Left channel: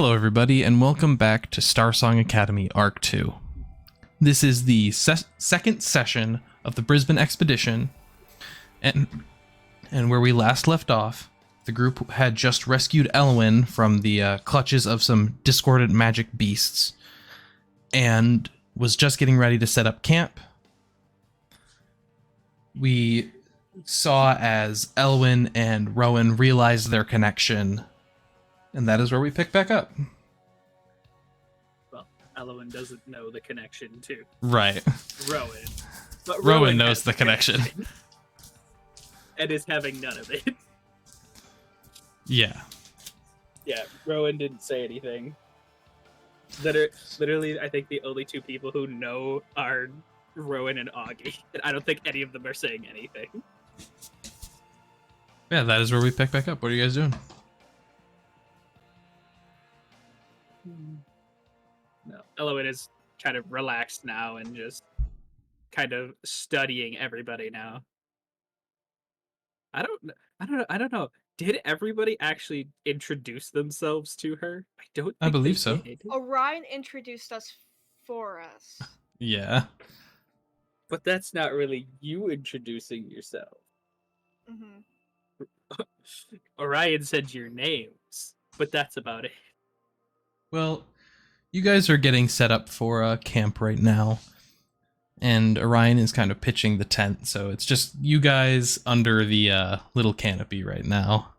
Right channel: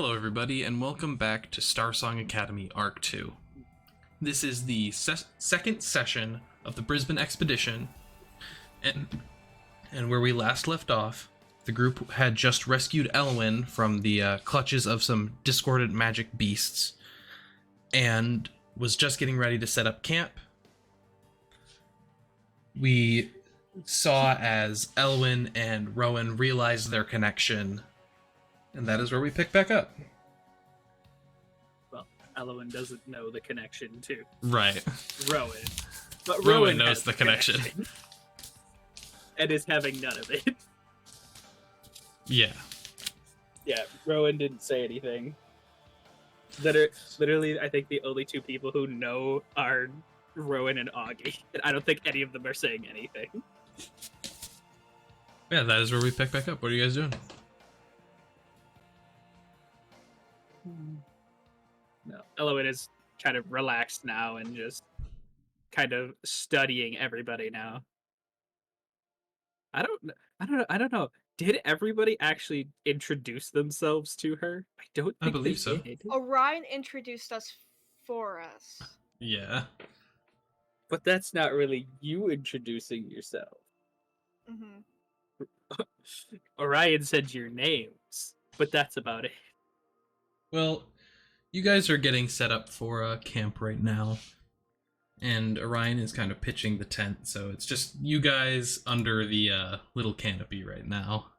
Hello everybody, and welcome back to Starsong Academy Arc 2. This is the second session of the Brisbane expedition, and where we last left off, the group had just rescued Elawin from the clutches of some discordant magic beasts, and was just getting ready to set up camp. We saw as Elawin and Rowan realized their connection, and that is where we pick back up. Well, Elawin doesn't know the connection to Right. Rowan. But Rowan knows the connection. And is having none of it. Yeah. Yeah, Rowan didn't say anything. Literally, I think the only two people who know are Rowan and Auggie. And I don't think any of them are saying anything. Yeah, that is where we pick back up. What are you guys doing? No, Elawin is kind of relaxed now and just kind of studying everybody now. I don't know. Did everybody actually introduce themselves to her? I don't think I believe they so. did. Orion introduced us for us. Yeah. But that's not really you introducing yourself. Mm-hmm. Orion said your names, but that's about it. Well, you guys are getting set up for a camp right now, and Orion is kind of pitching the tent, so it's just you guys under the little canopy right now.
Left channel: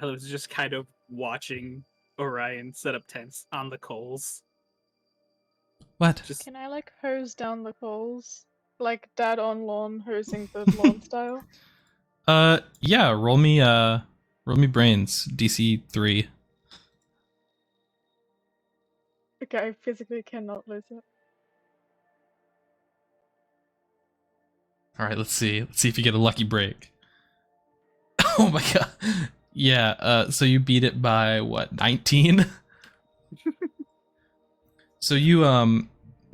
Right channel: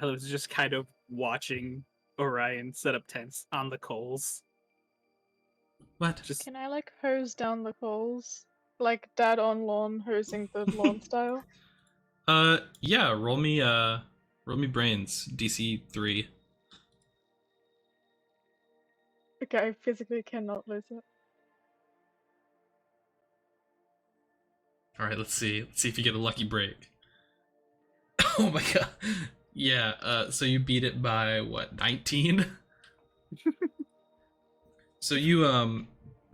I was just kind of watching Orion set up tents on the coals. What? Just Can I hose down the coals? Like dad on lawn hosing the lawn style? Yeah, roll me brains, DC 3. Okay, I physically cannot lose it. Alright, let's see. Let's see if you get a lucky break. Oh my god. Yeah, so you beat it by what, 19? So you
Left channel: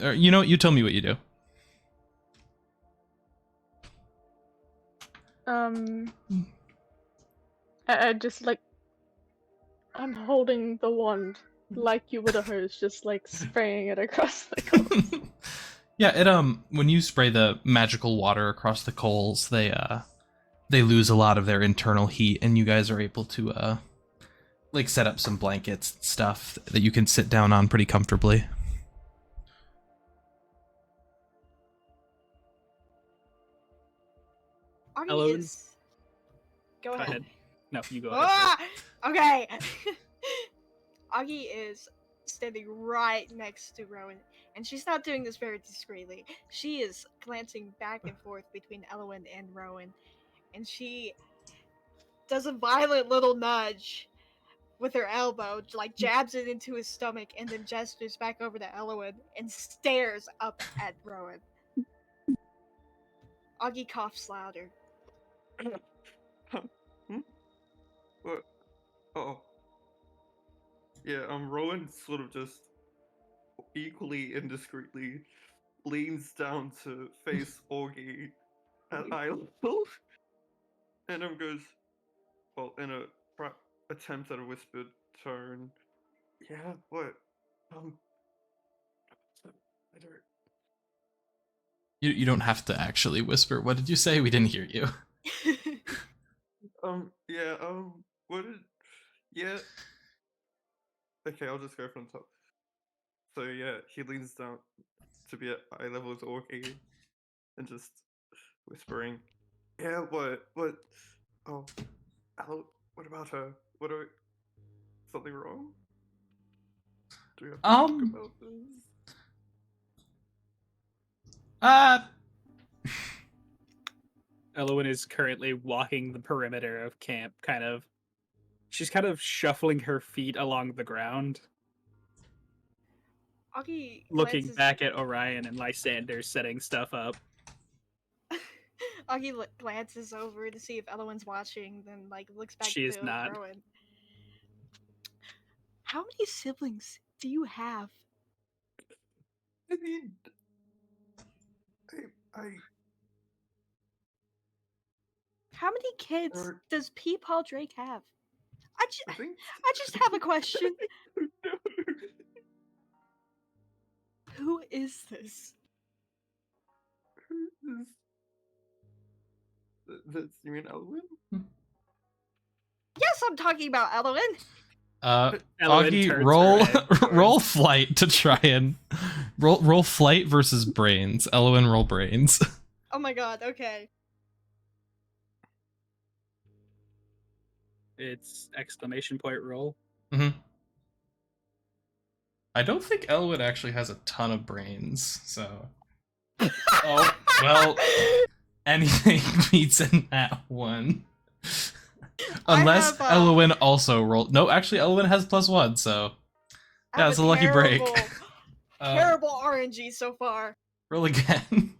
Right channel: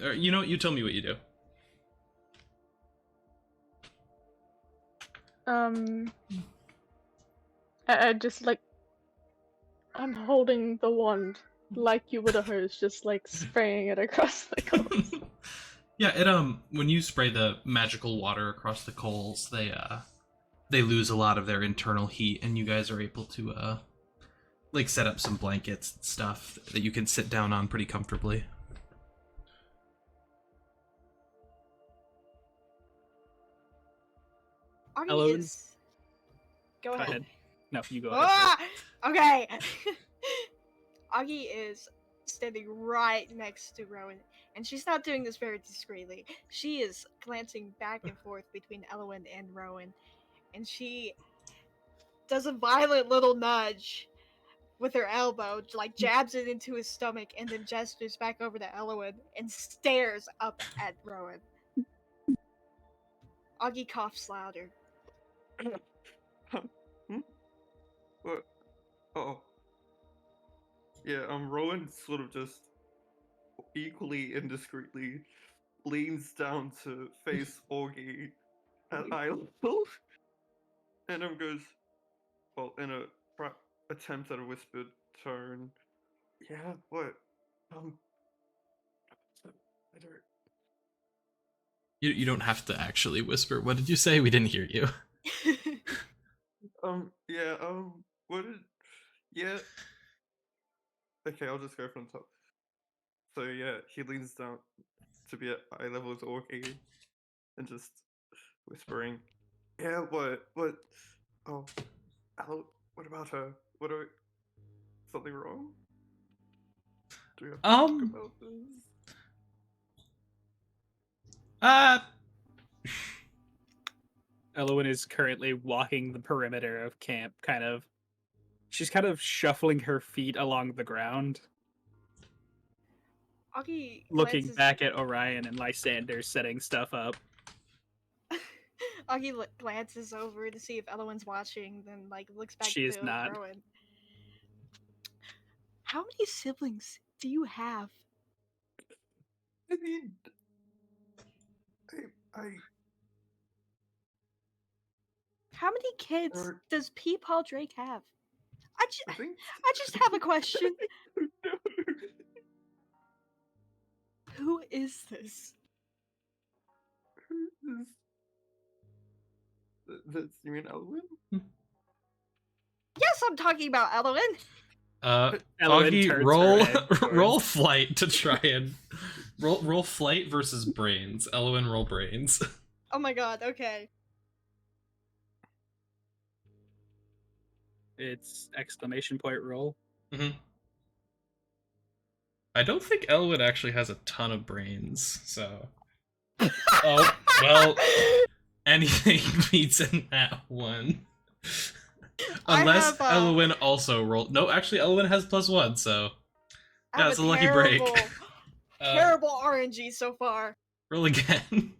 you know what, you tell me what you do. I just I'm holding the wand like you would a hose, just spraying it across the coals. Yeah, it when you spray the magical water across the coals, they lose a lot of their internal heat, and you guys are able to set up some blankets and stuff that you can sit down on pretty comfortably. Auggie is... Go ahead. ahead. No, you go ahead. Okay. Auggie is standing right next to Rowan, and she's not doing this very discreetly. She is glancing back and forth between Elawin and Rowan, and she does a violent little nudge with her elbow, jabs it into his stomach, and then gestures back over to Elawin and stares up at Rowan. Auggie coughs louder. What? Oh. Yeah, Rowan sort of just equally indiscreetly leans down to face Auggie at eye level, and goes, well, in a attempt at a whispered tone, yeah, what? I don't... You don't have to actually whisper. What did you say? We didn't hear you. Yeah, what did... Yeah... Okay, I'll just go from top. So yeah, he leans down to be at eye level with Auggie, and just whispering, yeah, what, oh, what about her? Something wrong? Do we have to talk about this? Elawin is currently walking the perimeter of camp, she's kind of shuffling her feet along the ground. Auggie looking back at Orion and Lysander setting stuff up. Auggie glances over to see if Elawin's watching, then looks back She is to not. Rowan. How many siblings do you have? I mean, I How many kids does Peepaw Drake have? I think. I just have a question. No. Who is this? That's you mean Elawin? Yes, I'm talking about Elawin. Elawin Auggie, turns her roll head roll towards- flight to try and roll flight versus brains. Elawin, roll brains. Oh my god, okay. It's exclamation point roll. hmm I don't think Elwood actually has a ton of brains, so. Oh, well, anything beats in that one. Unless I have, Elwin also rolled. No, actually, Elwin has +1, so. I Yeah, have it's a lucky break. Terrible RNG so far. Roll again.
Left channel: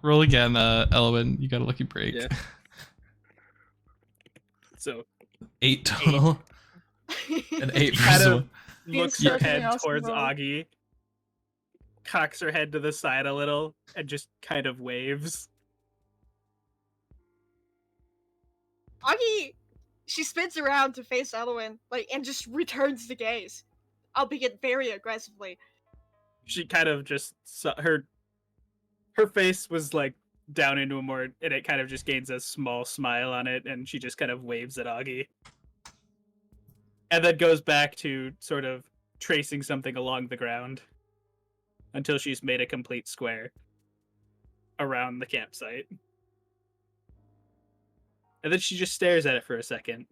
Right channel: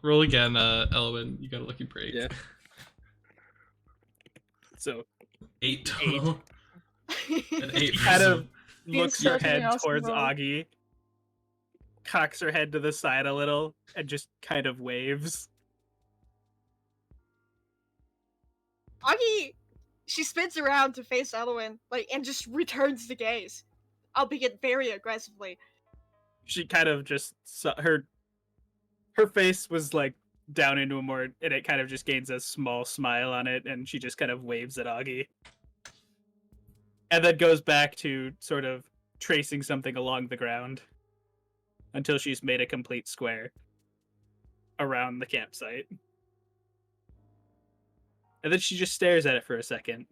roll again, Elwin. You got a lucky break. Yeah. So 8 total. An 8 kind versus of looks her Something head else to towards roll. Auggie, cocks her head to the side a little, and just kind of waves. Auggie, she spins around to face Elawin, and just returns the gaze, albeit very aggressively. She kind of just her face was like down into a more, and it kind of just gains a small smile on it, and she just kind of waves at Auggie, and then goes back to sort of tracing something along the ground until she's made a complete square around the campsite. And then she just stares at it for a second,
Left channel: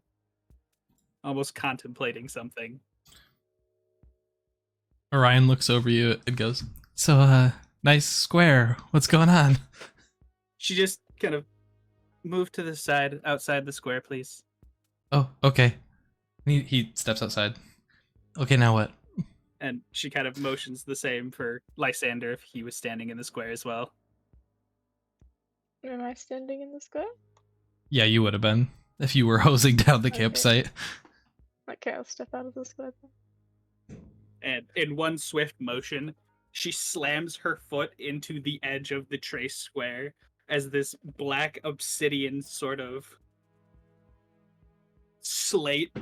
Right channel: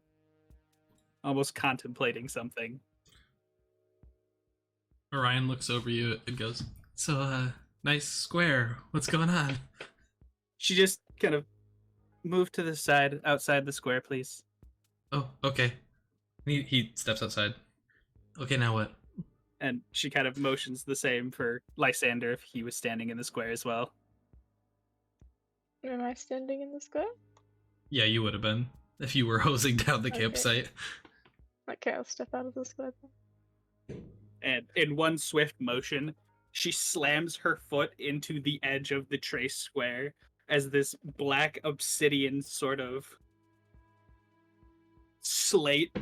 almost contemplating something. Orion looks over you and goes, "So, nice square. What's going on?" She just kind of moved to the side, outside the square, please. Oh, okay. He steps outside. Okay, now what? And she kind of motions the same for Lysander if he was standing in the square as well. Am I standing in the square? Yeah, you would have been if you were hosing down the Okay. campsite. Okay, I'll step out of the square then. And in one swift motion, she slams her foot into the edge of the trace square as this black obsidian sort of slate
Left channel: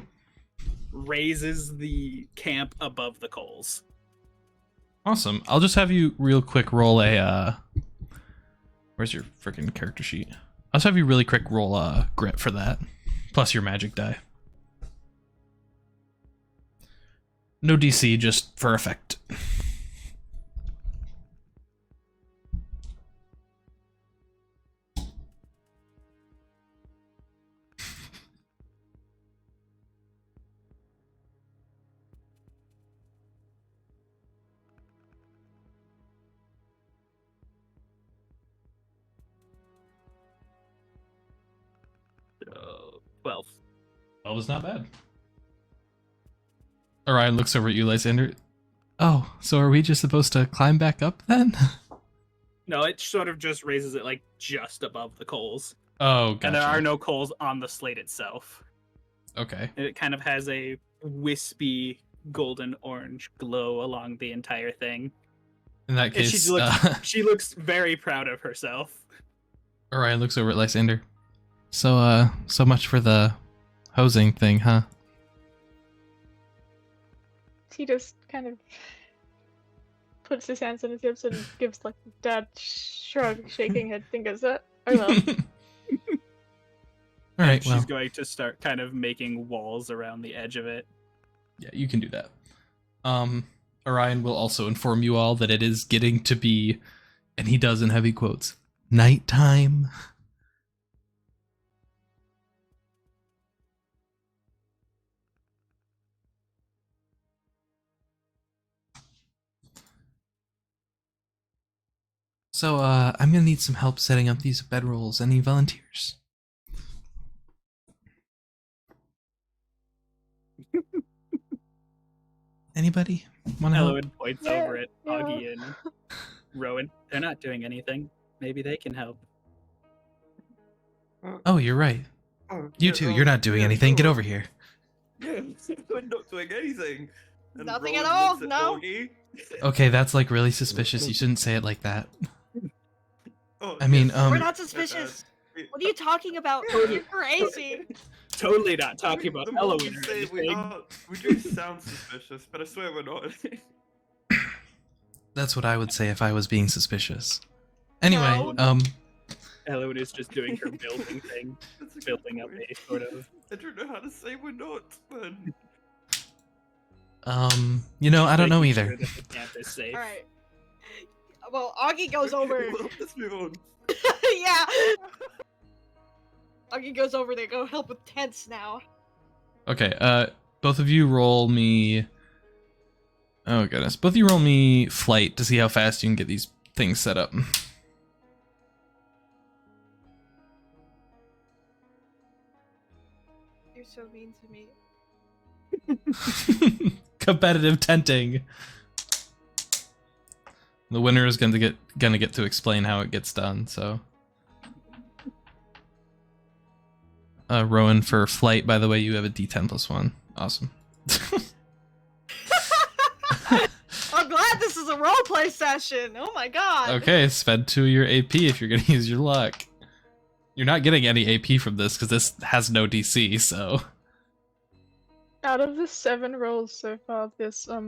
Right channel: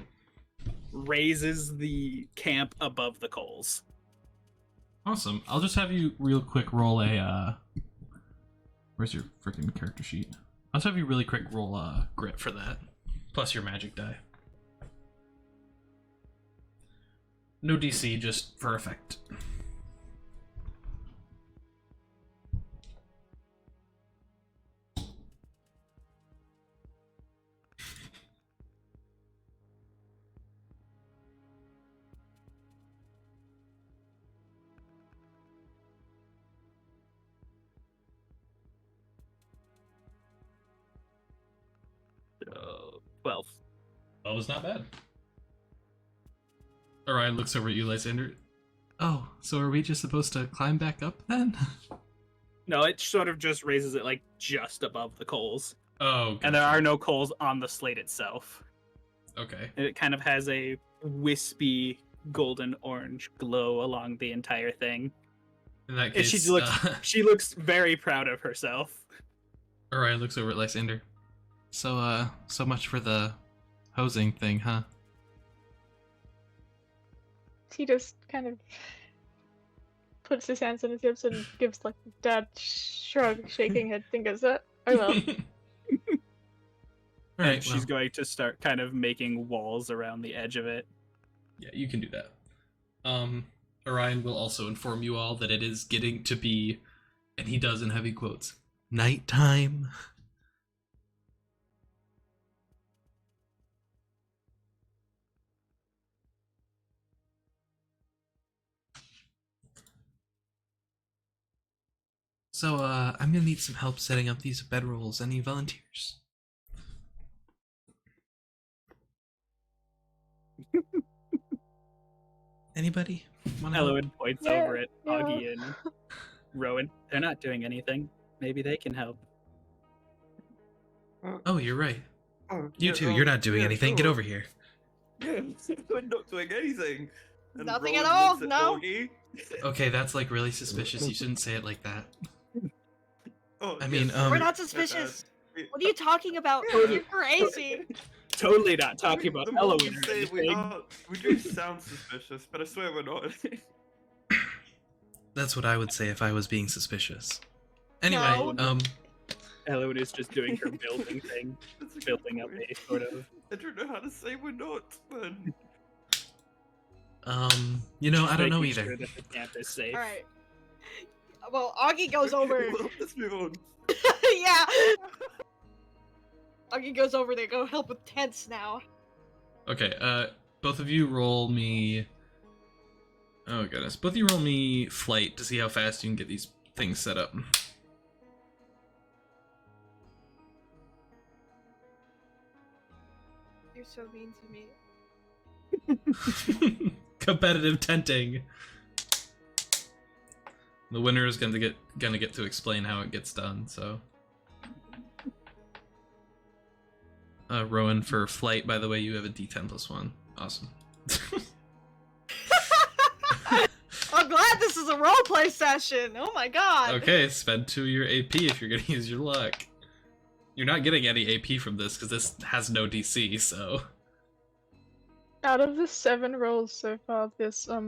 raises the camp above the coals. Awesome. I'll just have you real quick roll a where's your freaking character sheet? I'll just have you really quick roll a grit for that. Plus your magic die. No DC, just for effect. Uh, 12. That was not bad. Orion looks over at you, Lysander. Oh, so are we just supposed to climb back up then? No, it sort of just raises it like just above the coals. Oh, gotcha. And there are no coals on the slate itself. Okay. And it kind of has a wispy golden orange glow along the entire thing. In that And case, she looks very proud of herself. Orion looks over at Lysander. So, so much for the hosing thing, huh? He just kind of puts his hands on his hips and gives like a dad shrug, shaking head fingers. Oh well. All right, And she's well, going to start kind of making walls around the edge of it. yeah, you can do that. Orion will also inform you all that it is getting to be, and he does in heavy quotes, nighttime. So, I'm gonna need some help setting up these bedrolls. Any volunteers? Anybody? Wanna help? Elawin points Yeah, over at yeah. Auggie and Rowan. They're not doing anything. Maybe they can help. Oh, you're right. Oh, You yeah, too. You're not doing yeah, anything. Get sure. over here. Yeah, we're not doing anything. And Nothing at Rowan all, looks at no. Auggie. Okay, that's like really suspicious. You shouldn't say it like that. Oh, I mean, yes, We're We're Um, not my suspicious. bad. What are you talking about? You're crazy. totally not talking about The more we Elawin or say anything. we do sound suspicious, but I swear we're not. That's what I would say if I was being suspicious. Anyway, No. Elawin is just doing her building thing, That's a good building up point. a sort of. I don't know how to say we're not, man. you know, I don't know making either. sure that the camp is safe. All right. Well, Auggie goes over. Well, let's move on. Yeah. Auggie goes over there. Go help with tents now. Okay, both of you roll me. Oh goodness, both of you roll me flight to see how fast you can get these things set up. You're so mean to me. Competitive tenting. The winner is gonna get to explain how it gets done. So, Rowan, for flight, by the way, you have a D10 plus 1. Awesome. I'm glad this is a roleplay session. Oh my god. Okay, spend 2 of your AP if you're gonna use your luck. You're not getting any AP from this because this has no DC. So. Out of the 7 rolls so far, this out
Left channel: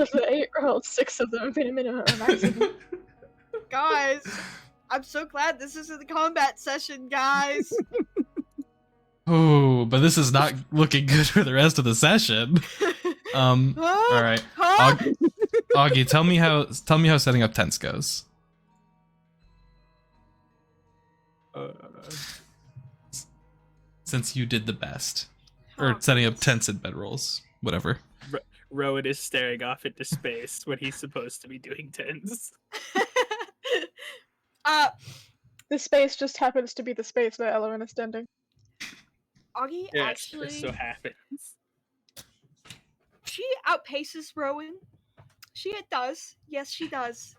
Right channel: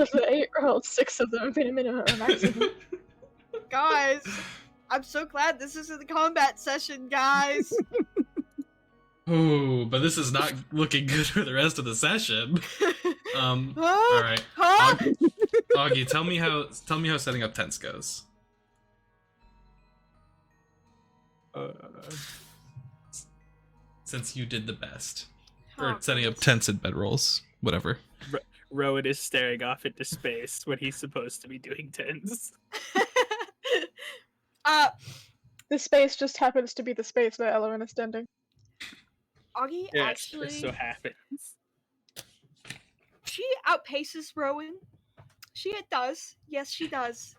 of the 8 rolls, 6 of them have been a minimum or maximum. Guys, I'm so glad this isn't a combat session, guys. Oh, but this is not looking good for the rest of the session. All right, Huh? Auggie, tell me how setting up tents goes. Since you did the best, or Oh, setting up tents and bedrolls, whatever. Rowan is staring off into space when he's supposed to be doing tens. The space just happens to be the space where Elawin is standing. Auggie Yes, actually, it so happens. she outpaces Rowan. She does. Yes, she does.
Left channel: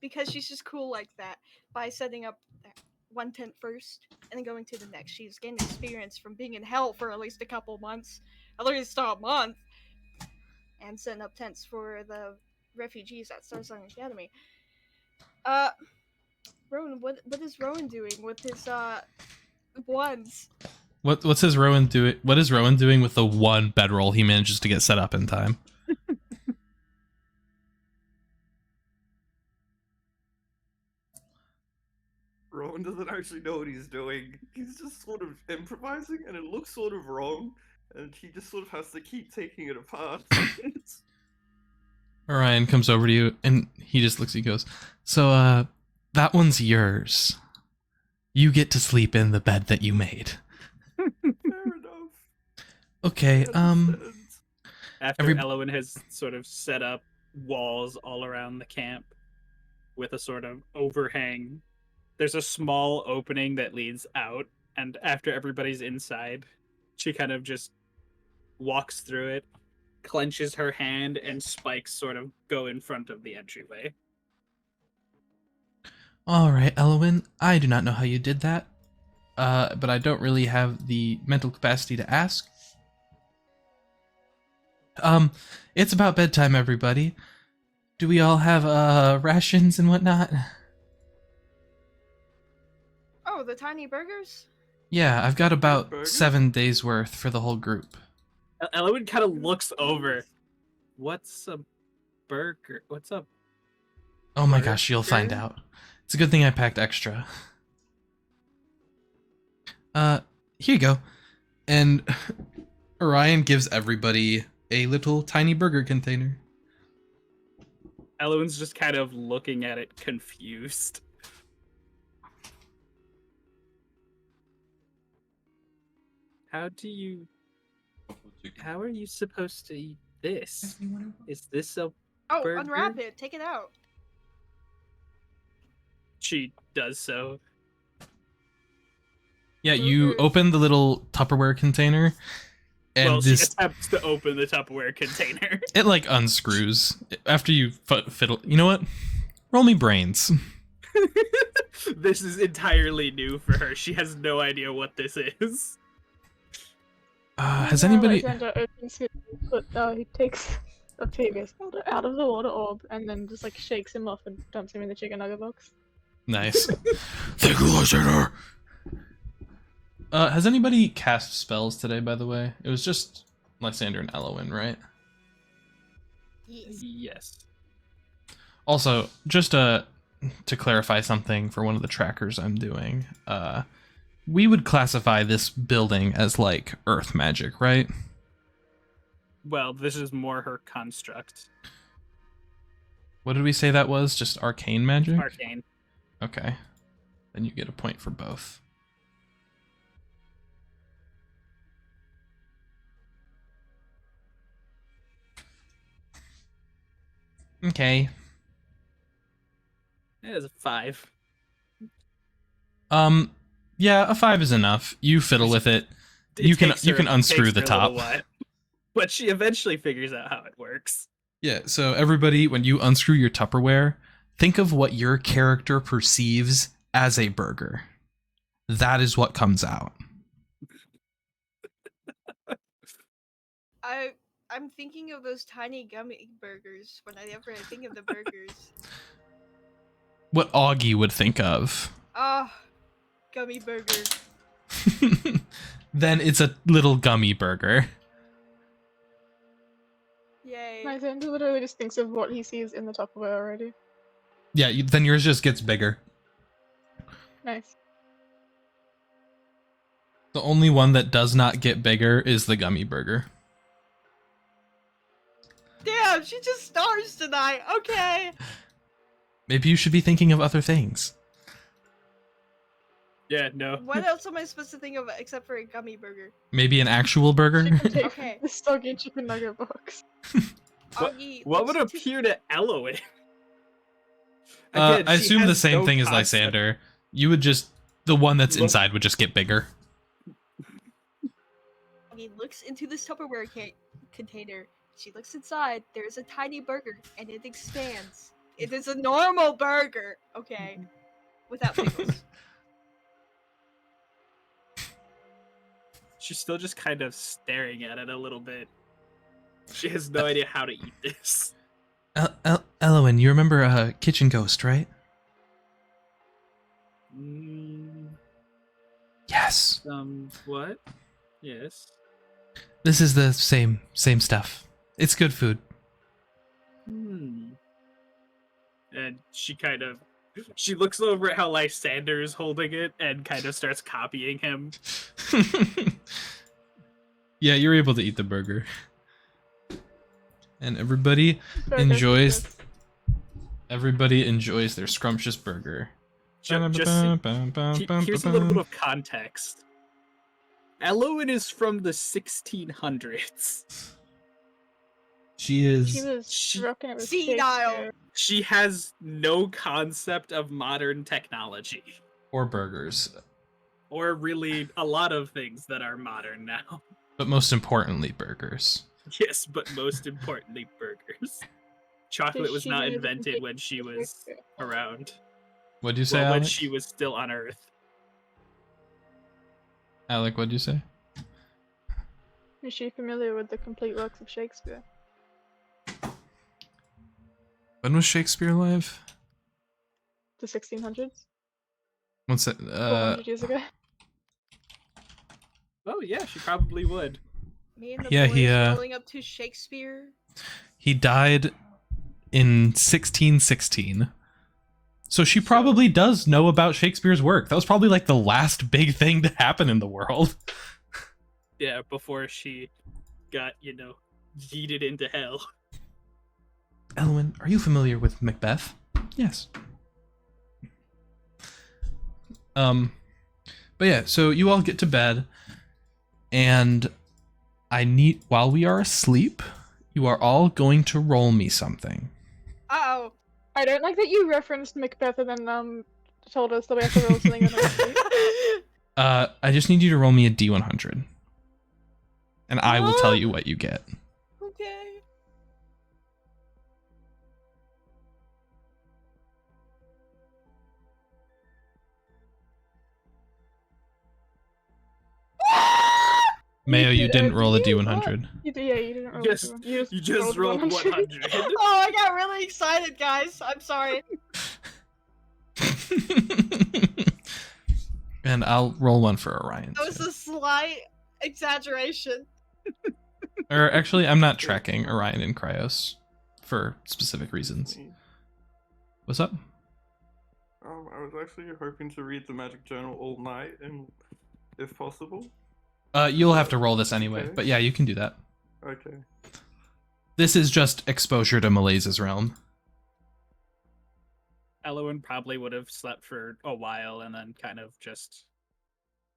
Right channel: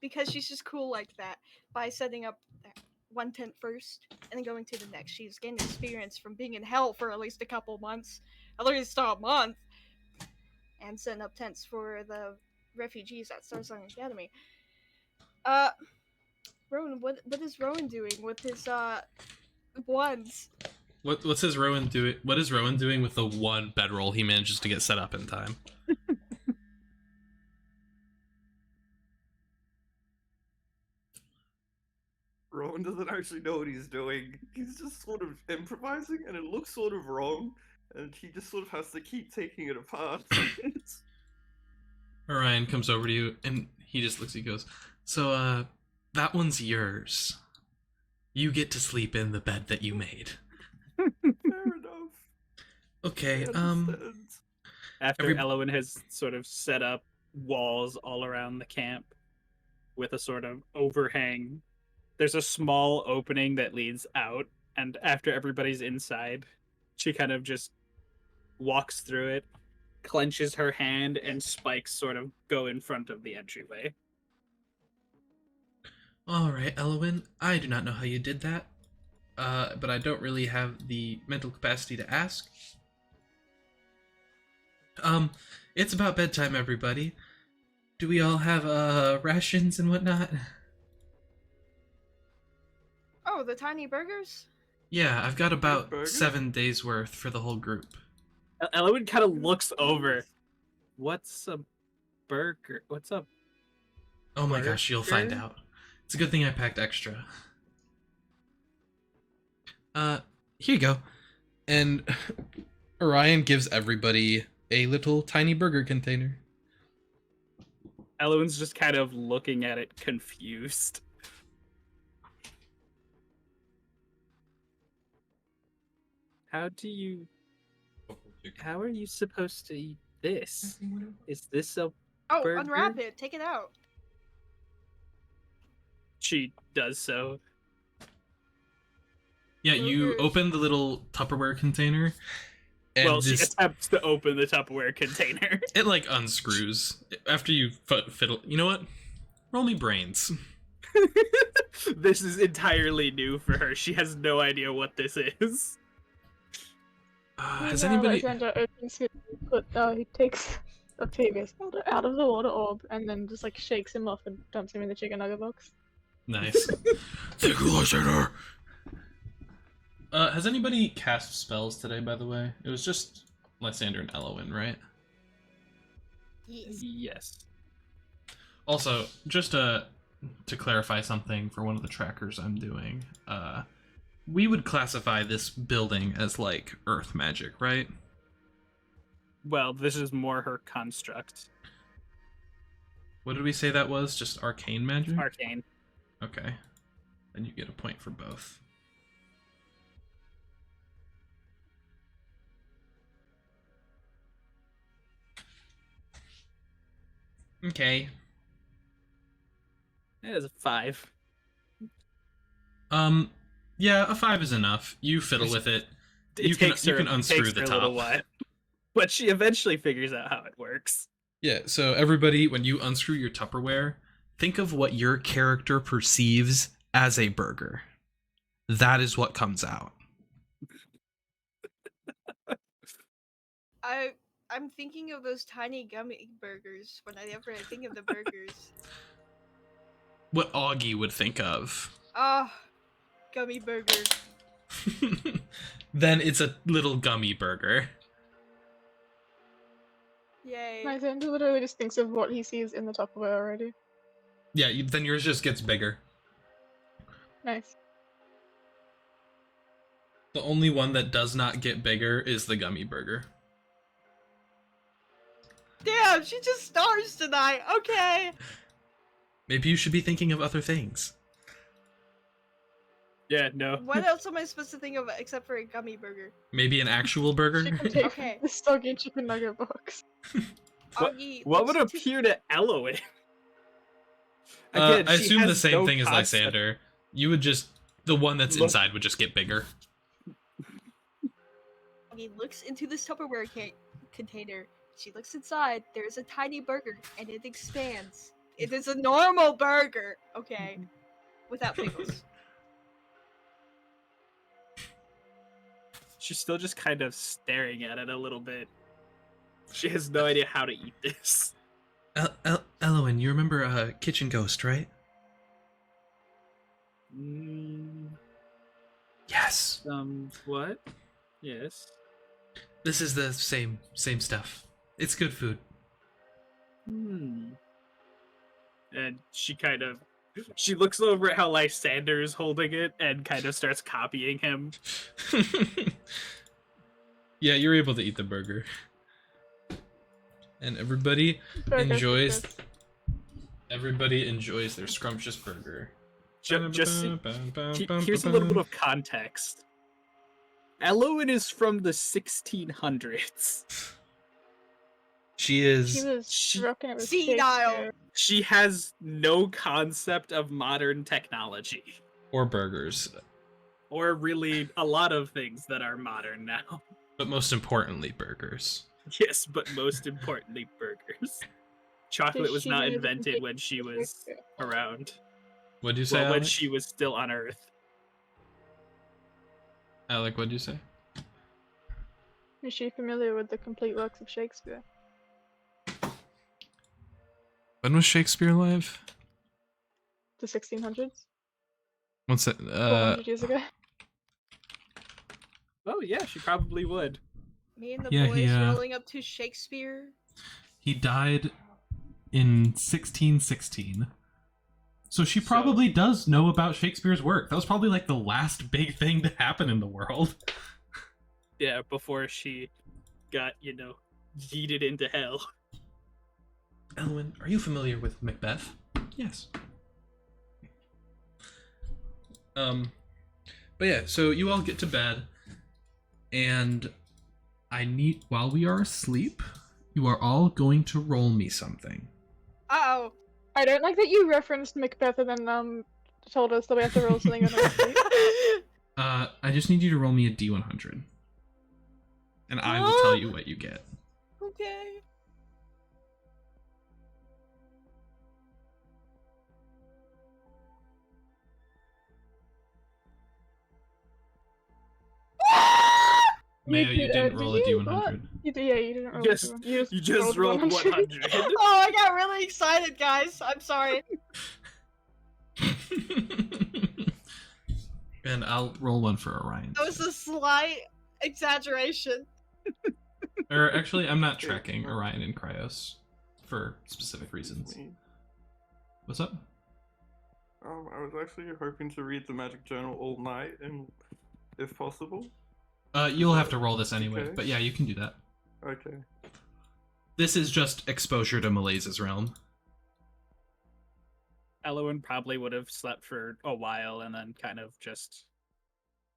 Because she's just cool like that. By setting up that one tent first and then going to the next. She's gained experience from being in hell for at least a couple months. At least a month. And setting up tents for the refugees at Starsong Academy. Rowan, what is Rowan doing with his ones? What's his Rowan doing? What is Rowan doing with the one bedroll he manages to get set up in time? Rowan doesn't actually know what he's doing. He's just sort of improvising, and it looks sort of wrong, and he just sort of has to keep taking it apart. Orion comes over to you and he just looks at you and goes, "So, that one's yours. You get to sleep in the bed that you made." Fair enough. Okay, I understand. After Every- Elawin has sort of set up walls all around the camp with a sort of overhang, there's a small opening that leads out, and after everybody's inside, she kind of just walks through it, clenches her hand, and spikes sort of go in front of the entryway. Alright, Elawin, I do not know how you did that, but I don't really have the mental capacity to ask. It's about bedtime, everybody. Do we all have, rations and whatnot? Oh, the tiny burgers? Yeah, I've got about Burgers? 7 days worth for the whole group. Elawin kind of looks over. What's a burger? What's up? Oh my gosh, you'll find Burger? out. It's a good thing I packed extra. Here you go. And Orion gives everybody a little tiny burger container. Elawin's just kind of looking at it confused. How are you supposed to eat this? Is this a... Oh, Burger? unwrap it. Take it out. She does so. Yeah, you Burgers. open the little Tupperware container, and Well, she this attempts to open the Tupperware container. it like unscrews after you fiddle. You know what? Roll me brains. This is entirely new for her. She has no idea what this is. Has Meanwhile, anybody? Lysander opens his foot, he takes Octavius out of the water orb and then just like shakes him off and dumps him in the chicken nugget box. Nice. Thank you, Lysander. Has anybody cast spells today, by the way? It was just Lysander and Elawin, right? Yes. Yes. Also, just to clarify something for one of the trackers I'm doing, we would classify this building as, like, earth magic, right? Well, this is more her construct. What did we say that was? Just arcane magic? Arcane. Okay. Then you get a point for both. Okay. It is a 5. Yeah, a 5 is enough. You fiddle with it. You can unscrew the top. But she eventually figures out how it works. Yeah, so everybody, when you unscrew your Tupperware, think of what your character perceives as a burger. That is what comes out. I'm thinking of those tiny gummy burgers whenever I think of the burgers. What Auggie would think of. Oh, gummy burger. Then it's a little gummy burger. Yay. Lysander literally just thinks of what he sees in the Tupperware already. Yeah, then yours just gets bigger. Nice. The only one that does not get bigger is the gummy burger. Damn, she just stars tonight. Okay. Maybe you should be thinking of other things. Yeah, no. What else am I supposed to think of except for a gummy burger? Maybe an actual burger? She can take Okay. the soggy chicken nugget box. Auggie What would looks to- appear to Elawin? I assume the same thing as Lysander. You would just... The one that's inside would just get bigger. Auggie looks into this Tupperware container. She looks inside. There's a tiny burger, and it expands. It is a normal burger, okay, without pickles. She's still just kind of staring at it a little bit. She has no idea how to eat this. Elawin, you remember Kitchen Ghost, right? Yes. What? Yes. This is the same stuff. It's good food. And she looks over at how Lysander is holding it and kind of starts copying him. Yeah, you're able to eat the burger. And everybody enjoys their scrumptious burger. Here's a little bit of context. Elawin is from the 1600s. She is... She was rocking it with senile. Shakespeare. She has no concept of modern technology. Or burgers. Or really a lot of things that are modern now. But most importantly, burgers. Yes, but most importantly, burgers. Chocolate was She not knew the invented complete when she was Shakespeare. around. What'd you say, Well, when Alec? she was still on Earth. Alec, what'd you say? Is she familiar with the complete works of Shakespeare? When was Shakespeare alive? The 1600s? What's that? 400 years ago? Oh yeah, she probably would. Me and the Yeah, boys rolling up to Shakespeare. He died in 1616. So she probably does know about Shakespeare's work. That was probably like the last big thing to happen in the world. Yeah, before she got, yeeted into hell. Elawin, are you familiar with Macbeth? Yes. But yeah, so you all get to bed, and while we are asleep, you are all going to roll me something. Uh-oh. I don't like that you referenced Macbeth and then told us that we have to roll something on our sleep. I just need you to roll me a D100. And I will tell you what you get. Okay. Mayo, you didn't did roll a you? D100. You didn't roll Yes, one. You just rolled 100. Oh, I got really excited, guys. I'm sorry. And I'll roll one for Orion. That was too. a slight exaggeration. Or actually, I'm not tracking Orion and Cryos for specific reasons. Me. What's up? I was actually hoping to read the magic journal all night, and if possible. You'll have to roll this anyway, Okay. but yeah, you can do that. Okay. This is just exposure to Malaze's realm. Elawin probably would have slept for a while and then kind of just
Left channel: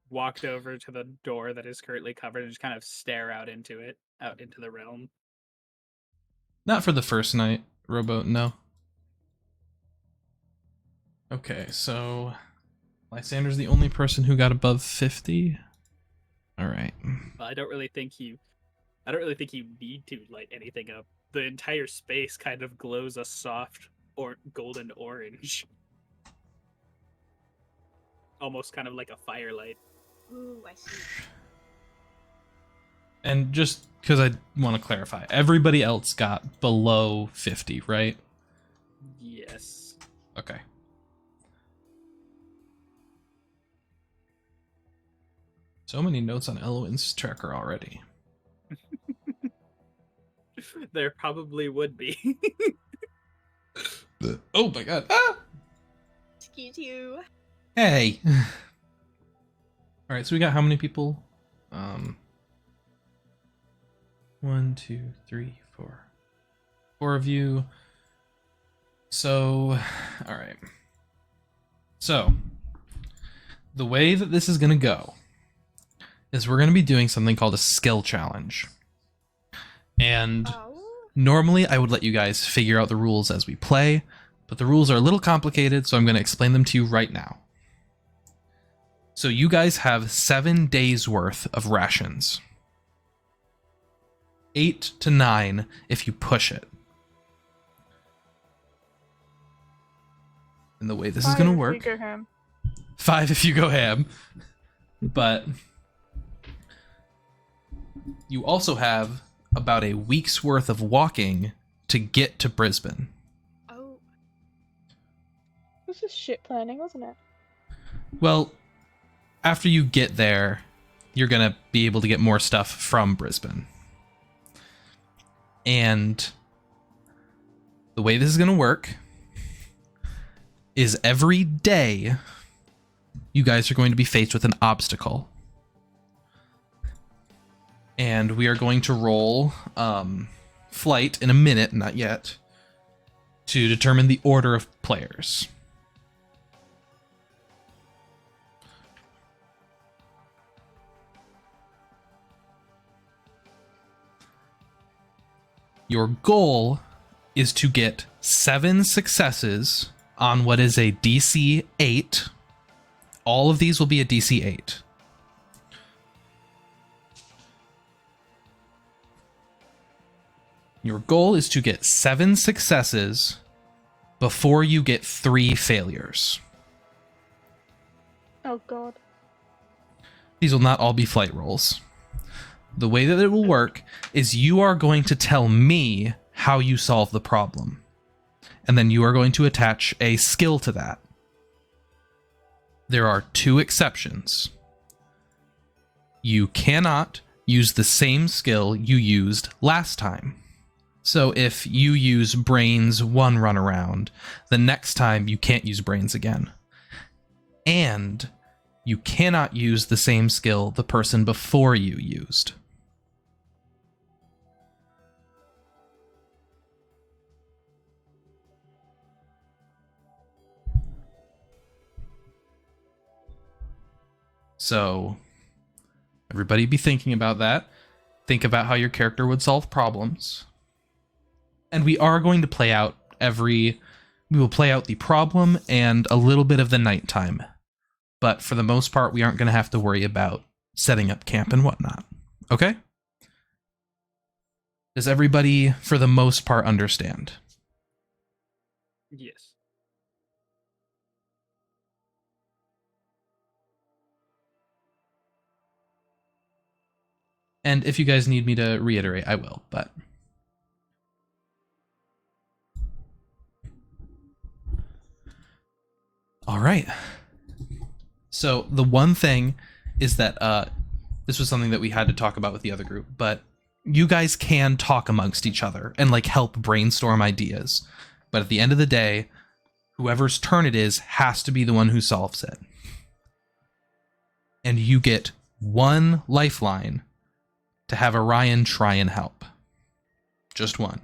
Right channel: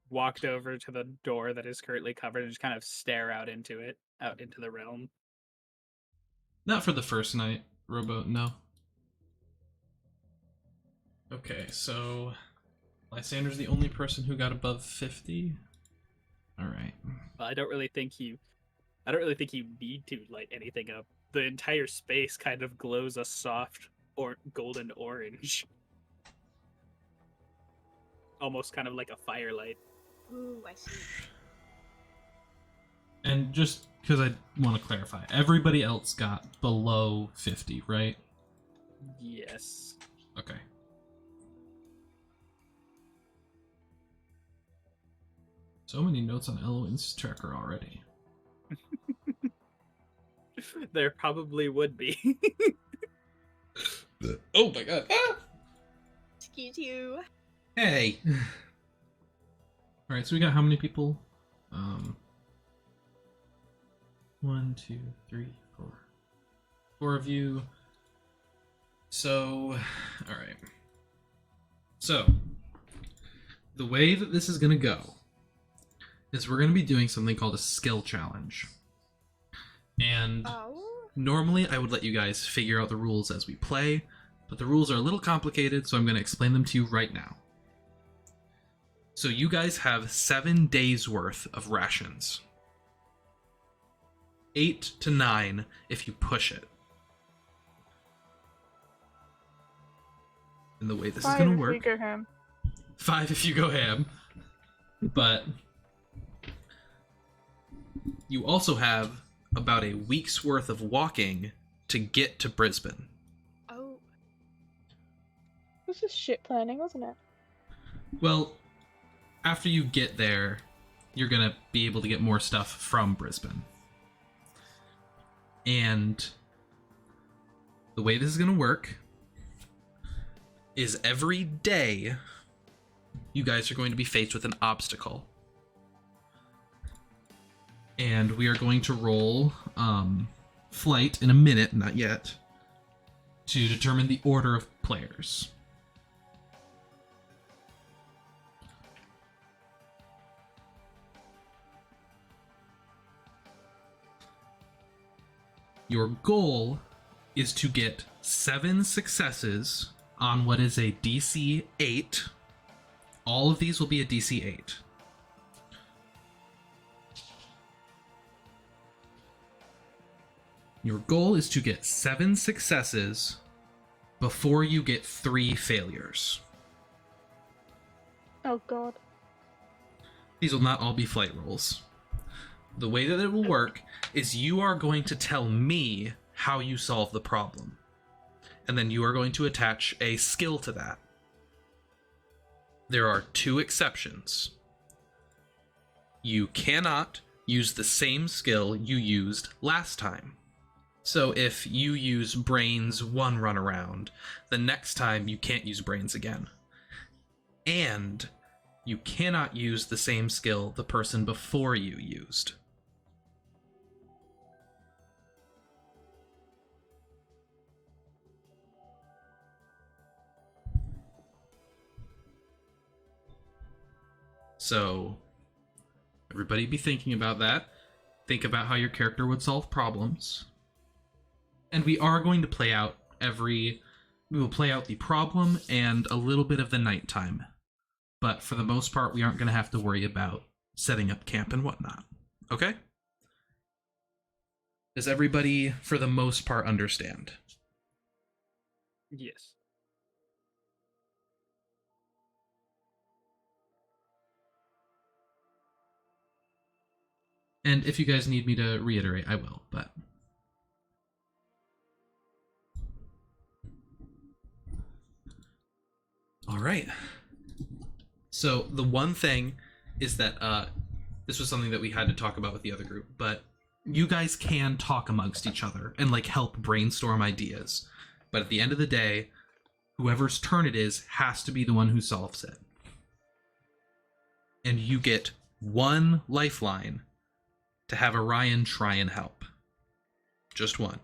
walked over to the door that is currently covered and just kind of stare out into it, out into the realm. Not for the first night, Rowboat, no. Okay, so Lysander's the only person who got above 50. All right. But I don't really think you need to light anything up. The entire space kind of glows a soft or golden orange, almost kind of like a firelight. Ooh, I see. And just because I want to clarify, everybody else got below 50, right? Yes. Okay. So many notes on Elawin's tracker already. There probably would be. Oh my god. Ah! Excuse you. Hey. All right, so we got how many people? 1, 2, 3, 4. 4 of you. So, all right. So, the way that this is going to go is we're going to be doing something called a skill challenge. And Oh. normally I would let you guys figure out the rules as we play, but the rules are a little complicated, so I'm going to explain them to you right now. So you guys have 7 days worth of rations. 8 to 9 if you push it. And the way this is going to work... 5 if you go ham. But you also have about a week's worth of walking to get to Brisbane. Oh. This is shit planning, wasn't it? Well, after you get there, you're going to be able to get more stuff from Brisbane. And the way this is going to work is every day you guys are going to be faced with an obstacle. And we are going to roll flight in a minute, not yet, to determine the order of players. Your goal is to get 7 successes on what is a DC 8. All of these will be a DC 8. Your goal is to get 7 successes before you get 3 failures. Oh god. These will not all be flight rolls. The way that it will work is you are going to tell me how you solve the problem. And then you are going to attach a skill to that. There are 2 exceptions. You cannot use the same skill you used last time. So if you use brains 1 run around, the next time you can't use brains again. And you cannot use the same skill the person before you used. So everybody be thinking about that. Think about how your character would solve problems. And we are going to play out we will play out the problem and a little bit of the nighttime. But for the most part, we aren't going to have to worry about setting up camp and whatnot. Okay? Does everybody, for the most part, understand? Yes. And if you guys need me to reiterate, I will, but... All right. So the one thing is that this was something that we had to talk about with the other group, but you guys can talk amongst each other and like help brainstorm ideas. But at the end of the day, whoever's turn it is has to be the one who solves it. And you get 1 lifeline to have Orion try and help. Just 1.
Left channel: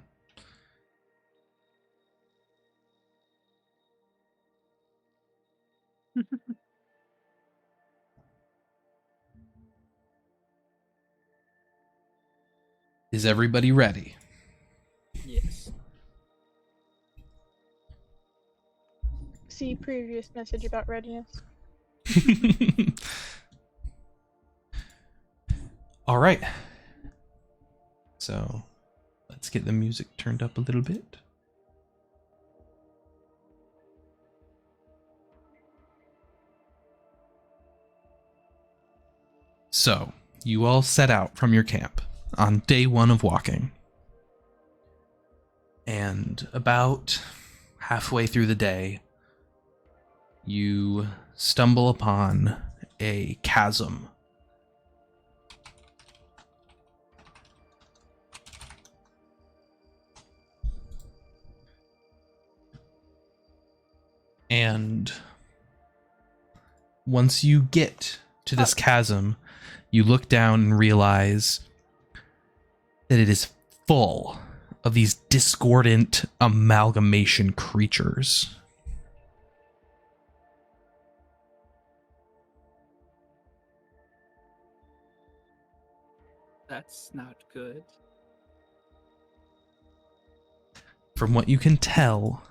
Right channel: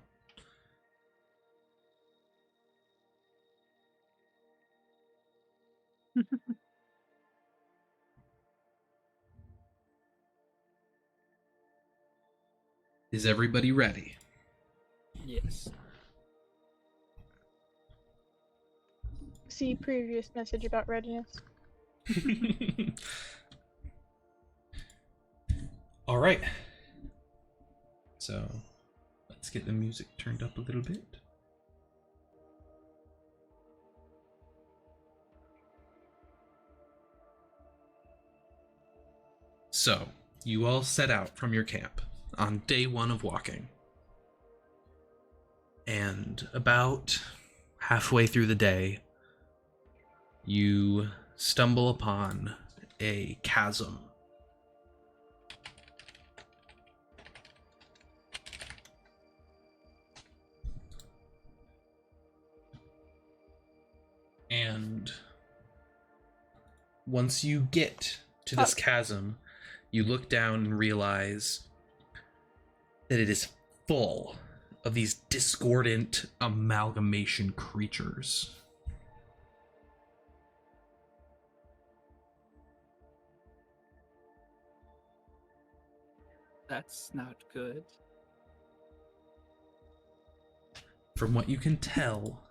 Is everybody ready? Yes. See previous message about readiness. All right. So let's get the music turned up a little bit. So you all set out from your camp on day 1 of walking. And about halfway through the day, you stumble upon a chasm. And once you get to this chasm, you look down and realize that it is full of these discordant amalgamation creatures. That's not good. From what you can tell,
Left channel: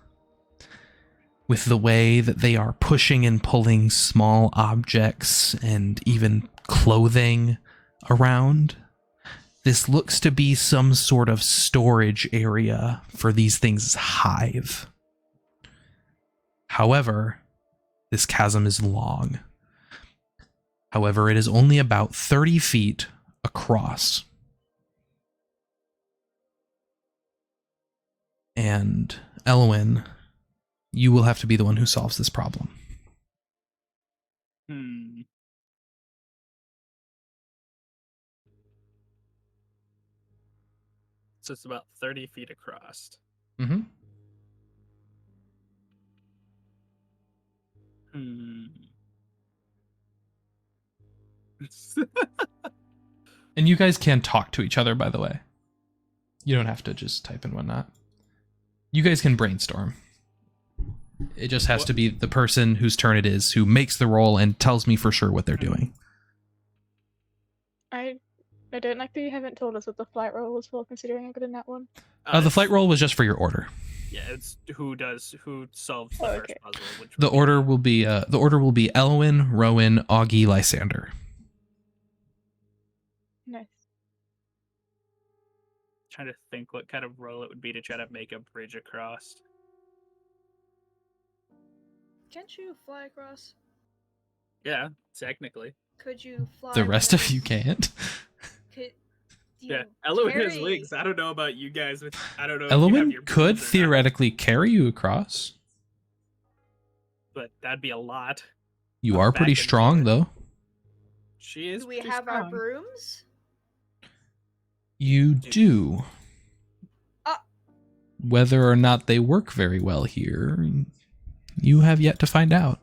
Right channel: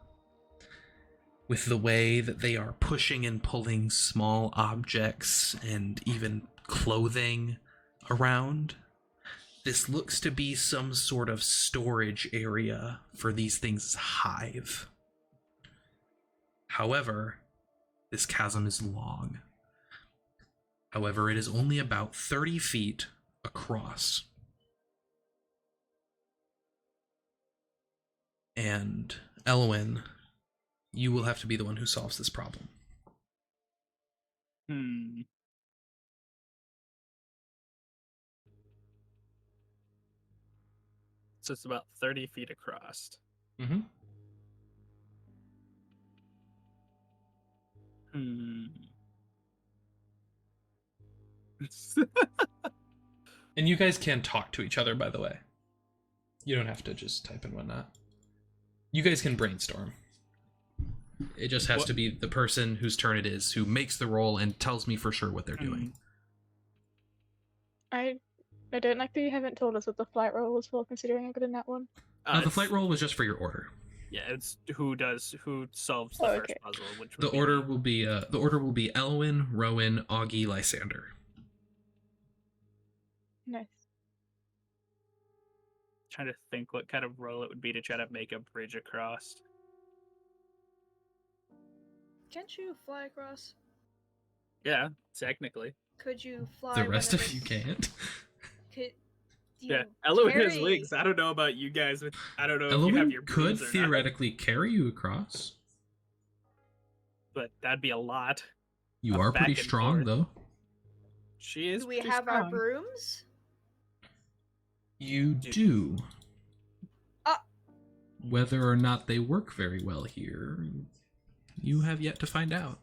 with the way that they are pushing and pulling small objects and even clothing around, this looks to be some sort of storage area for these things' hive. However, this chasm is long. However, it is only about 30 feet across. And Elawin, you will have to be the one who solves this problem. So it's about 30 feet across. Mm-hmm. And you guys can talk to each other, by the way. You don't have to just type in whatnot. You guys can brainstorm. It just has to be the person whose turn it is who makes the roll and tells me for sure what they're doing. I don't like that you haven't told us what the flight roll was for, considering I got in that one. The flight roll was just for your order. Yeah, it's who solves the first puzzle. Which The order will be Elawin, Rowan, Auggie, Lysander. Nice. Trying to think what kind of roll it would be to try to make a bridge across. Can't you fly across? Yeah, technically. Could you fly? The rest of whenever- you can't. Could Yeah, you Elawin has carry- legs. I don't know about you guys. I don't know if you have Elawin your could brooms or not, theoretically carry you across. but that'd be a lot. You Of are back pretty and strong, forth. though. She is. Do we pretty have our strong. brooms? You do. Ah. Whether or not they work very well here, you have yet to find out.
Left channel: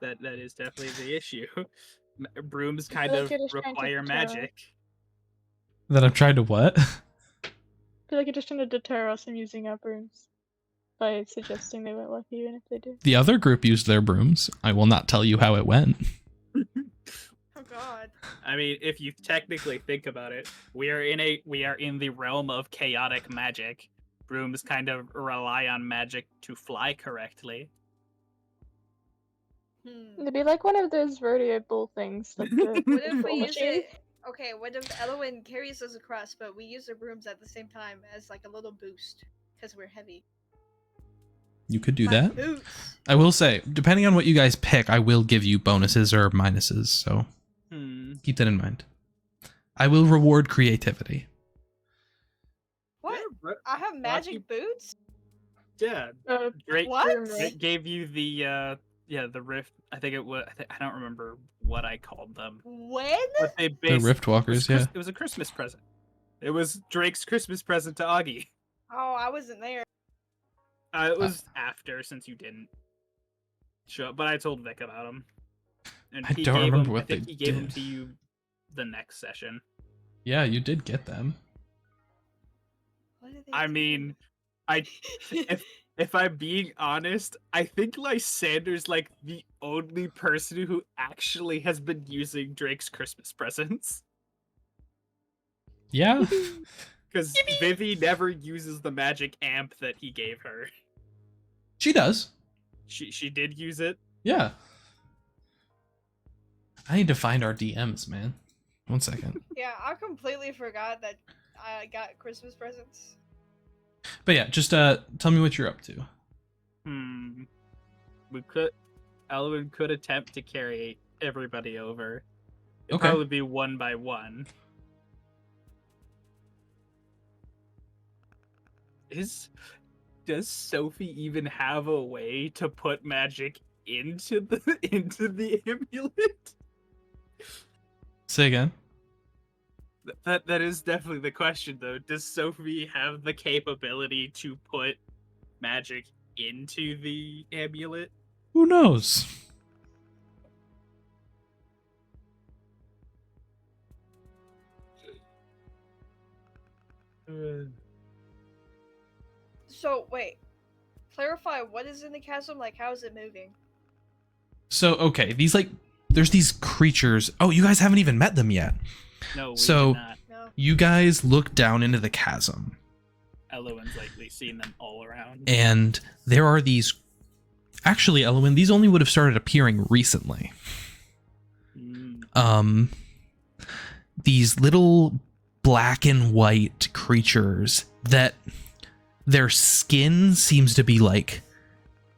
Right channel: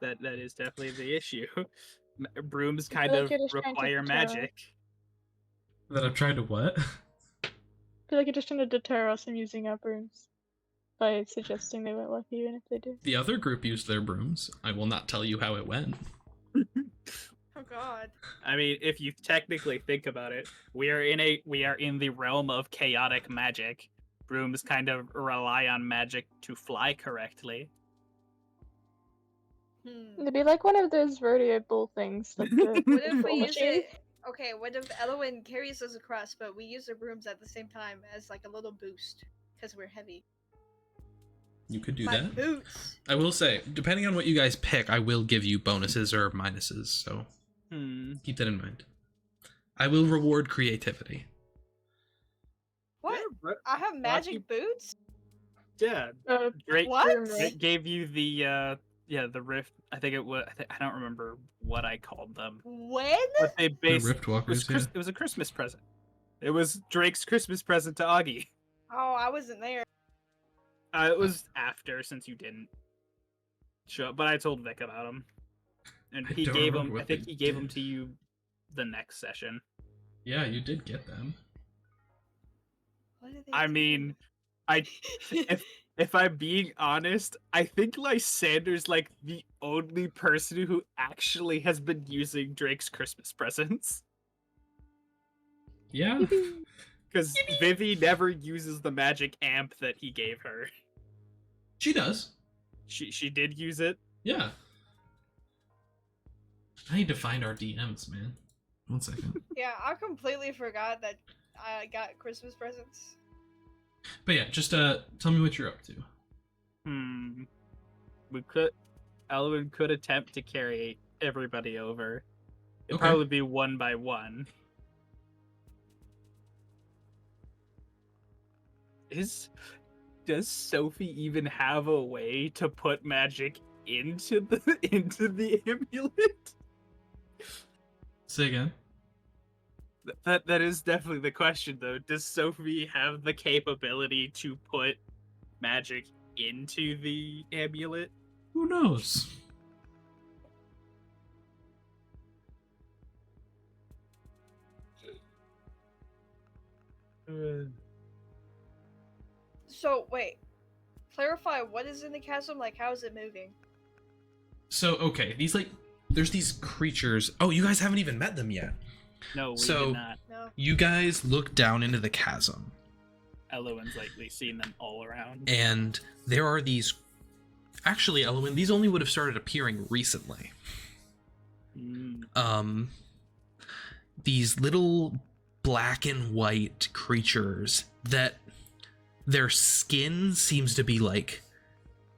That is definitely the issue. Brooms kind like of you're just trying to require deter. magic. That I'm trying to what? I feel like you're just trying to deter us from using our brooms by suggesting they won't work even if they do. The other group used their brooms. I will not tell you how it went. Oh God. I mean, if you technically think about it, we are in the realm of chaotic magic. Brooms kind of rely on magic to fly correctly. It'd be like one of those rodeo bull things. Like the What if we bull use machine. it? Okay, what if Elawin carries us across, but we use the brooms at the same time as like a little boost because we're heavy? You could do My that. Boots. I will say, depending on what you guys pick, I will give you bonuses or minuses, so keep that in mind. I will reward creativity. What? I have magic boots. Yeah, Uh, Drake What? it gave you the the rift. I think it was. I don't remember what I called them, When? but they The based Rift Walkers, yeah. It was a Christmas present. It was Drake's Christmas present to Auggie. Oh, I wasn't there. It was after, since you didn't show up, but I told Vic about him, and I he don't gave remember them. I what think they he gave them did. to you the next session. Yeah, you did get them. What did they I do? mean, if I'm being honest, I think Lysander's like the only person who actually has been using Drake's Christmas presents. Yeah. Because Vivi never uses the magic amp that he gave her. She does. She did use it. Yeah. I need to find our DMs, man. 1 second. Yeah, I completely forgot that I got Christmas presents. But yeah, just tell me what you're up to. Elawin could attempt to carry everybody over. It'd Okay. probably be one by one. Does Sophie even have a way to put magic into the amulet? Say again. That is definitely the question, though. Does Sophie have the capability to put magic into the amulet? Who knows? So, wait. Clarify what is in the chasm? Like, how is it moving? So, okay, there's these creatures. Oh, you guys haven't even met them yet. No, we So- did not. No. You guys look down into the chasm, Elowin's likely seen them all around. and there are these. Actually, Elawin, these only would have started appearing recently. Mm. These little black and white creatures that their skin seems to be like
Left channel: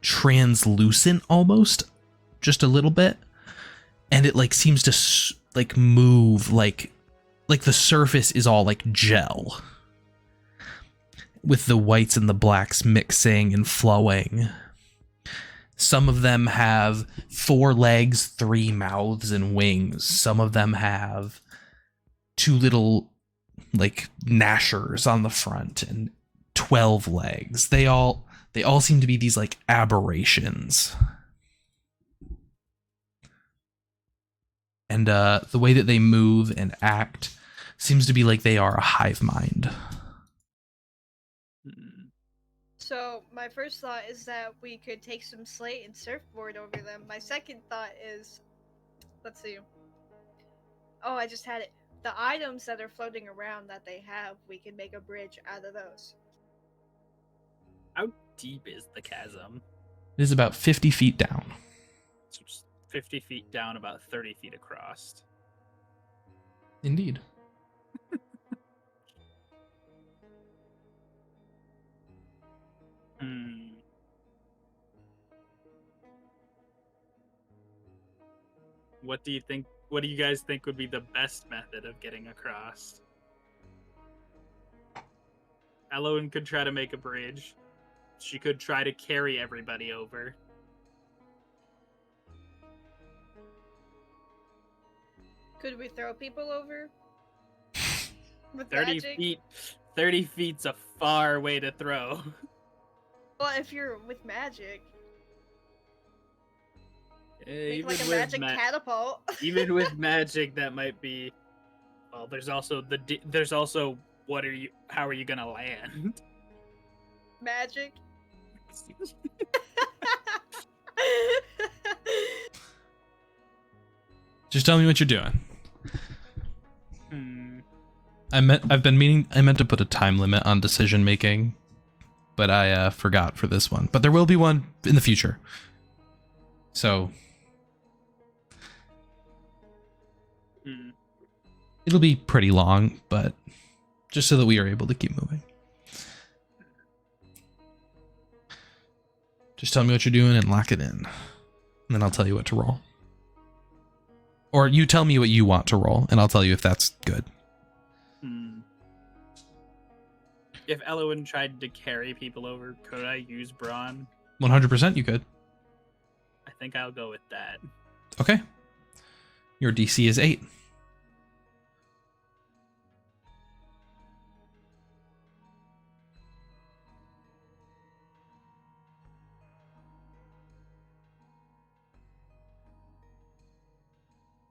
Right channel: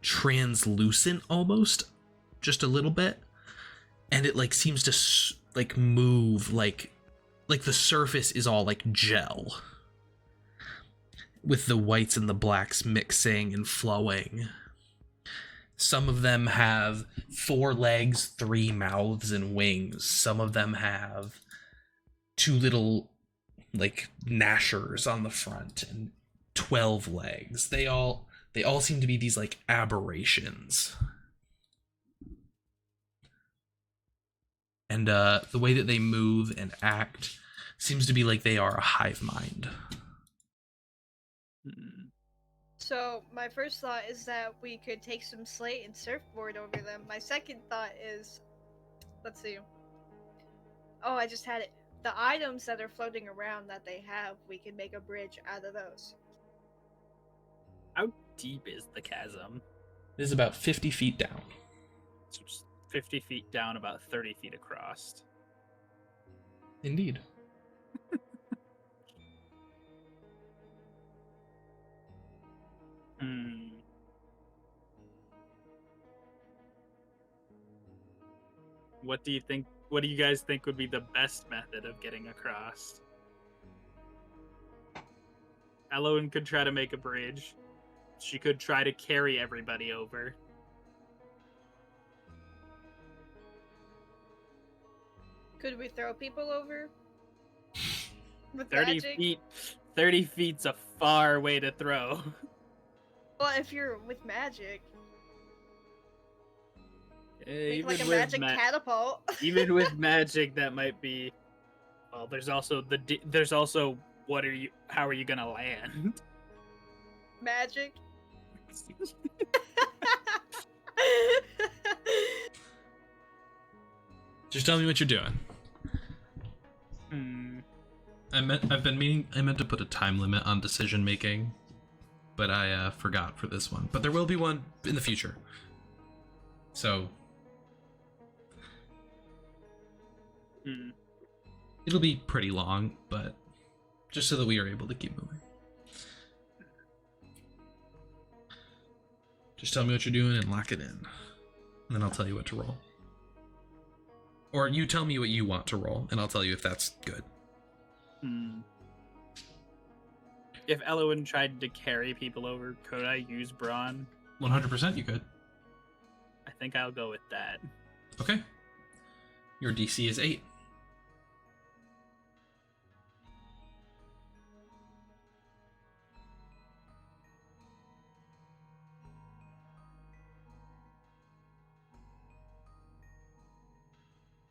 translucent almost, just a little bit, and it like seems to like move like the surface is all like gel, with the whites and the blacks mixing and flowing. Some of them have 4 legs, 3 mouths, and wings. Some of them have 2 little, like, gnashers on the front and 12 legs. They all seem to be these, like, aberrations. And the way that they move and act seems to be like they are a hive mind. Mm. So, my first thought is that we could take some slate and surfboard over them. My second thought is, let's see. Oh, I just had it. The items that are floating around that they have, we can make a bridge out of those. How deep is the chasm? It is about 50 feet down. It's just 50 feet down, about 30 feet across. Indeed. Hmm. What do you guys think would be the best method of getting across? Elawin could try to make a bridge. She could try to carry everybody over. Could we throw people over? With 30 magic? feet. 30 feet's a far way to throw. Well, if you're with magic, make Even like a with magic catapult. even with magic, that might be. Well, there's also how are you gonna land? Magic. Just tell me what you're doing. Hmm. I meant to put a time limit on decision making, but I forgot for this one. But there will be one in the future. So Hmm. it'll be pretty long, but just so that we are able to keep moving. Just tell me what you're doing and lock it in. And then I'll tell you what to roll. Or you tell me what you want to roll, and I'll tell you if that's good. Hmm. If Elawin tried to carry people over, could I use brawn? 100% you could. I think I'll go with that. Okay. Your DC is 8.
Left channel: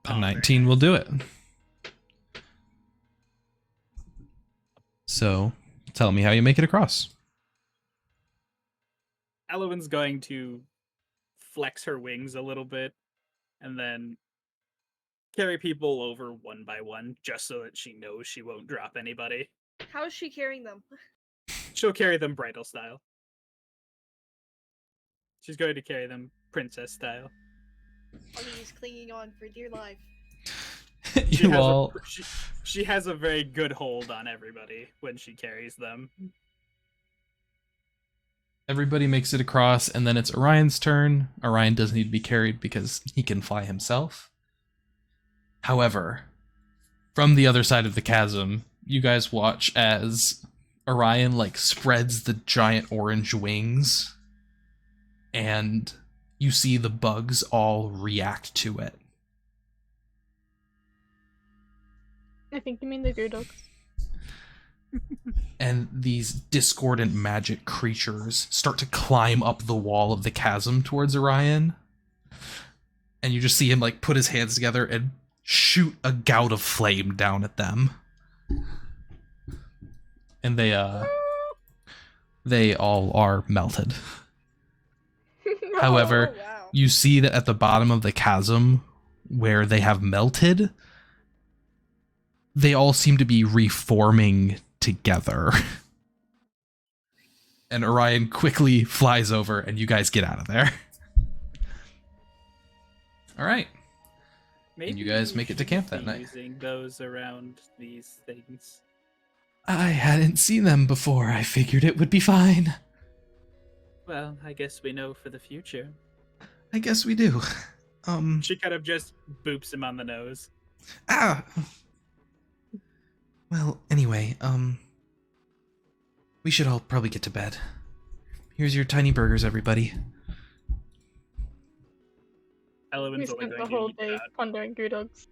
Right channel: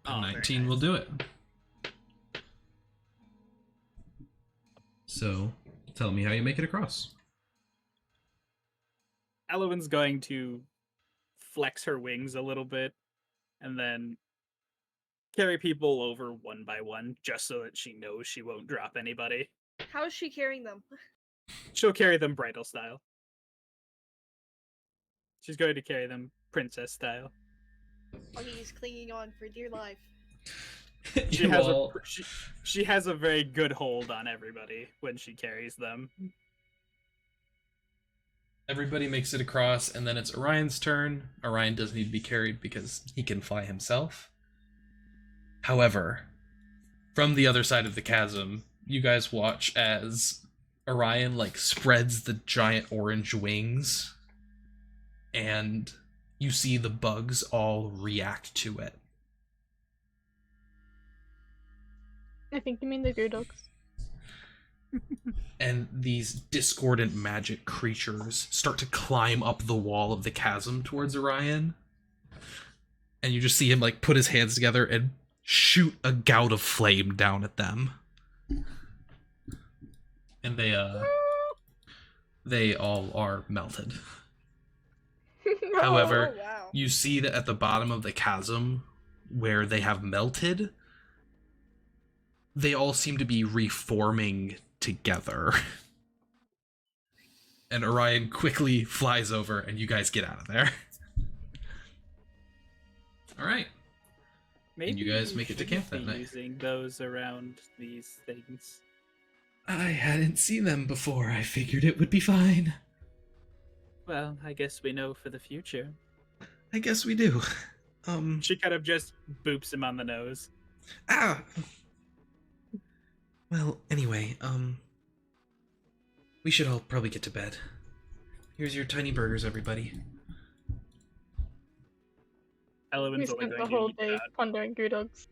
A Oh, very 19 will nice. do it. So, tell me how you make it across. Elawin's going to flex her wings a little bit and then carry people over one by one just so that she knows she won't drop anybody. How is she carrying them? She'll carry them bridal style. She's going to carry them princess style. Augie's clinging on for dear life. She You has all, she has a very good hold on everybody when she carries them. everybody makes it across, and then it's Orion's turn. Orion doesn't need to be carried because he can fly himself. However, from the other side of the chasm, you guys watch as Orion like spreads the giant orange wings, and you see the bugs all react to it. I think you mean the Goodogs. And these discordant magic creatures start to climb up the wall of the chasm towards Orion. And you just see him like put his hands together and shoot a gout of flame down at them. And they all are melted. However, Oh, wow. you see that at the bottom of the chasm where they have melted, they all seem to be reforming together. And Orion quickly flies over and you guys get out of there. All right. Maybe you guys we make it to shouldn't camp that be night. Using those around these things. I hadn't seen them before. I figured it would be fine. Well, I guess we know for the future. I guess we do. She kind of just boops him on the nose. Ah. Well, anyway, we should all probably get to bed. Here's your tiny burgers, everybody. Elawin's We only spent going the to whole eat day pondering Goodogs.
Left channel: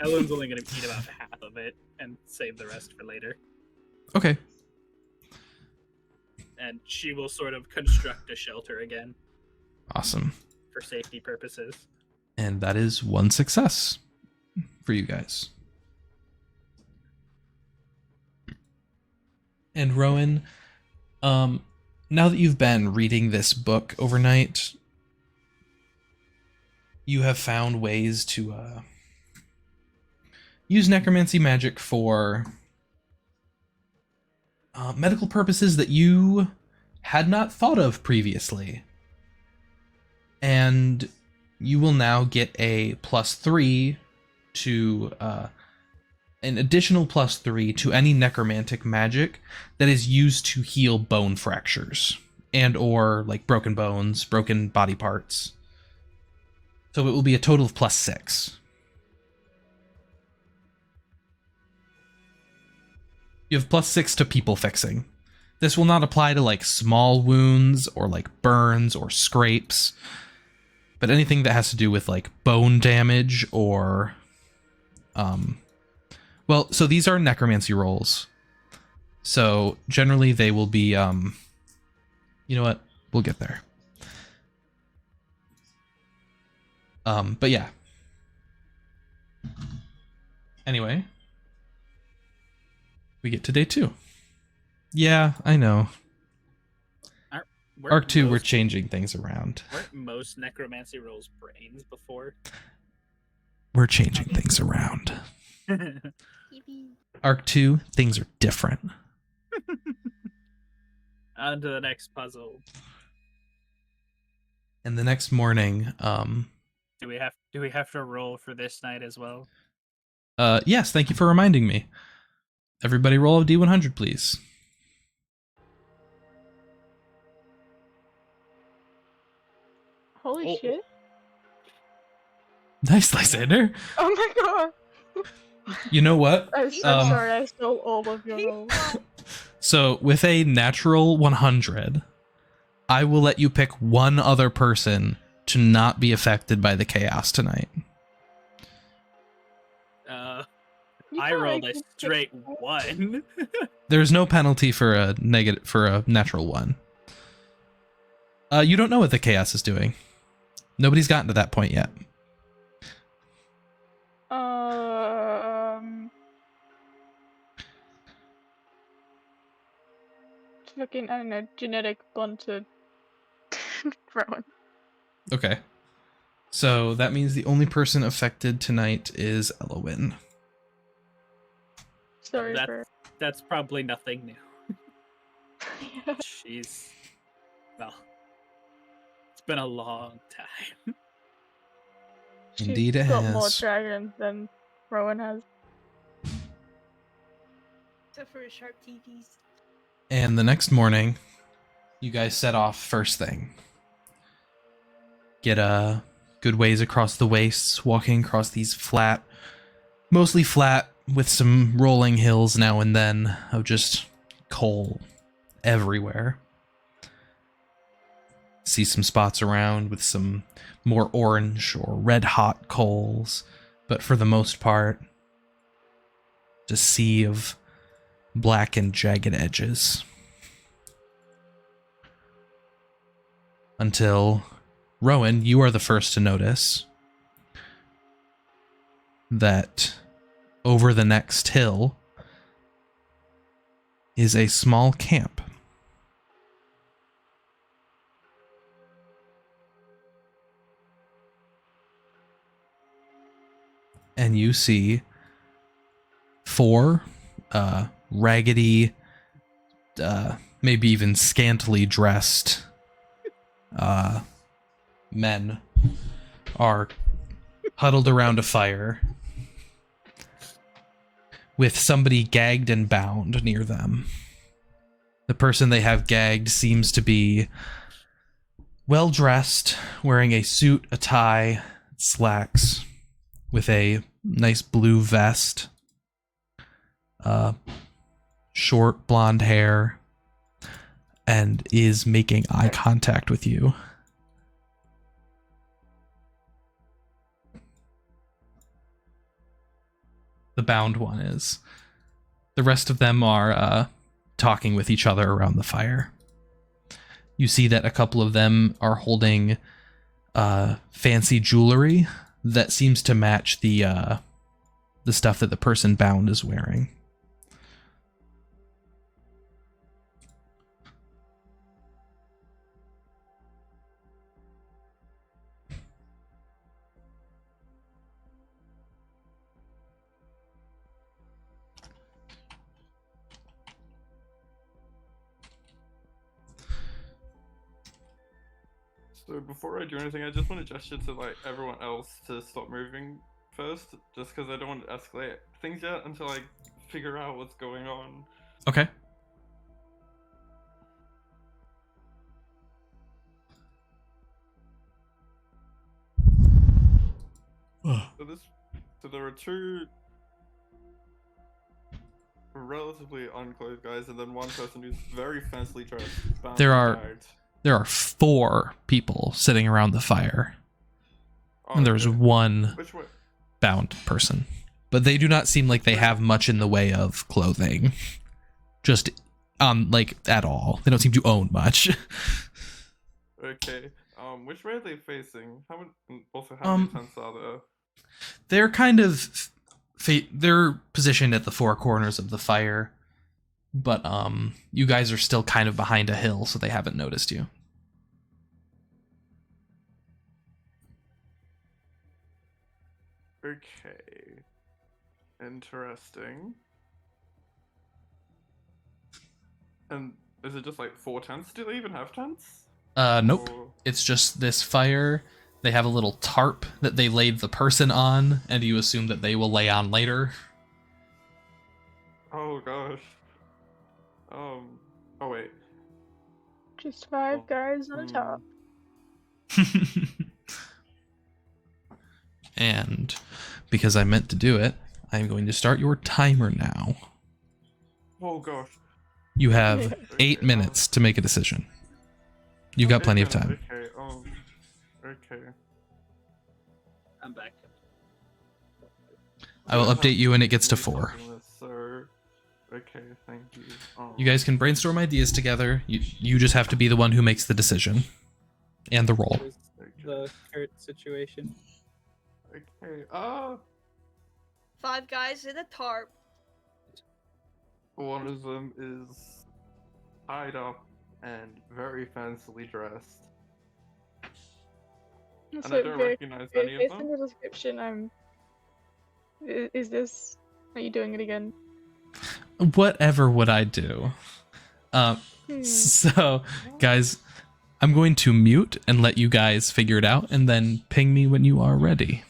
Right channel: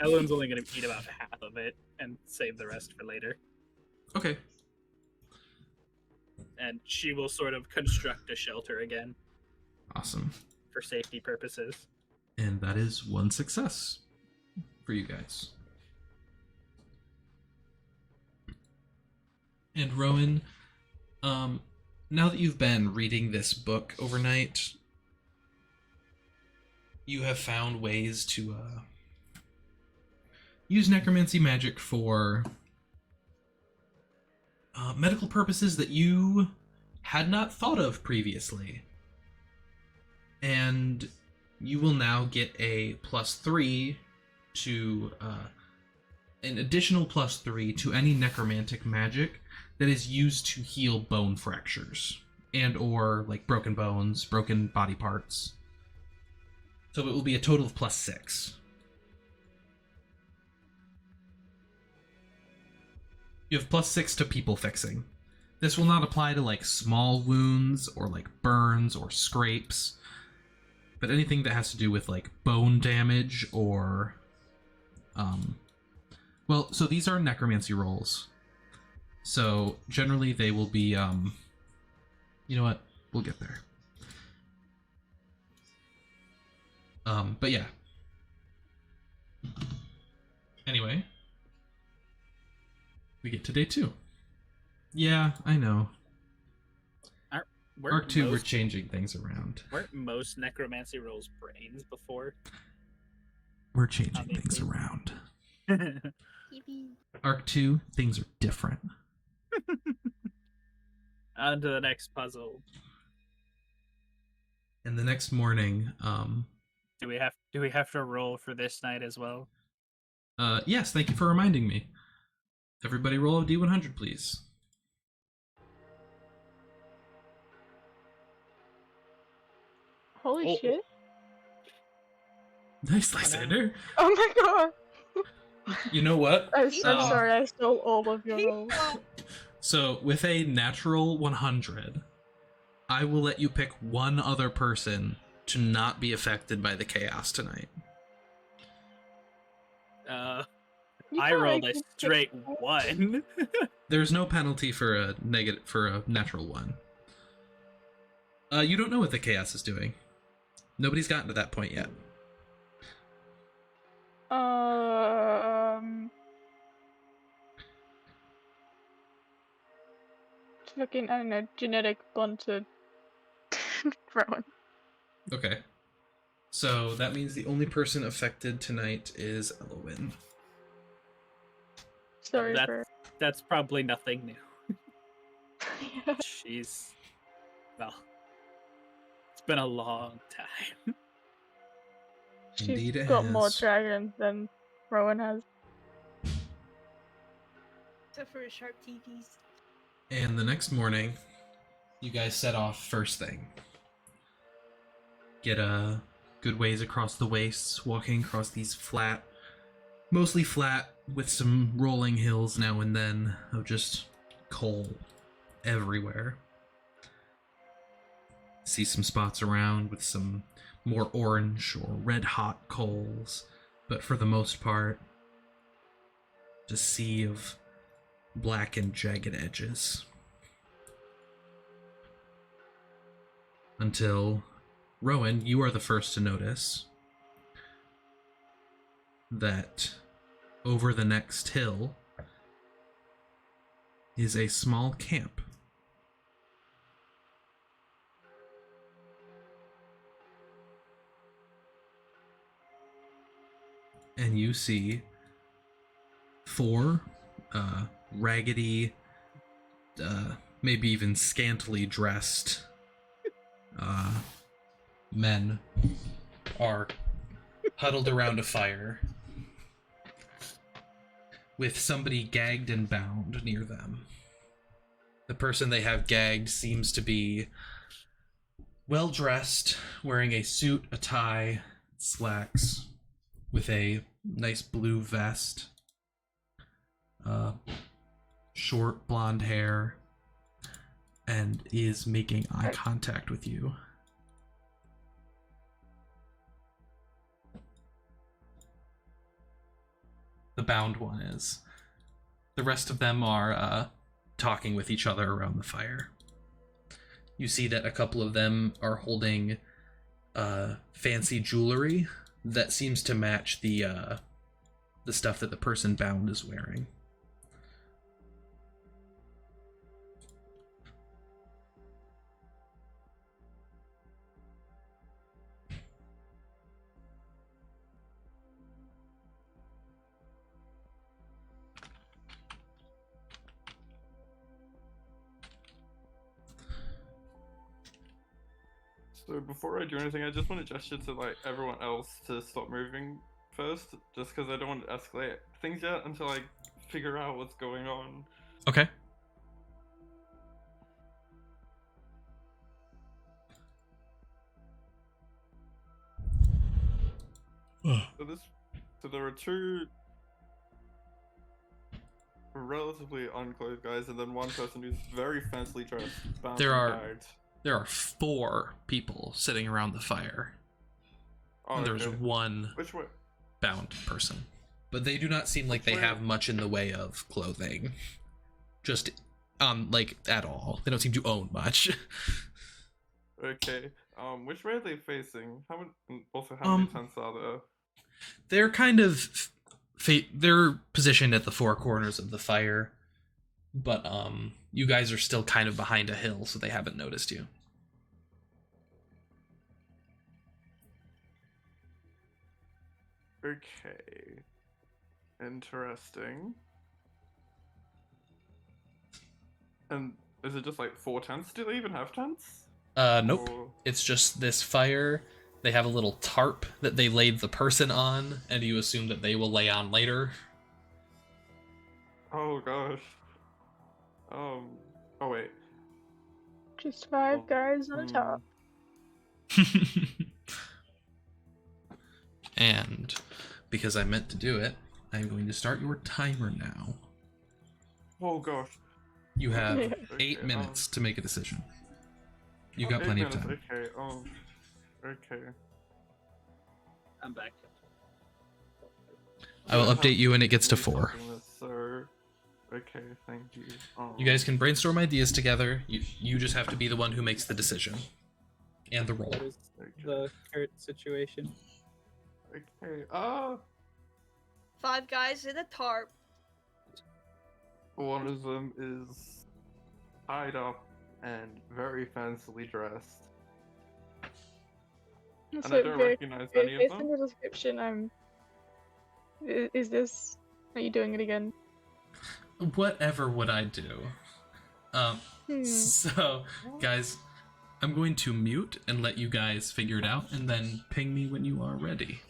Elawin's only going to eat about half of it and save the rest for later. Okay. And she will sort of construct a shelter again Awesome. for safety purposes. And that is one success for you guys. And Rowan, now that you've been reading this book overnight, you have found ways to use necromancy magic for medical purposes that you had not thought of previously. And you will now get a +3 to an additional +3 to any necromantic magic that is used to heal bone fractures and or like broken bones, broken body parts. So it will be a total of +6. You have +6 to people fixing. This will not apply to like small wounds or like burns or scrapes, but anything that has to do with like bone damage or well, so these are necromancy rolls. So generally they will be you know what? We'll get there. But yeah. Anyway, we get to day 2. Yeah, I know. Weren't Arc 2, we're most- changing things around. Weren't most necromancy rolls brains before? We're changing things around. Yippee. Arc 2, things are different. On to the next puzzle. And the next morning, Do we have to roll for this night as well? yes, thank you for reminding me. Everybody roll a D100, please. Holy Oh. shit. Nice, Lysander. Oh my god. You know what? I'm so Um, sorry, I stole all of your He rolls. fought So with a natural 100, I will let you pick one other person to not be affected by the chaos tonight. You I can't rolled make a me pick straight one. 1. There's no penalty for a natural 1. You don't know what the chaos is doing. Nobody's gotten to that point yet. Fucking, I don't know, genetic bond to Rowan. Okay. So that means the only person affected tonight is Elawin. Sorry for. That's probably nothing new. Yeah. She's... Well, it's been a long time. She's Indeed it got more has. dragons than Rowan has. Except for sharp TVs. And the next morning, you guys set off first thing. Get a good ways across the wastes, walking across these flat, mostly flat, with some rolling hills now and then of just coal everywhere. See some spots around with some more orange or red hot coals, but for the most part, just a sea of black and jagged edges. Until, Rowan, you are the first to notice that over the next hill is a small camp. And you see 4 raggedy, maybe even scantily dressed men are huddled around a fire with somebody gagged and bound near them. The person they have gagged seems to be well dressed, wearing a suit, a tie, slacks, with a nice blue vest, short blonde hair, and is making eye contact with you. The bound one is. The rest of them are talking with each other around the fire. You see that a couple of them are holding fancy jewelry that seems to match the stuff that the person bound is wearing. So before I do anything, I just want to gesture to like everyone else to stop moving first, just because I don't want to escalate things yet until I figure out what's going on. Okay. So there are 2 relatively unclothed guys, and then one person who's very fancily dressed. Bound There and are- gagged. There are 4 people sitting around the fire, Oh, and there's okay. one Which way? bound person. But they do not seem like they have much in the way of clothing. Just, like, at all. They don't seem to own much. Okay. Which way are they facing? How many tents are there? They're kind of... they're positioned at the 4 corners of the fire. But, you guys are still kind of behind a hill, so they haven't noticed you. Okay. Interesting. And is it just like 4 tents? Do they even have tents? Nope. Or... It's just this fire. They have a little tarp that they laid the person on, and you assume that they will lay on later. Oh gosh. Oh wait. Just 5 Oh, guys on a top. And because I meant to do it, I'm going to start your timer now. Oh gosh. You have Yeah. 8 Okay, minutes to make a decision. You've got 8 plenty of minutes, time. Okay, okay. I'm back. I will So update you when it gets to do 4. something that's so... Okay, thank you. You guys can brainstorm ideas together. You just have to be the one who makes the decision and the roll. What is the current situation? Okay, 5 guys in a tarp. one of them is tied up and very fancily dressed. And I don't recognize any of Based on them. the description, is this? Are you doing it again? Whatever would I do? So, guys, I'm going to mute and let you guys figure it out, and then ping me when you are ready.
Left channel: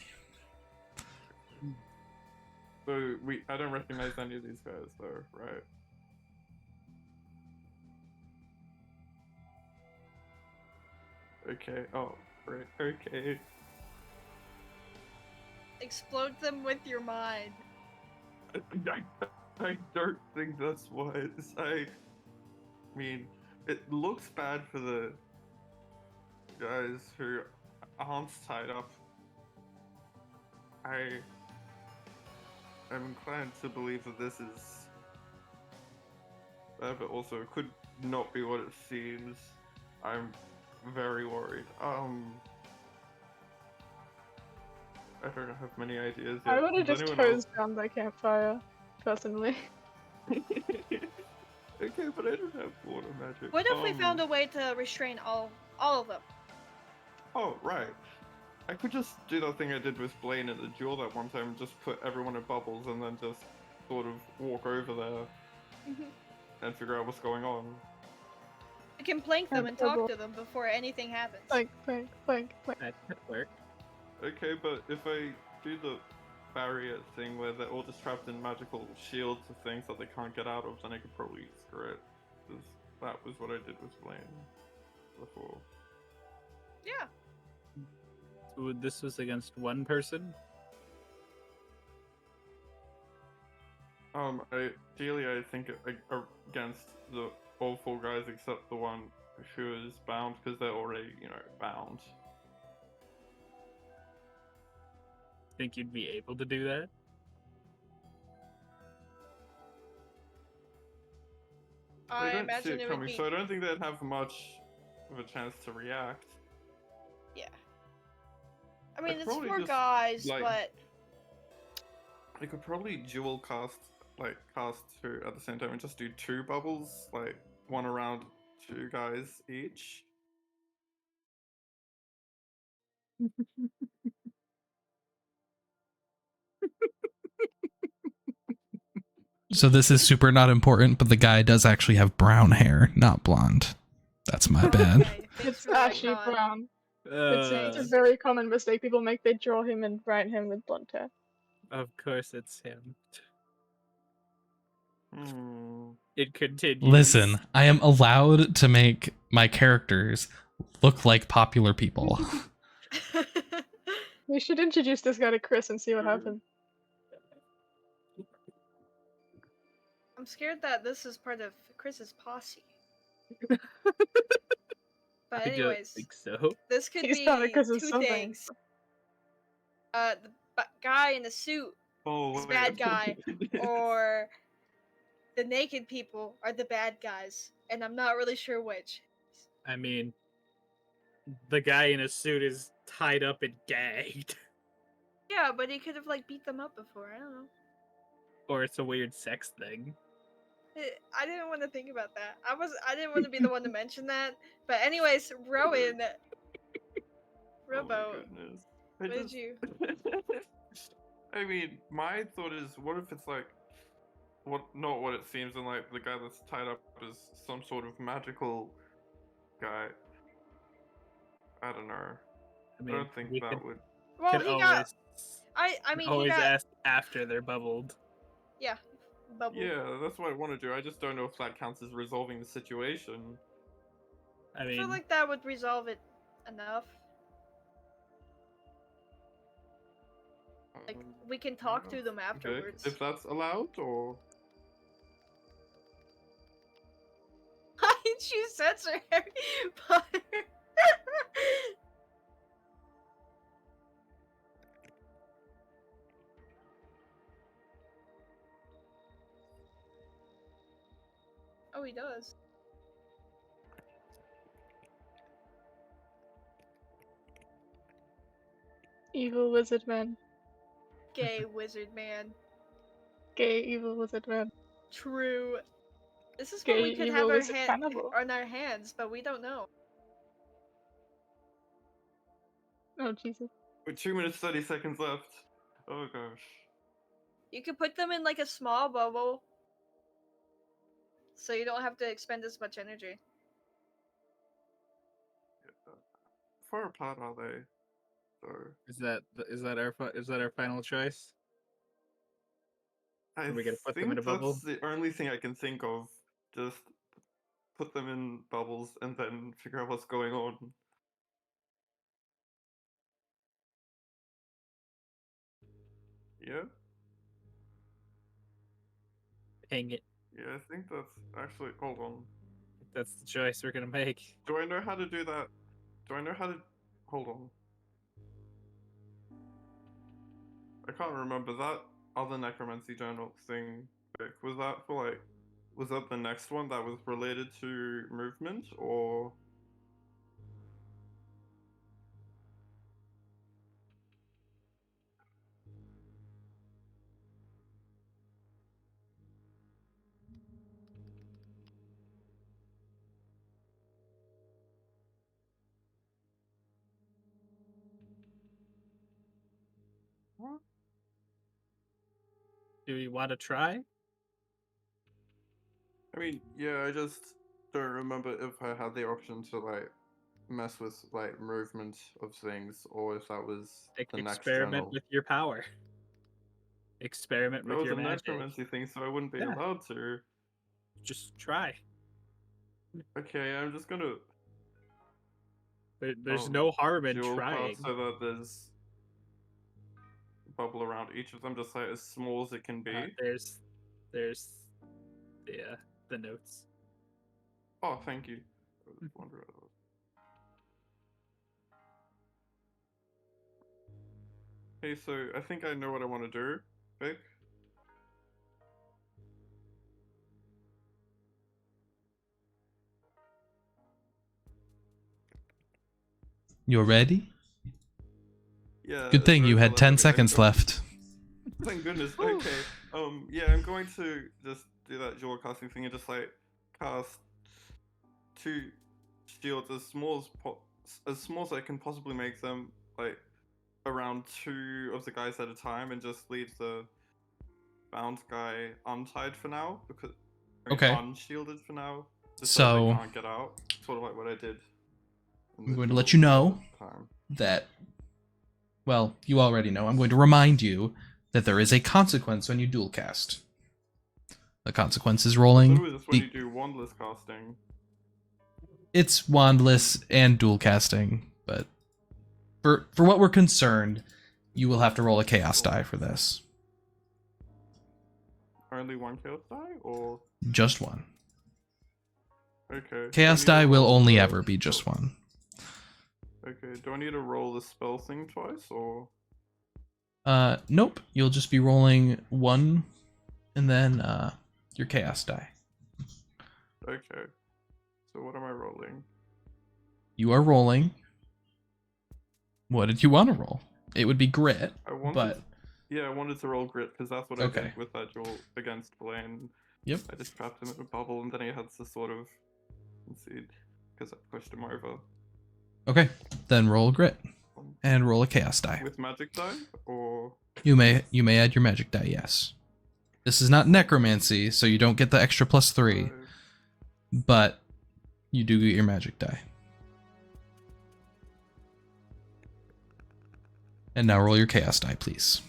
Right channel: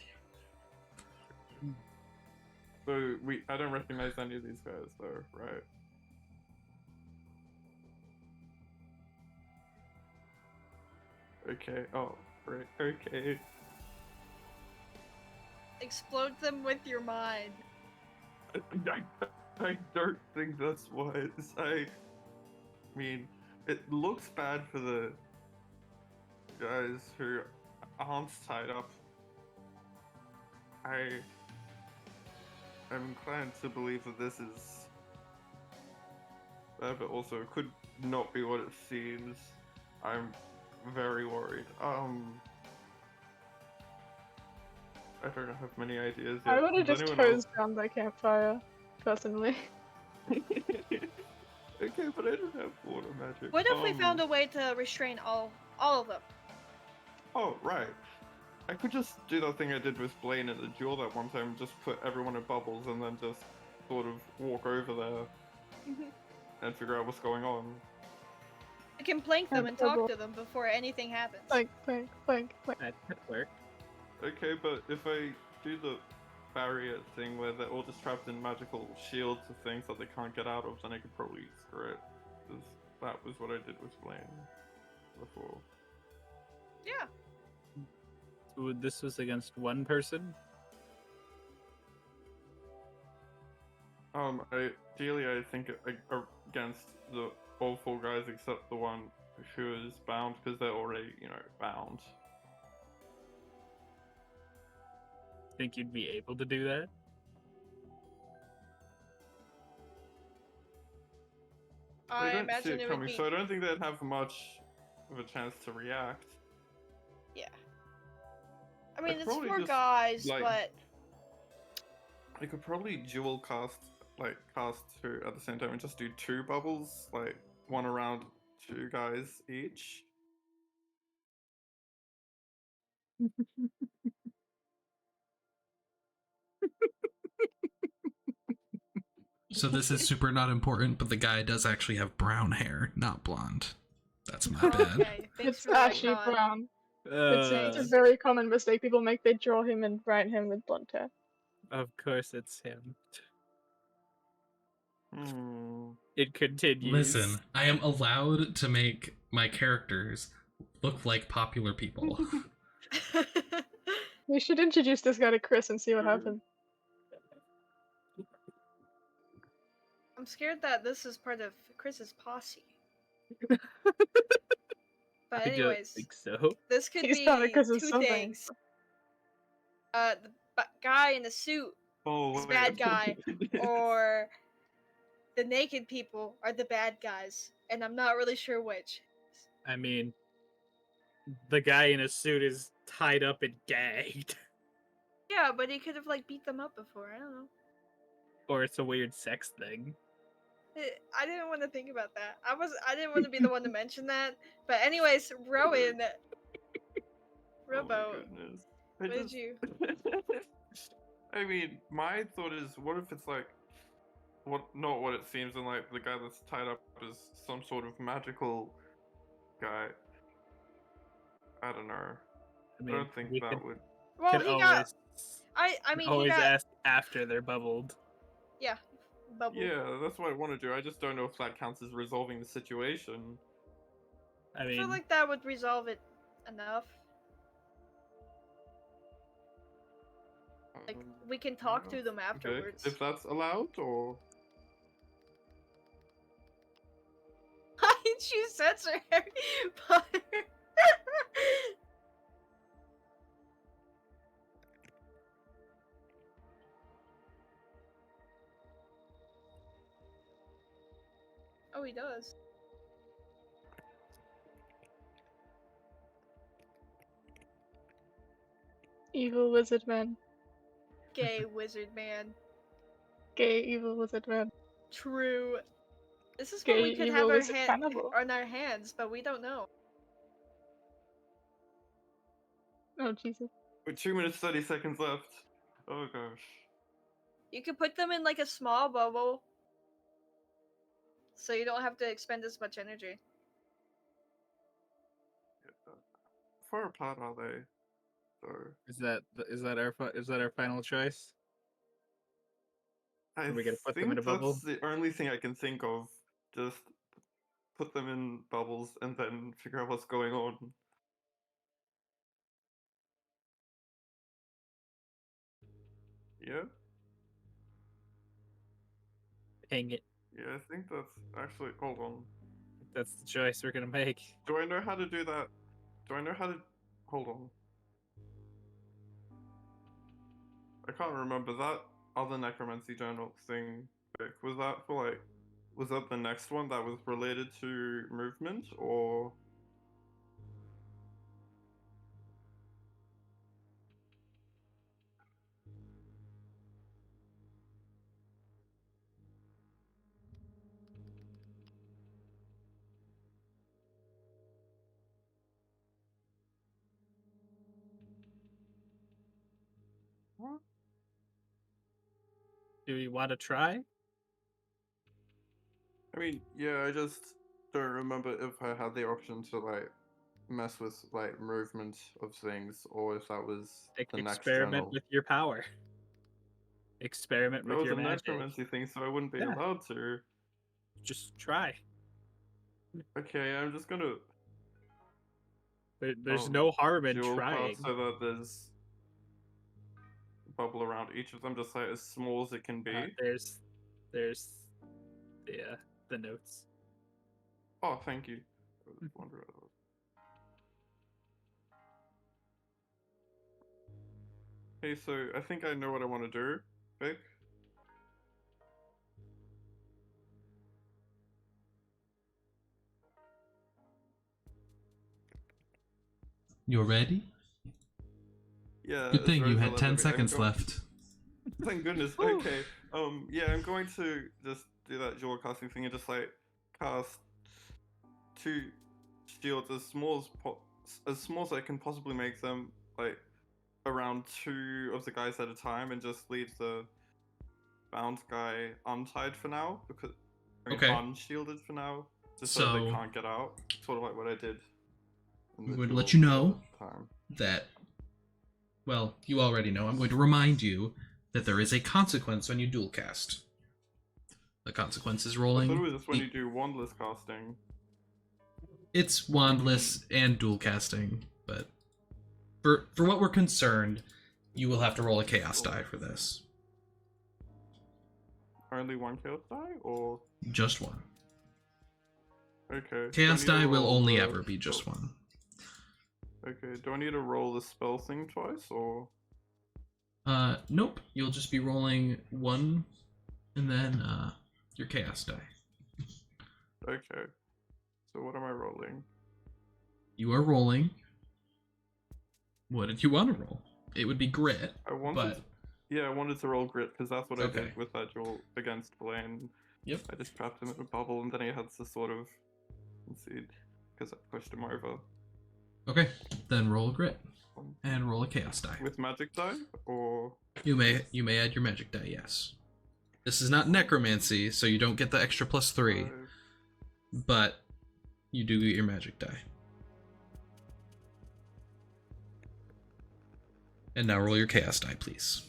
So I don't recognize any of these guys though, right? Okay, oh, great, okay. Explode them with your mind. I don't think that's wise. I mean, it looks bad for the guys who aren't tied up. I am inclined to believe that this is bad, but also it could not be what it seems. I'm very worried. I don't have many ideas yet. I would have Does just anyone hosed down the campfire, personally. Okay, but I don't have water magic. What if we found a way to restrain all of them? Oh, right. I could just do that thing I did with Blaine at the duel that one time, just put everyone in bubbles and then just sort of walk over there and figure out what's going on. We can plank them and talk Bubble. to them before anything happens. Like. That could work. Okay, but if I do the barrier thing where they're all just trapped in magical shields of things that they can't get out of, then I could probably screw it. Because that was what I did with Blaine before. Yeah. So this was against one person? Ideally, I think against all 4 guys except the one who is bound, because they're already, bound. Think you'd be able to do that? I don't see imagine it it would coming, be. so I don't think they'd have much of a chance to react. Yeah. I mean, I'd it's probably 4 just, guys, like- but I could probably dual cast 2 at the same time and just do 2 bubbles, like 1 around 2 guys each. So this is super not important, but the guy does actually have brown hair, not blonde. That's my bad. okay, thanks It's for the ashy retcon. brown. It's a very common mistake people make. They draw him and write him with blonde hair. Of course it's him. It It continues. Listen, I am allowed to make my characters look like popular people. We should introduce this guy to Chris and see what happens. I'm scared that this is part of Chris's posse. I But don't anyways, think so. this could He's be not because of 2 something. things. The guy in the suit is wait. bad guy, or the naked people are the bad guys, and I'm not really sure which. I mean, the guy in a suit is tied up and gagged. Yeah, but he could have beat them up before. I don't know. Or it's a weird sex thing. I didn't want to think about that. I didn't want to be the one to mention that. But anyways, Rowan, Robo, what did you? I mean, my thought is, what if it's not what it seems, and the guy that's tied up is some sort of magical guy. I don't know. I I mean, don't think we that could, would. Well, could he always, got. I mean, he always got. ask after they're bubbled. Yeah, bubble. Yeah, that's what I want to do. I just don't know if that counts as resolving the situation. I I mean, feel like that would resolve it enough. We can talk to them Okay, afterwards. if that's allowed, or you censor Harry Potter? Oh, he does. Evil wizard man. Gay wizard man. Gay evil wizard man. True. This is what Gay we could evil have wizard cannibal. on our hands, but we don't know. Oh Jesus. With 2 minutes 30 seconds left. Oh gosh. You could put them in like a small bubble, so you don't have to expend as much energy. How far apart are they? So Is that our final choice? I Are we gonna put them think in a bubble? that's the only thing I can think of. Just put them in bubbles and then figure out what's going on. Yeah? Dang it. Yeah, I think that's actually. Hold on. That's the choice we're gonna make. Do I know how to do that? Do I know how to. Hold on. I can't remember that other necromancy journal thing. Vic, was that for like. Was that the next one that was related to movement or. What? Do you want to try? I mean, yeah, I just don't remember if I had the option to like mess with like movement of things or if that was the next Experiment journal. with your power. Experiment That with was your a magic. necromancy thing, so I wouldn't be Yeah. allowed to. Just try. Okay, I'm just gonna There's no harm in dual trying. cast so that there's bubble around each of them, just like as small as it can be. There's the notes. Oh, thank you. I was wondering. Hey, so I think I know what I want to do, Vic. You're ready? Yeah. Good thing as you Rosal had as 10 I'm seconds going- left. Thank goodness. Ooh. Okay. Yeah, I'm going to just do that dual casting thing and just like cast 2 shields as small as I can possibly make them, like around 2 of the guys at a time, and just leave the bound guy untied for now because Okay. unshielded for now, just so they So can't get out. Sort of like what I did. I'm going to let you know that, well, you already know. I'm going to remind you that there is a consequence when you dual cast. The consequence is I rolling. thought it was just when you do wandless casting. It's wandless and dual casting, but for what we're concerned, you will have to roll a chaos die for this. Only 1 chaos die, or Just one. okay. Chaos do I need die to will roll only the ever be just spell- one. Okay. Do I need to roll the spell thing twice, or? Nope. You'll just be rolling 1 and then your chaos die. Okay. So what am I rolling? You are rolling. What did you want to roll? It would be grit, I wanted. but Yeah, I wanted to roll grit because that's what I Okay. did with that duel against Blaine. Yep. I just trapped him in a bubble, and then he had to sort of concede because I pushed him over. Okay, then roll grit and roll a chaos die. With magic die, or You may add your magic die, yes. This is not necromancy, so you don't get the extra +3, but you do get your magic die. And now roll your chaos die, please.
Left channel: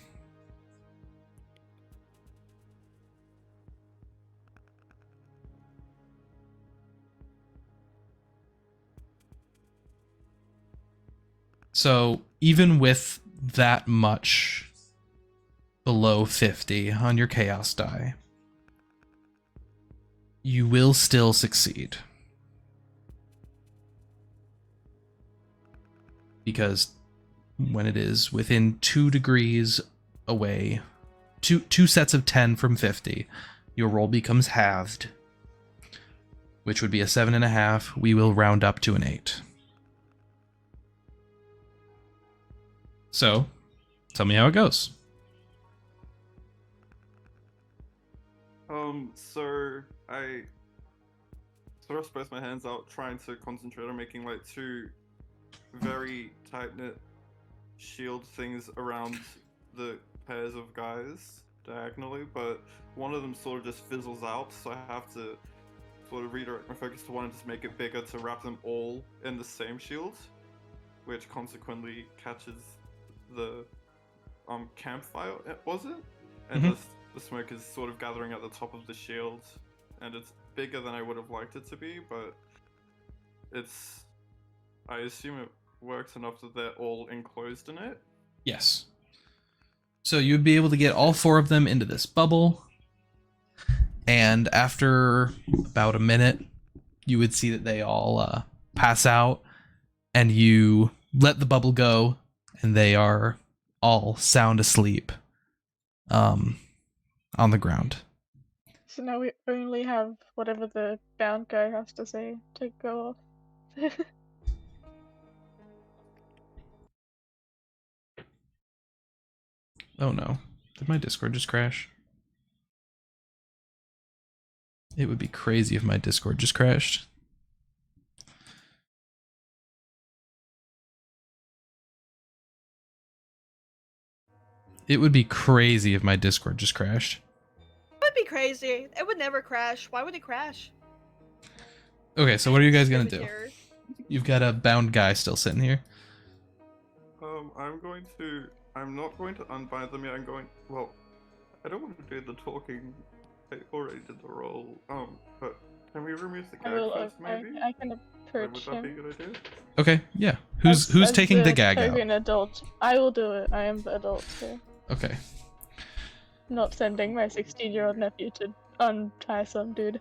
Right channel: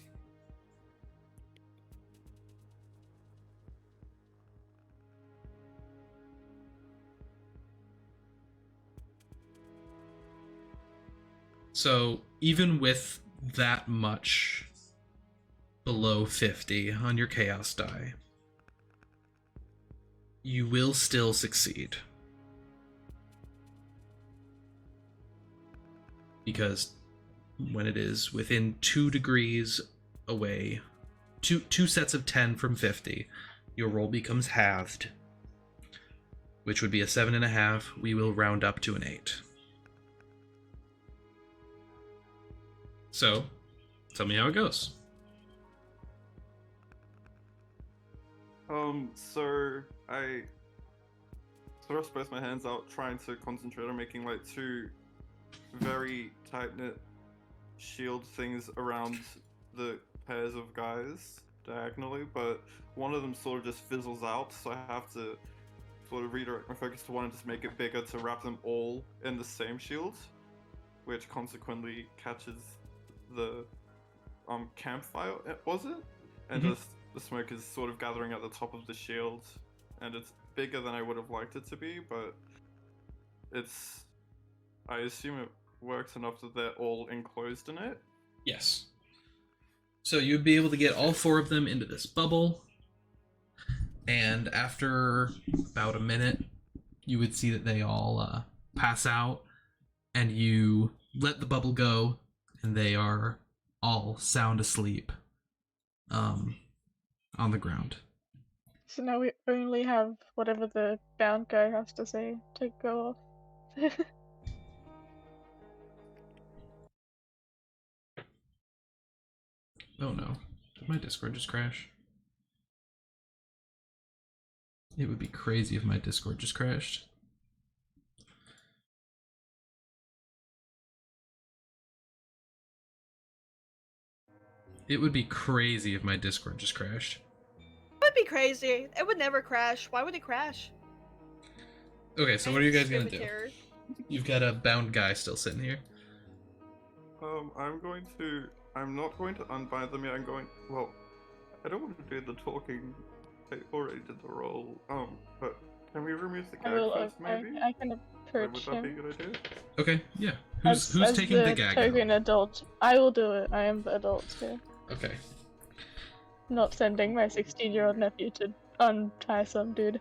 So even with that much below 50 on your chaos die, you will still succeed. because when it is within 2 degrees away, two sets of 10 from 50, your roll becomes halved, which would be a 7.5. We will round up to an 8. So, tell me how it goes. So I sort of spread my hands out, trying to concentrate on making like 2 very tight-knit shield things around the pairs of guys diagonally, but one of them sort of just fizzles out, so I have to sort of redirect my focus to one and just make it bigger to wrap them all in the same shield, which consequently catches the campfire, was it? And just the smoke is sort of gathering at the top of the shield, and it's bigger than I would have liked it to be, but it's, I assume it works enough that they're all enclosed in it. Yes. So you'd be able to get all 4 of them into this bubble, and after about a minute, you would see that they all pass out, and you let the bubble go, and they are all sound asleep on the ground. So now we only have whatever the bound guy has to say to go off. Oh no. Did my Discord just crash? It would be crazy if my Discord just crashed. It would be crazy if my Discord just crashed. It would be crazy. It would never crash. Why would it crash? Okay, so what are you guys gonna do? Terror. You've got a bound guy still sitting here. I'm not going to unbind them yet. Well, I don't want to do the talking. I already did the roll. But can we remove the gag first, maybe? I can Would approach that be a him. good idea? Okay, yeah. Who's As taking the gag out? token adult. I will do it. I am the adult here. Okay. Not sending my 16-year-old nephew to untie some dude.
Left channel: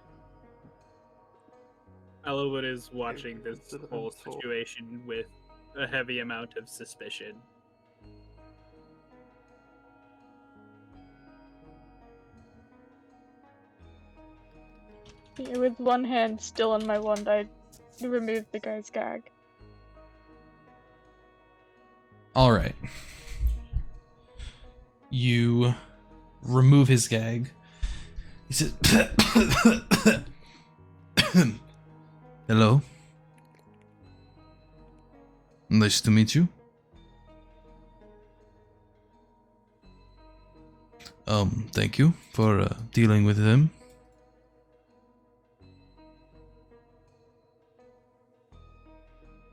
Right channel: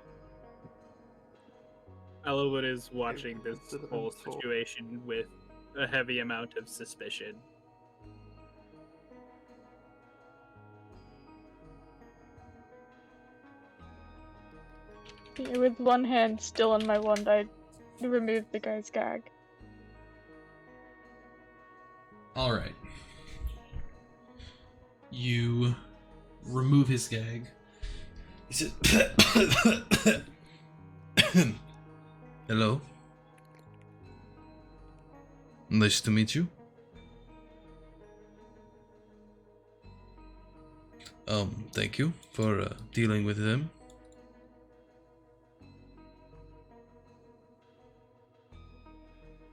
Elawin is watching this Is it an whole assault? situation with a heavy amount of suspicion. Yeah, with one hand still on my wand, I removed the guy's gag. All right. You remove his gag. He says, "Hello. Nice to meet you. Thank you for dealing with him.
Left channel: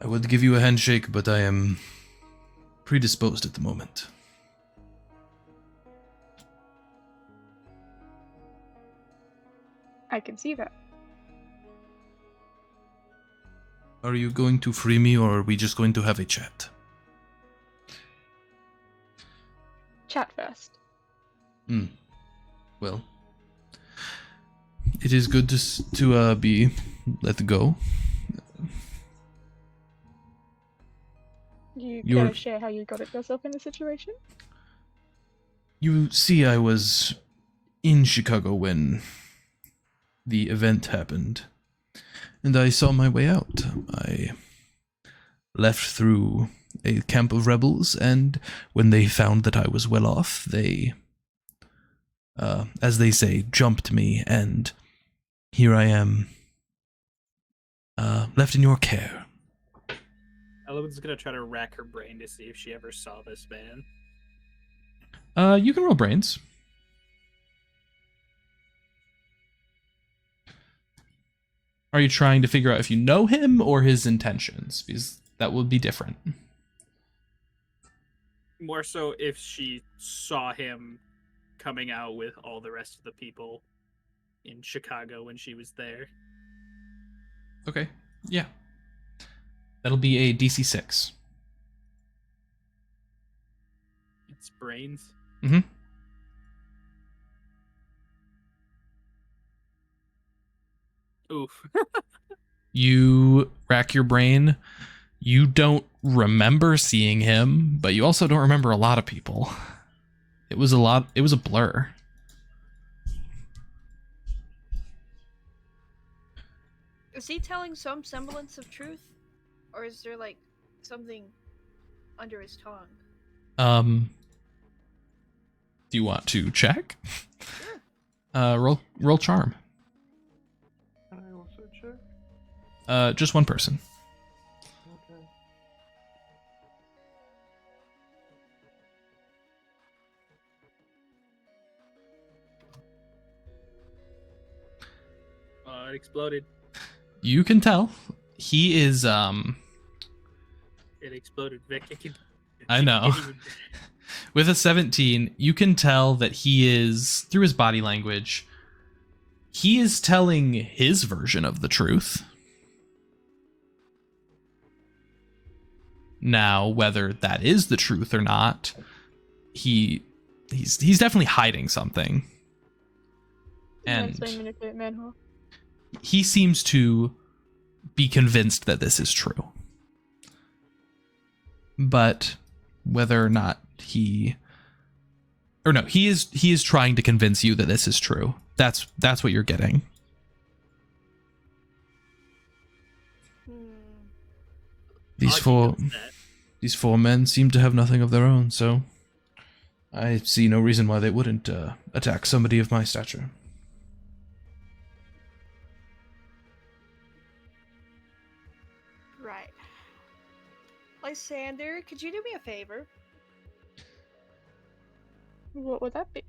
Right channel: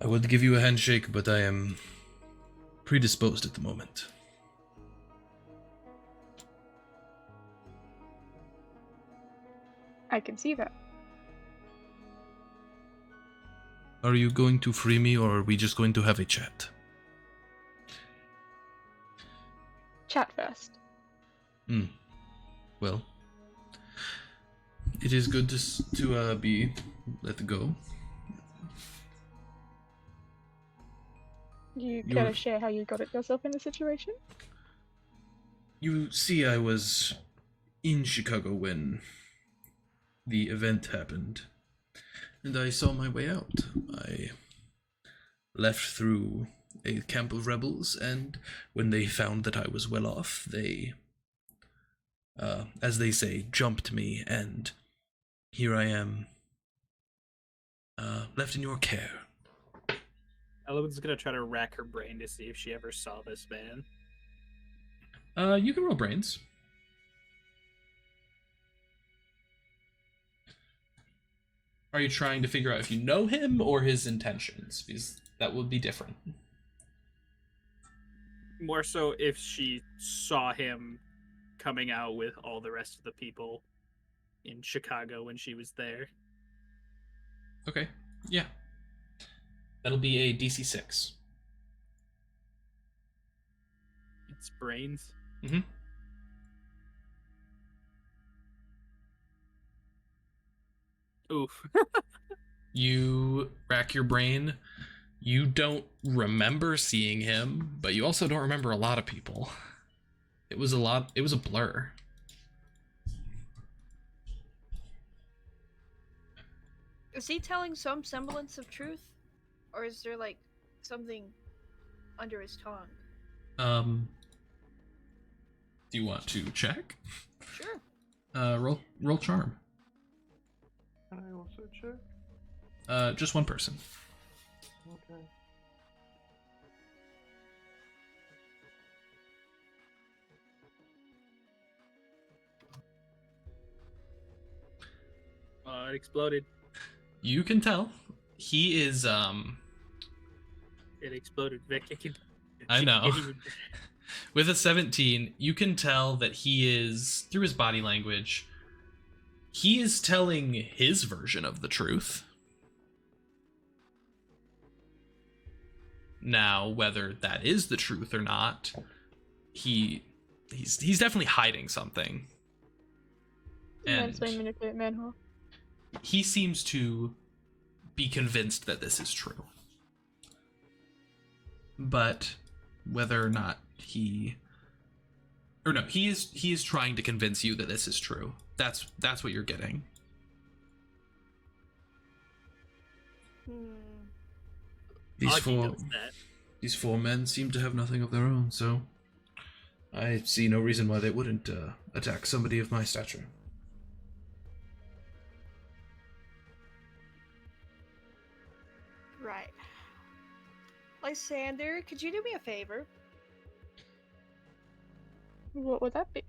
I would give you a handshake, but I am predisposed at the moment." I can see that. Are you going to free me, or are we just going to have a chat? Chat first. Well, it is good to be let go. You You're- care to share how you got yourself in the situation? You see, I was in Chicago when the event happened, and I saw my way out. I left through a camp of rebels, and when they found that I was well off, they, as they say, jumped me, and here I am, left in your care. Elawin's gonna try to rack her brain to see if she ever saw this man. You can roll brains. Are you trying to figure out if you know him or his intentions? Because that would be different. More so if she saw him coming out with all the rest of the people in Chicago when she was there. Okay, yeah. That'll be a DC 6. It's brains. Mm-hmm. Oof. You rack your brain. You don't remember seeing him, but you also don't remember a lot of people. It was a blur. Is he telling some semblance of truth? Or is there, like, something under his tongue? Do you want to check? Sure. Roll charm. Can I also check? Just one person. Okay. It exploded. You can tell he is It exploded. Vic, I know. With a 17, you can tell that he is, through his body language, he is telling his version of the truth. Now, whether that is the truth or not, he's definitely hiding something. And manipulate manhole. he seems to be convinced that this is true. But whether or not he is trying to convince you that this is true. That's what you're getting. These four men seem to have nothing of their own, so I see no reason why they wouldn't attack somebody of my stature. Right. Lysander, could you do me a favor? What would that be?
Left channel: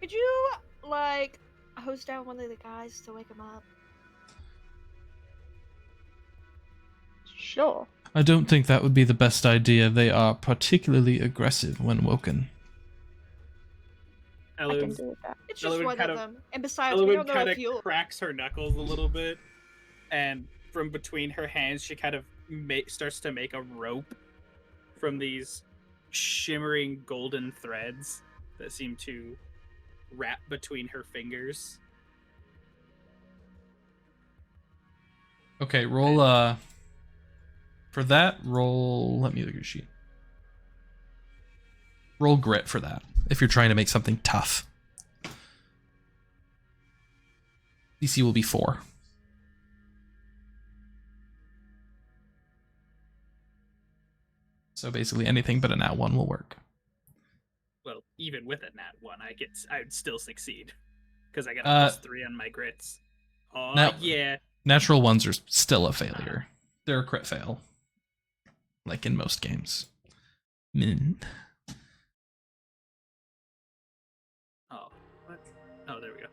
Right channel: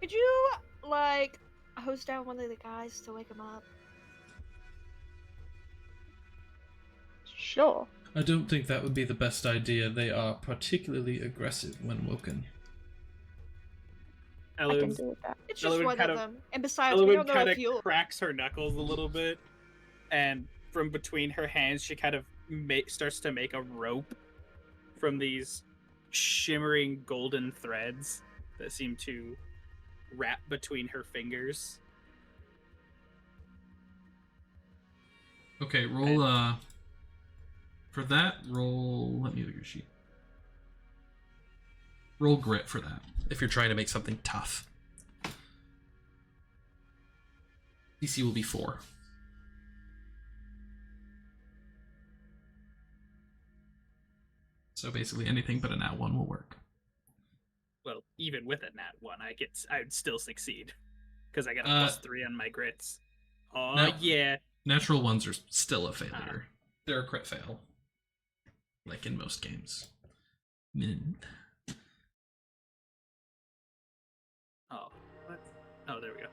Could you, like, hose down one of the guys to wake him up? Sure. I don't think that would be the best idea. They are particularly aggressive when woken. I can do with that. It's just Elawin one kind of of- them. And besides, we Elawin don't know kind if you... of cracks her knuckles a little bit, and from between her hands, she kind of starts to make a rope from these shimmering golden threads that seem to wrap between her fingers. Okay, roll for that, let me look at your sheet. Roll grit for that, if you're trying to make something tough. DC will be 4. So basically anything but a nat 1 will work. Well, even with a nat 1, I'd still succeed. Because I got a +3 on my grits. Oh, yeah. Natural 1s are still a failure. They're a crit fail. Like in most games. Oh, what? Oh, there we go.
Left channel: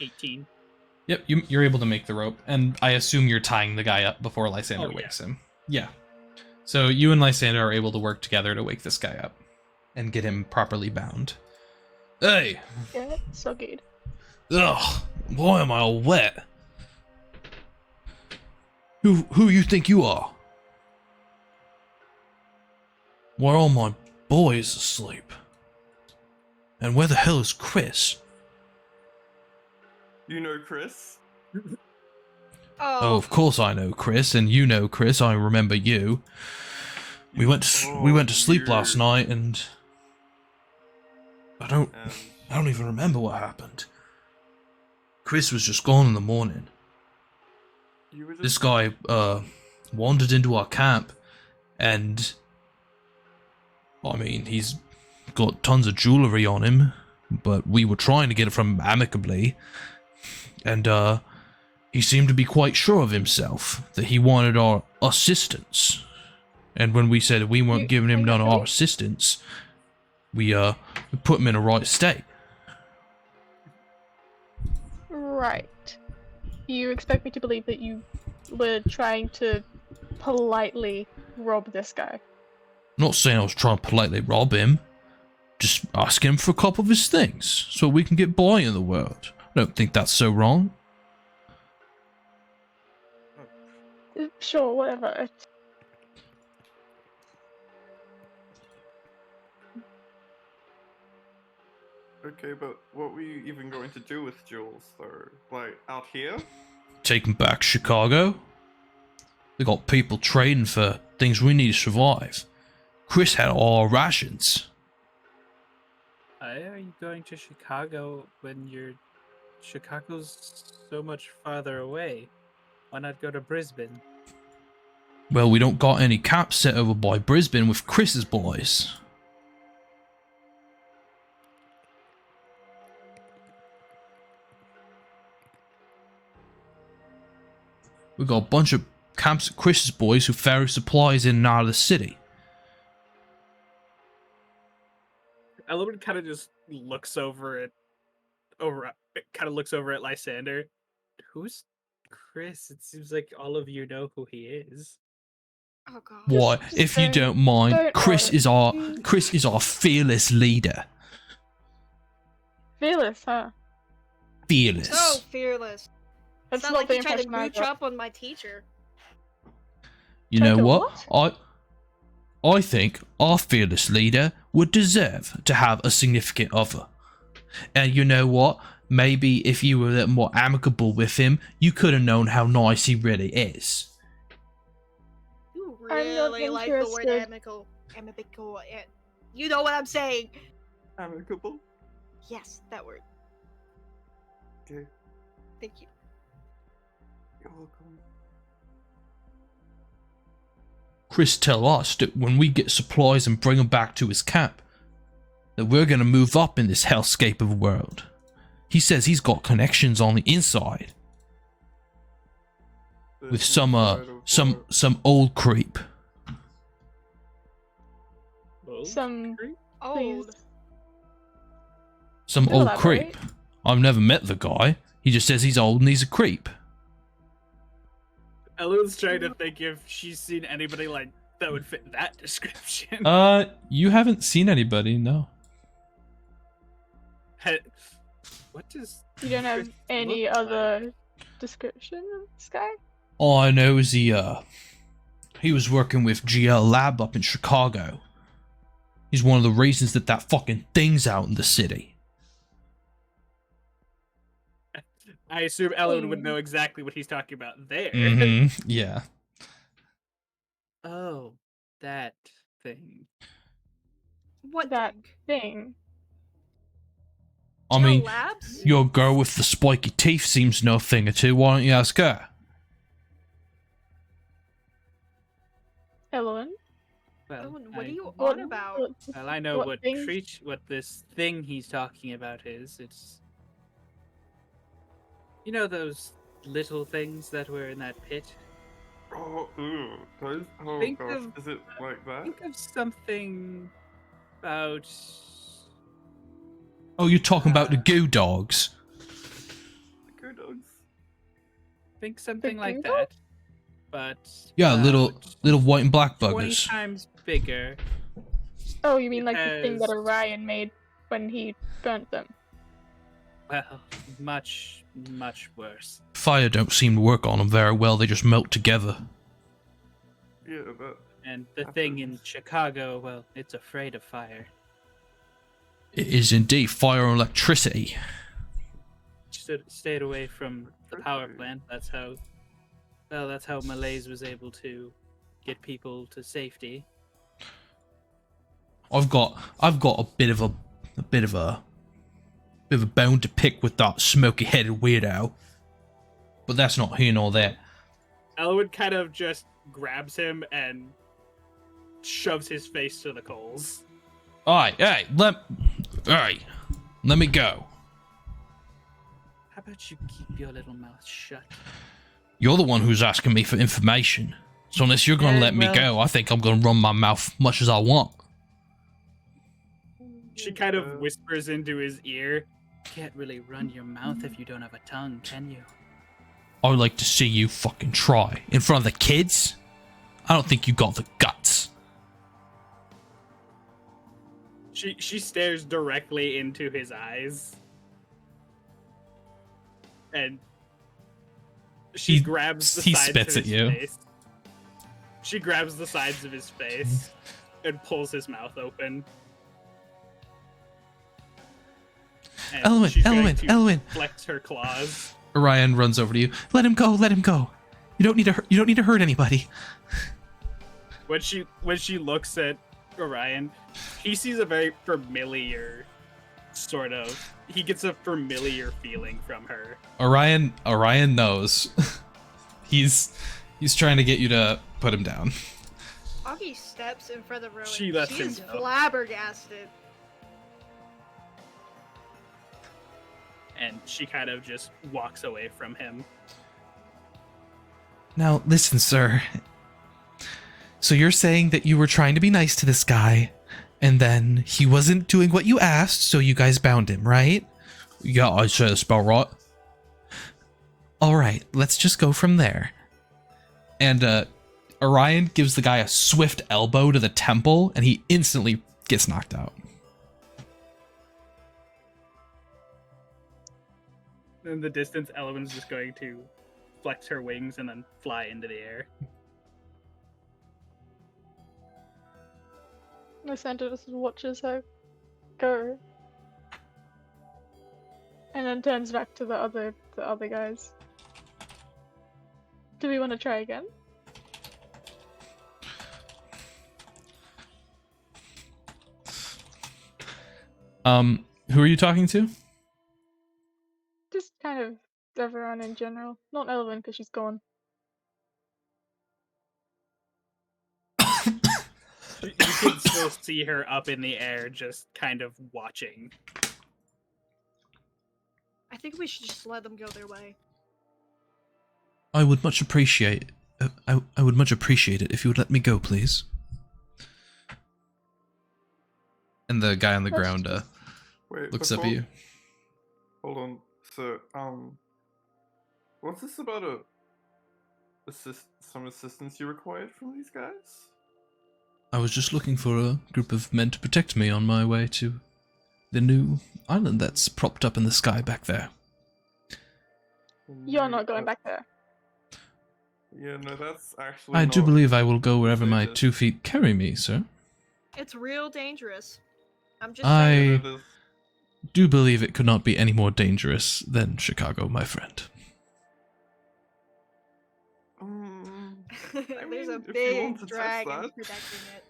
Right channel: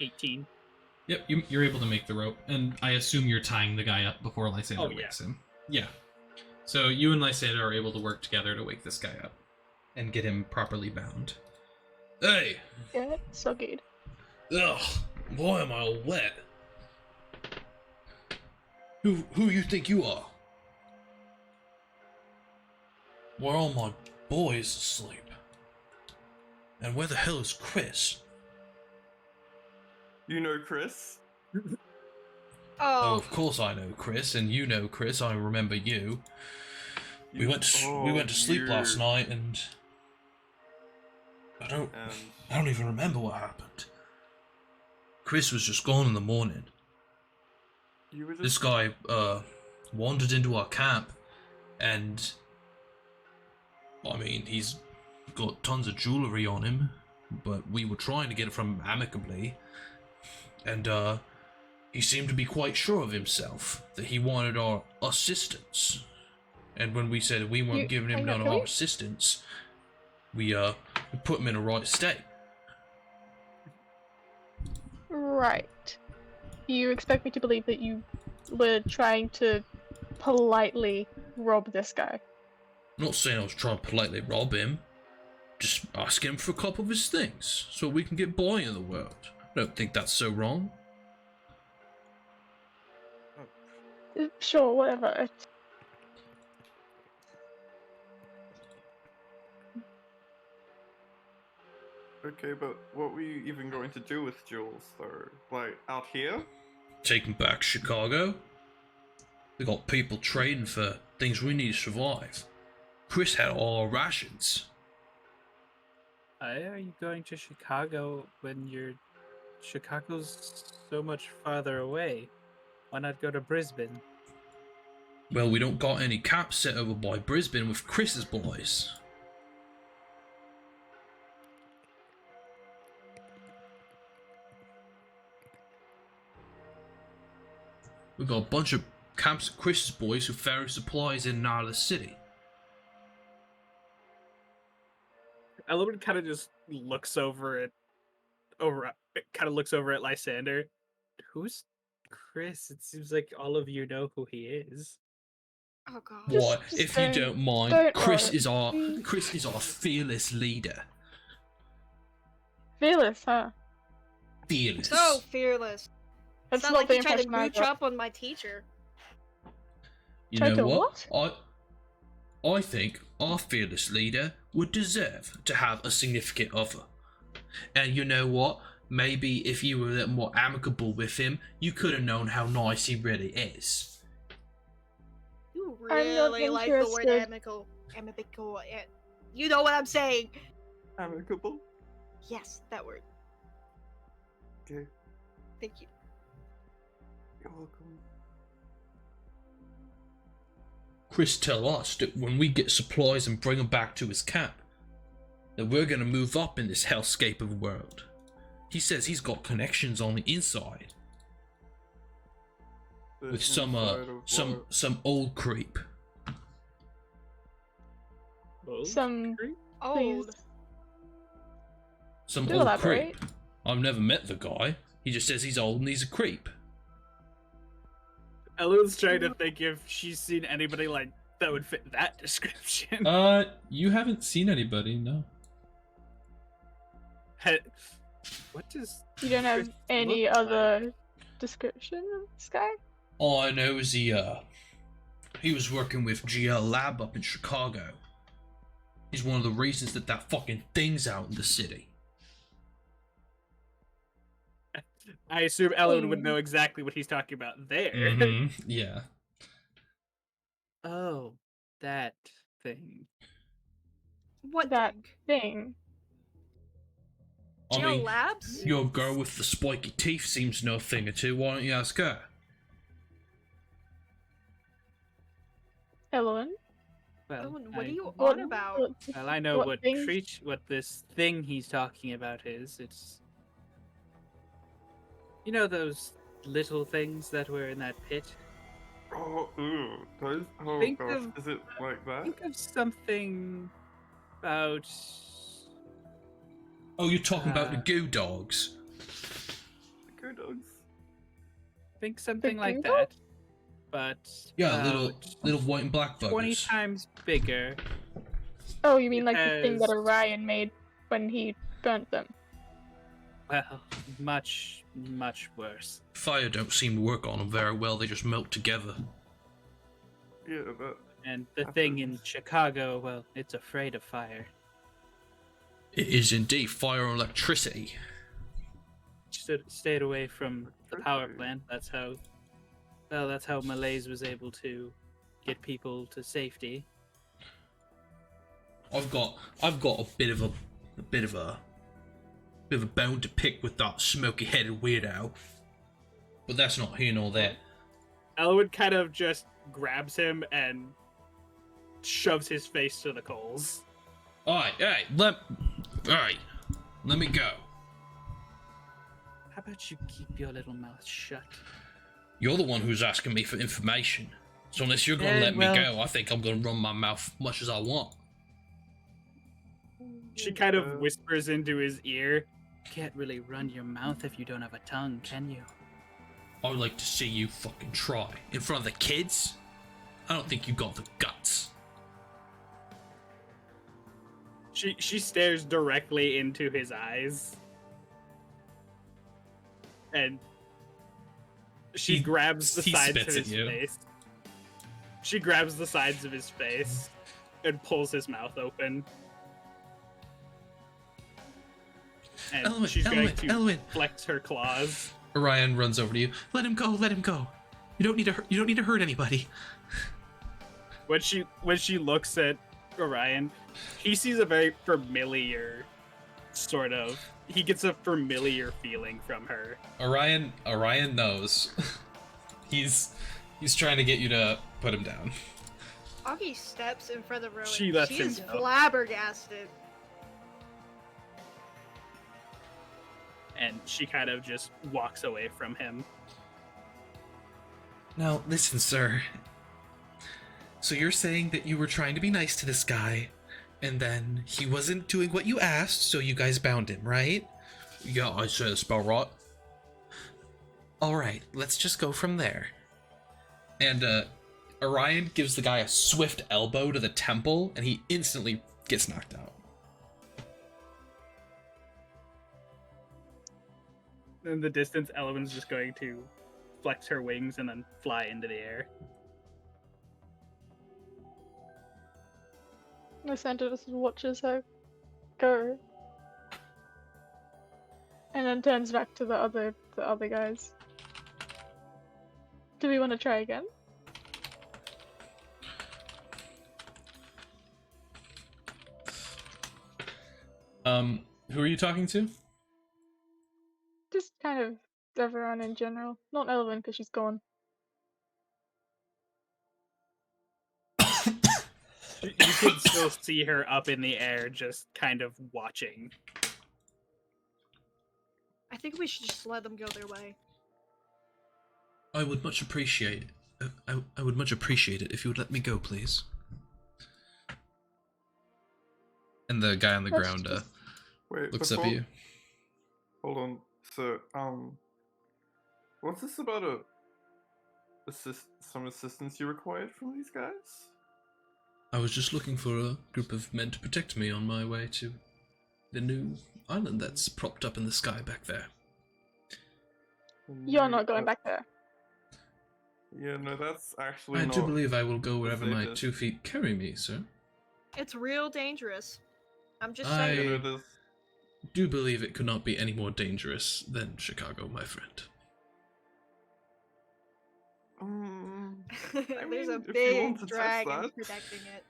18. Yep, you're able to make the rope, and I assume you're tying the guy up before Lysander wakes him. Yeah. So you and Lysander are able to work together to wake this guy up and get him properly bound. Hey! Yeah, so good. Ugh, why am I all wet? Who you think you are? Why are all my boys asleep? And where the hell is Chris? You know Chris? Oh, of course I know Chris, and you know Chris. I remember you. We went to sleep last night, and I don't even remember what happened. Chris was just gone in the morning. This guy wandered into our camp, and I mean, he's got tons of jewelry on him, but we were trying to get it from him amicably, and he seemed to be quite sure of himself that he wanted our assistance. And when we said we weren't giving him none of our assistance, we put him in a right state. Right. You expect me to believe that you were trying to politely rob this guy? I'm not saying I was trying to politely rob him. Just asking him for a couple of his things so we can get by in the world. I don't think that's so wrong. Sure, whatever. Okay, but what were you even going to do with Jules, though? Like, out here? Take him back to Chicago. We got people trading for things we need to survive. Chris had all our rations. Why are you going to Chicago when Chicago's so much farther away? Why not go to Brisbane? Well, we don't got any camps set over by Brisbane with Chris's boys. We got a bunch of camps at Chris's boys who ferry supplies in and out of the city. Elawin kind of just looks over at Lysander. Who's Chris? It seems like all of you know who he is. Oh god. What? Just If you don't mind, don't Chris worry. is our fearless leader. Fearless, huh? Fearless. So fearless. That's It's not not like the you tried to impression I mooch got. up on my teacher. You Tried know to what? I think our fearless leader would deserve to have a significant other. And you know what? Maybe if you were a little more amicable with him, you could have known how nice he really is. You I'm not really like the word interested. amicable. Amicable. You know what I'm saying? Amicable. Yes, that word. Okay, Thank you. you're welcome. Chris tell us that when we get supplies and bring them back to his camp, that we're gonna move up in this hellscape of a world. He says he's got connections on the inside The with inside of what? some old creep. Some Old. Some Do old elaborate. creep. I've never met the guy. He just says he's old and he's a creep. Elawin's trying to think if she's seen anybody like that would fit that description. You haven't seen anybody, no. What does You don't have Chris any look other description of this guy? All I know is he was working with GL Lab up in Chicago. He's one of the reasons that fucking thing's out in the city. I assume Elawin would know exactly what he's talking about there. Yeah. Oh, that thing. What That thing? thing. I Jill mean, Labs? your girl with the spiky teeth seems to know a thing or two. Why don't you ask her? Elawin? Well, What are you What- on about? Well, I know what what things? what this thing he's talking about is. It's those little things that were in that pit. Oh, ooh, those. Oh Think gosh, of- is it like that? Think of something about. Oh, you're talking about the Uh, goo dogs. The Go Dogs. Think something like Bingo? that, but Yeah, little about white and black 20 buggers. times bigger. Oh, you mean like the thing that Has- Orion made when he burnt them? Well, much, much worse. Fire don't seem to work on them very well. They just melt together. Yeah, that. And the thing in Happens. Chicago, well, it's afraid of fire. It is indeed fire and electricity. Stayed away from the power Okay. plant. That's how Malaise was able to get people to safety. I've got a bit of a bone to pick with that smoky-headed weirdo, but that's not here nor there. Elawin kind of just grabs him and shoves his face to the coals. Alright, let me go. How about you keep your little mouth shut? You're the one who's asking me for information, so unless you're gonna let me go, I think I'm gonna run my mouth much as I want. She kind of whispers into his ear. Can't really run your mouth if you don't have a tongue, can you? I would like to see you fucking try in front of the kids. I don't think you got the guts. She stares directly into his eyes. And she He- grabs the he sides spits of at his you. face. She grabs the sides of his face and pulls his mouth open. And Elawin, she's going to Elawin. flex her claws. Orion runs over to you. Let him go, let him go. You don't need to hurt anybody. When she looks at Orion, he sees a very familiar sort of. He gets a familiar feeling from her. Orion knows. he's trying to get you to put him down. Auggie steps in front of Rowan. She lets him is go. flabbergasted. And she kind of just walks away from him. Now, listen, sir. So you're saying that you were trying to be nice to this guy, and then he wasn't doing what you asked, so you guys bound him, right? Yeah, I said it's about right. Alright, let's just go from there. And, Orion gives the guy a swift elbow to the temple, and he instantly gets knocked out. In the distance, Elawin's just going to flex her wings and then fly into the air. Lysander just watches her go. And then turns back to the other guys. Do we want to try again? Who are you talking to? Just kind of everyone in general. Not Elawin because she's gone. You can still see her up in the air, just kind of watching. I think we should just let them go their way. I would much appreciate I would much appreciate it if you would let me go, please. And the guy on the ground Wait, looks up at before- you. Hold on. So, what's this about some assistance you required from these guys? I was just looking for a group of men to protect me on my way to the new island that's propped up in the sky back there. You're not going back there. Yeah, no, that's actually I do not- believe I will go wherever my Contagious. 2 feet carry me, sir. It's real dangerous. I'm just I- saying. Yeah, no, there's- Do believe it could not be any more dangerous than Chicago, my friend. There's a mean, if you want big to test dragon that. protecting it.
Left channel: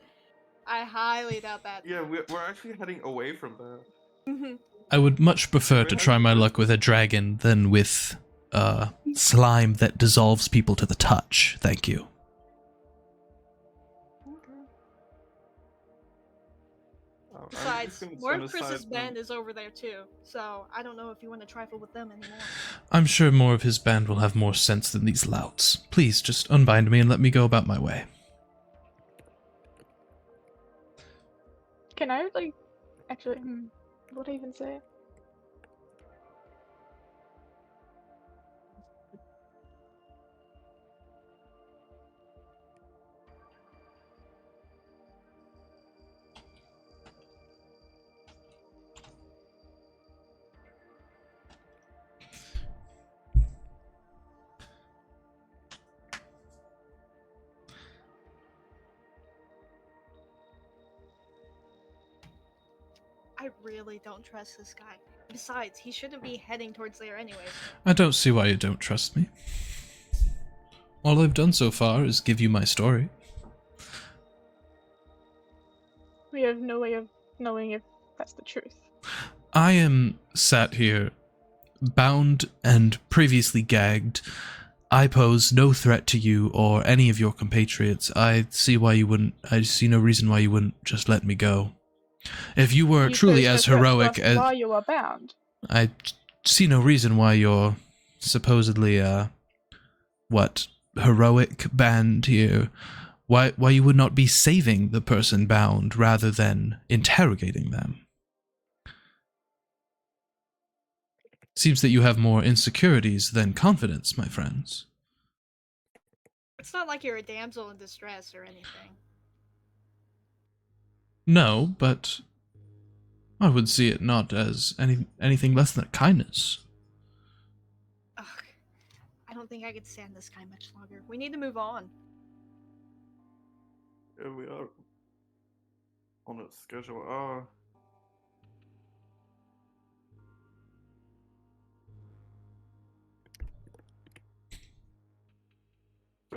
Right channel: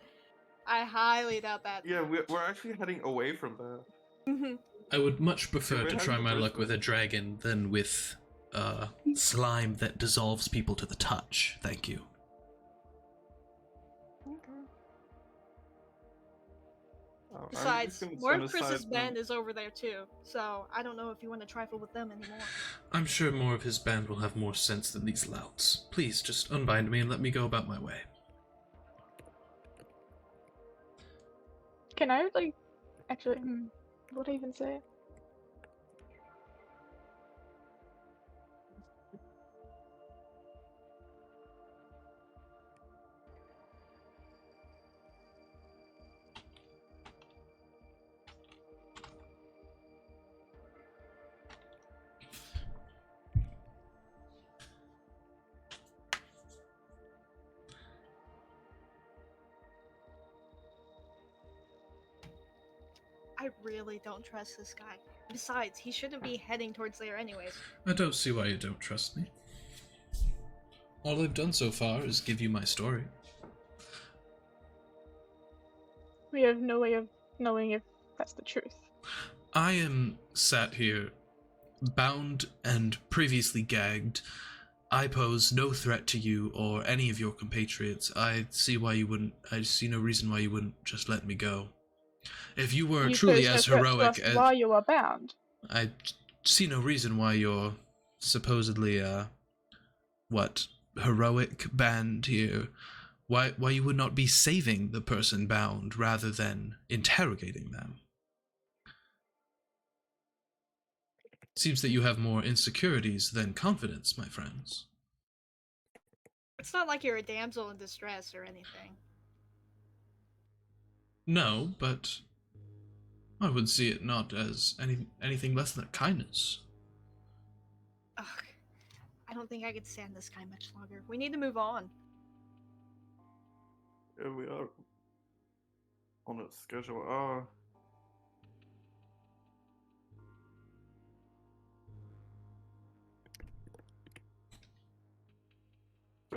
I highly doubt that. Yeah, we're actually heading away from that. I would much prefer we to have try to my do- luck with a dragon than with slime that dissolves people to the touch. Thank you. Besides, Morph Chris's band is over there too, so I don't know if you want to trifle with them anymore. I'm sure more of his band will have more sense than these louts. Please, just unbind me and let me go about my way. Can I, like, actually, what do I even say? I really don't trust this guy. Besides, he shouldn't be heading towards there anyways. I don't see why you don't trust me. All I've done so far is give you my story. We have no way of knowing if that's the truth. I am sat here, bound and previously gagged. I pose no threat to you or any of your compatriots. I see no reason why you wouldn't just let me go. If you were You truly posed as no threat to heroic us as... while you were bound. I see no reason why your supposedly, heroic band here, why you would not be saving the person bound rather than interrogating them. Seems that you have more insecurities than confidence, my friends. It's not like you're a damsel in distress or anything. No, but I would see it not as anything less than a kindness. Ugh, I don't think I could stand this guy much longer. We need to move on. Yeah, we are on a schedule.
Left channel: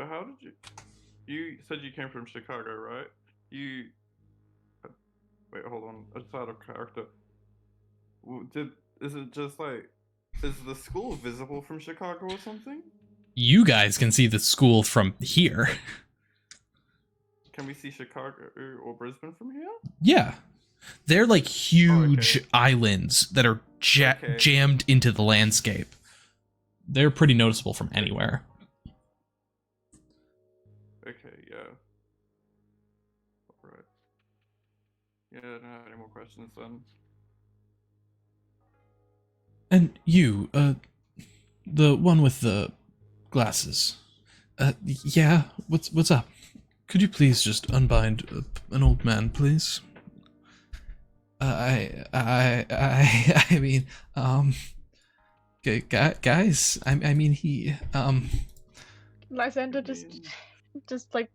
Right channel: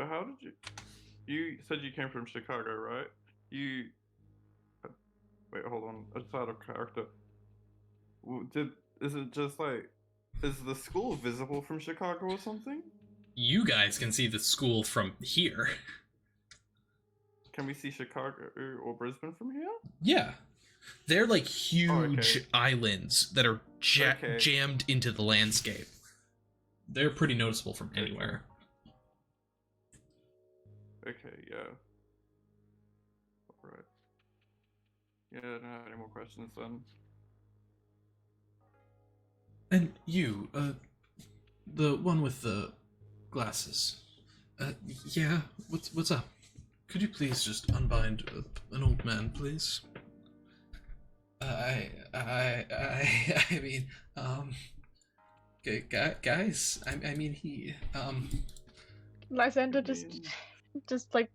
So how did you? You said you came from Chicago, right? You. Wait, hold on. It's out of character. Is it just like? Is the school visible from Chicago or something? You guys can see the school from here. Can we see Chicago or Brisbane from here? Yeah. They're like huge okay. islands that are Okay. jammed into the landscape. They're pretty noticeable from anywhere. Okay, yeah. Alright. Yeah, I don't have any more questions then. And you, the one with the glasses. Yeah, what's up? Could you please just unbind an old man, please? I mean, guys, I mean, he, Lysander just like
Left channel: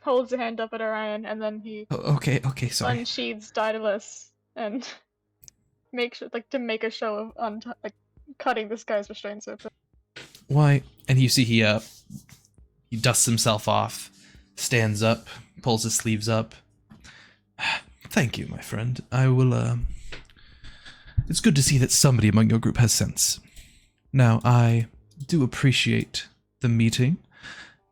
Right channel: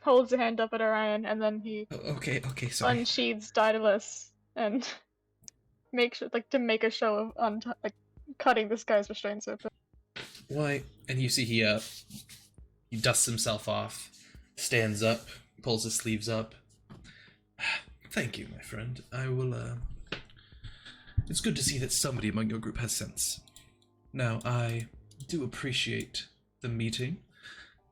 holds a hand up at Orion, and then he okay, sorry. unsheathes Daedalus and makes to make a show of cutting this guy's restraints open. Why? And you see he dusts himself off, stands up, pulls his sleeves up. Thank you, my friend. I will, it's good to see that somebody among your group has sense. Now, I do appreciate the meeting,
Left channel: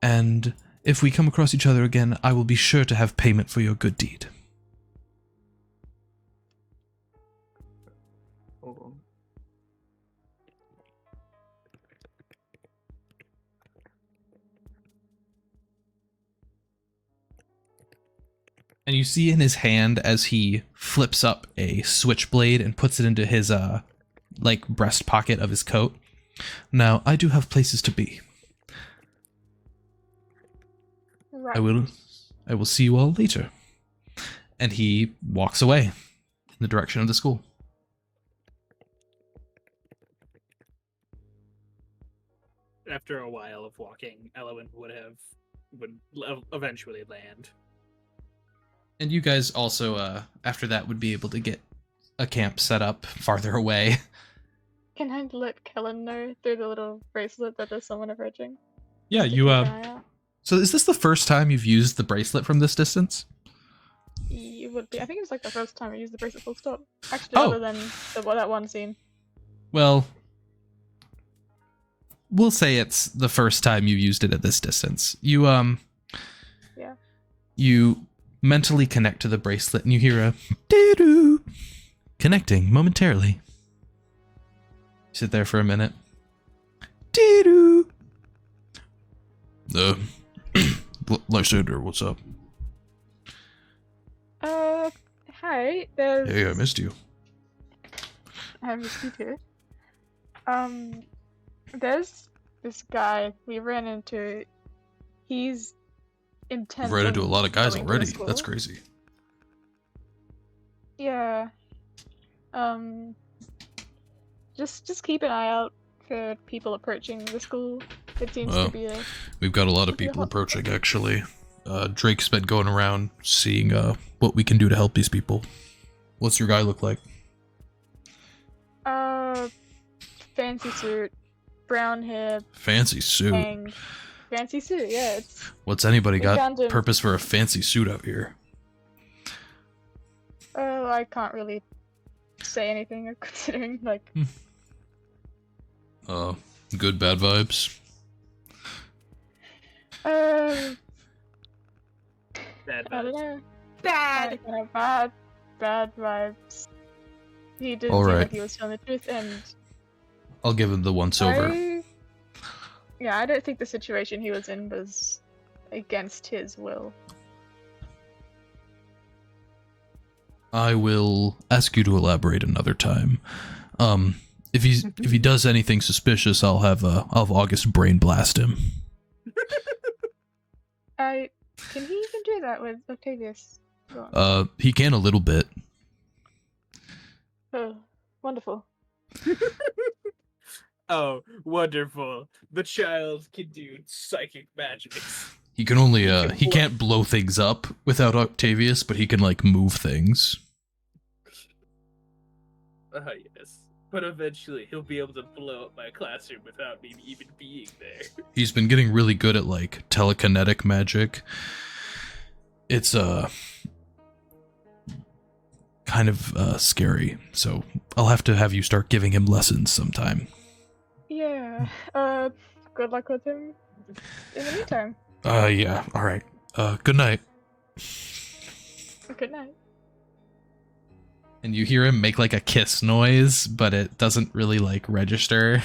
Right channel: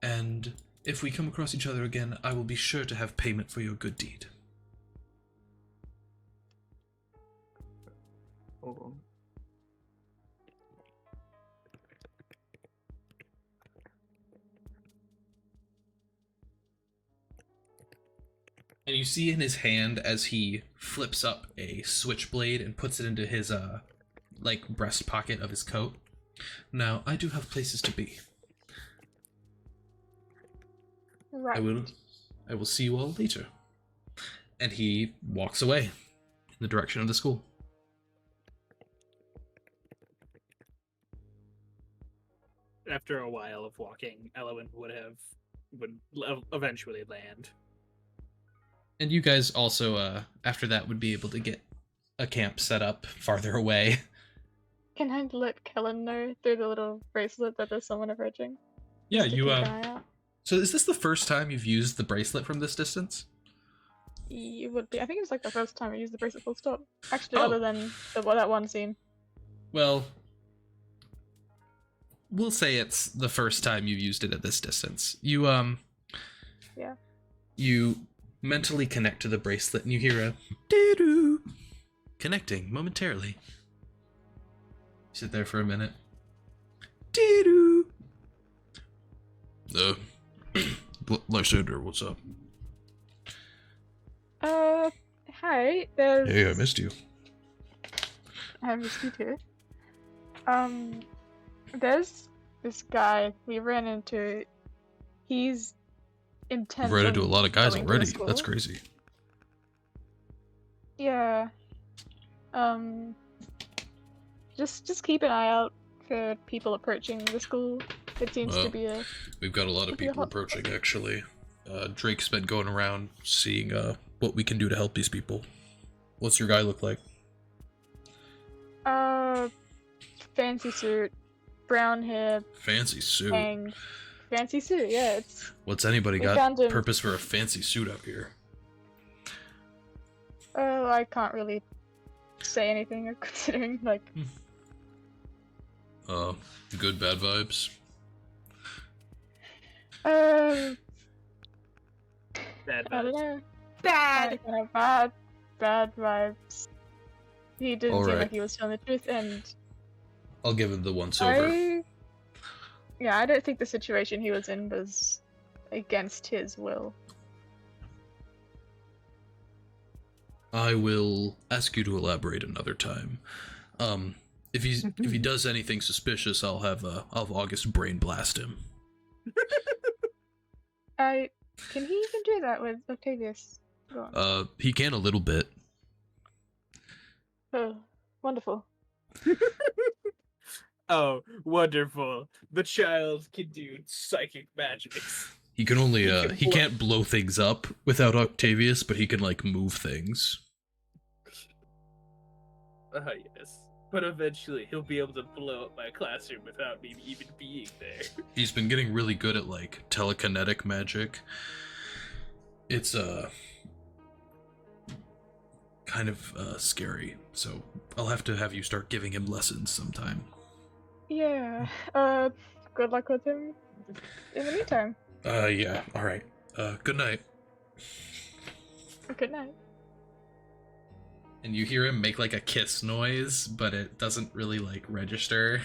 and if we come across each other again, I will be sure to have payment for your good deed. Hold on. And you see in his hand as he flips up a switchblade and puts it into his, like, breast pocket of his coat. Now, I do have places to be. Right. I will see you all later. And he walks away in the direction of the school. After a while of walking, Elawin would eventually land. And you guys also, after that, would be able to get a camp set up farther away. Can I let Kellen know through the little bracelet that there's someone approaching? Yeah, Just to you, keep an eye out? So is this the first time you've used the bracelet from this distance? It would be. I think it was like the first time I used the bracelet full stop. Actually, Oh. other than that one scene. Well, we'll say it's the first time you've used it at this distance. You, Yeah. You mentally connect to the bracelet and you hear a doo-doo connecting momentarily. Sit there for a minute. Doo-doo. Lysander, what's up? Hi, there's... Hey, I missed you. I missed you too. There's this guy we ran into. He's intent You've run into a on lot of guys going to already. school. That's crazy. Yeah. Just keep an eye out for people approaching the school. It seems Well, to be a... We've got a lot of Could be a people hot approaching, actually. Drake's been going around seeing what we can do to help these people. What's your guy look like? Fancy suit, brown hair, Fancy suit. bang. Fancy suit, yeah. It's... What's anybody We got found him. purpose for a fancy suit out here? I can't really say anything considering, like... Good, bad vibes? Bad I don't vibes. know. Bad. Kind of bad vibes. He didn't seem Alright. like he was telling the truth, and I'll give him the once over. I don't think the situation he was in was against his will. I will ask you to elaborate another time. If he does anything suspicious, I'll have August brain blast him. Can he even do that with Octavius? Go on. He can a little bit. Oh, wonderful. Oh, wonderful. The child can do psychic magics. He can only can he blow- can't blow things up without Octavius, but he can like move things. Yes. But eventually he'll be able to blow up my classroom without me even being there. He's been getting really good at like telekinetic magic. It's kind of scary, so I'll have to have you start giving him lessons sometime. Yeah. Good luck with him in the meantime. Yeah, all right. Good night. Good night. And you hear him make like a kiss noise, but it doesn't really like register.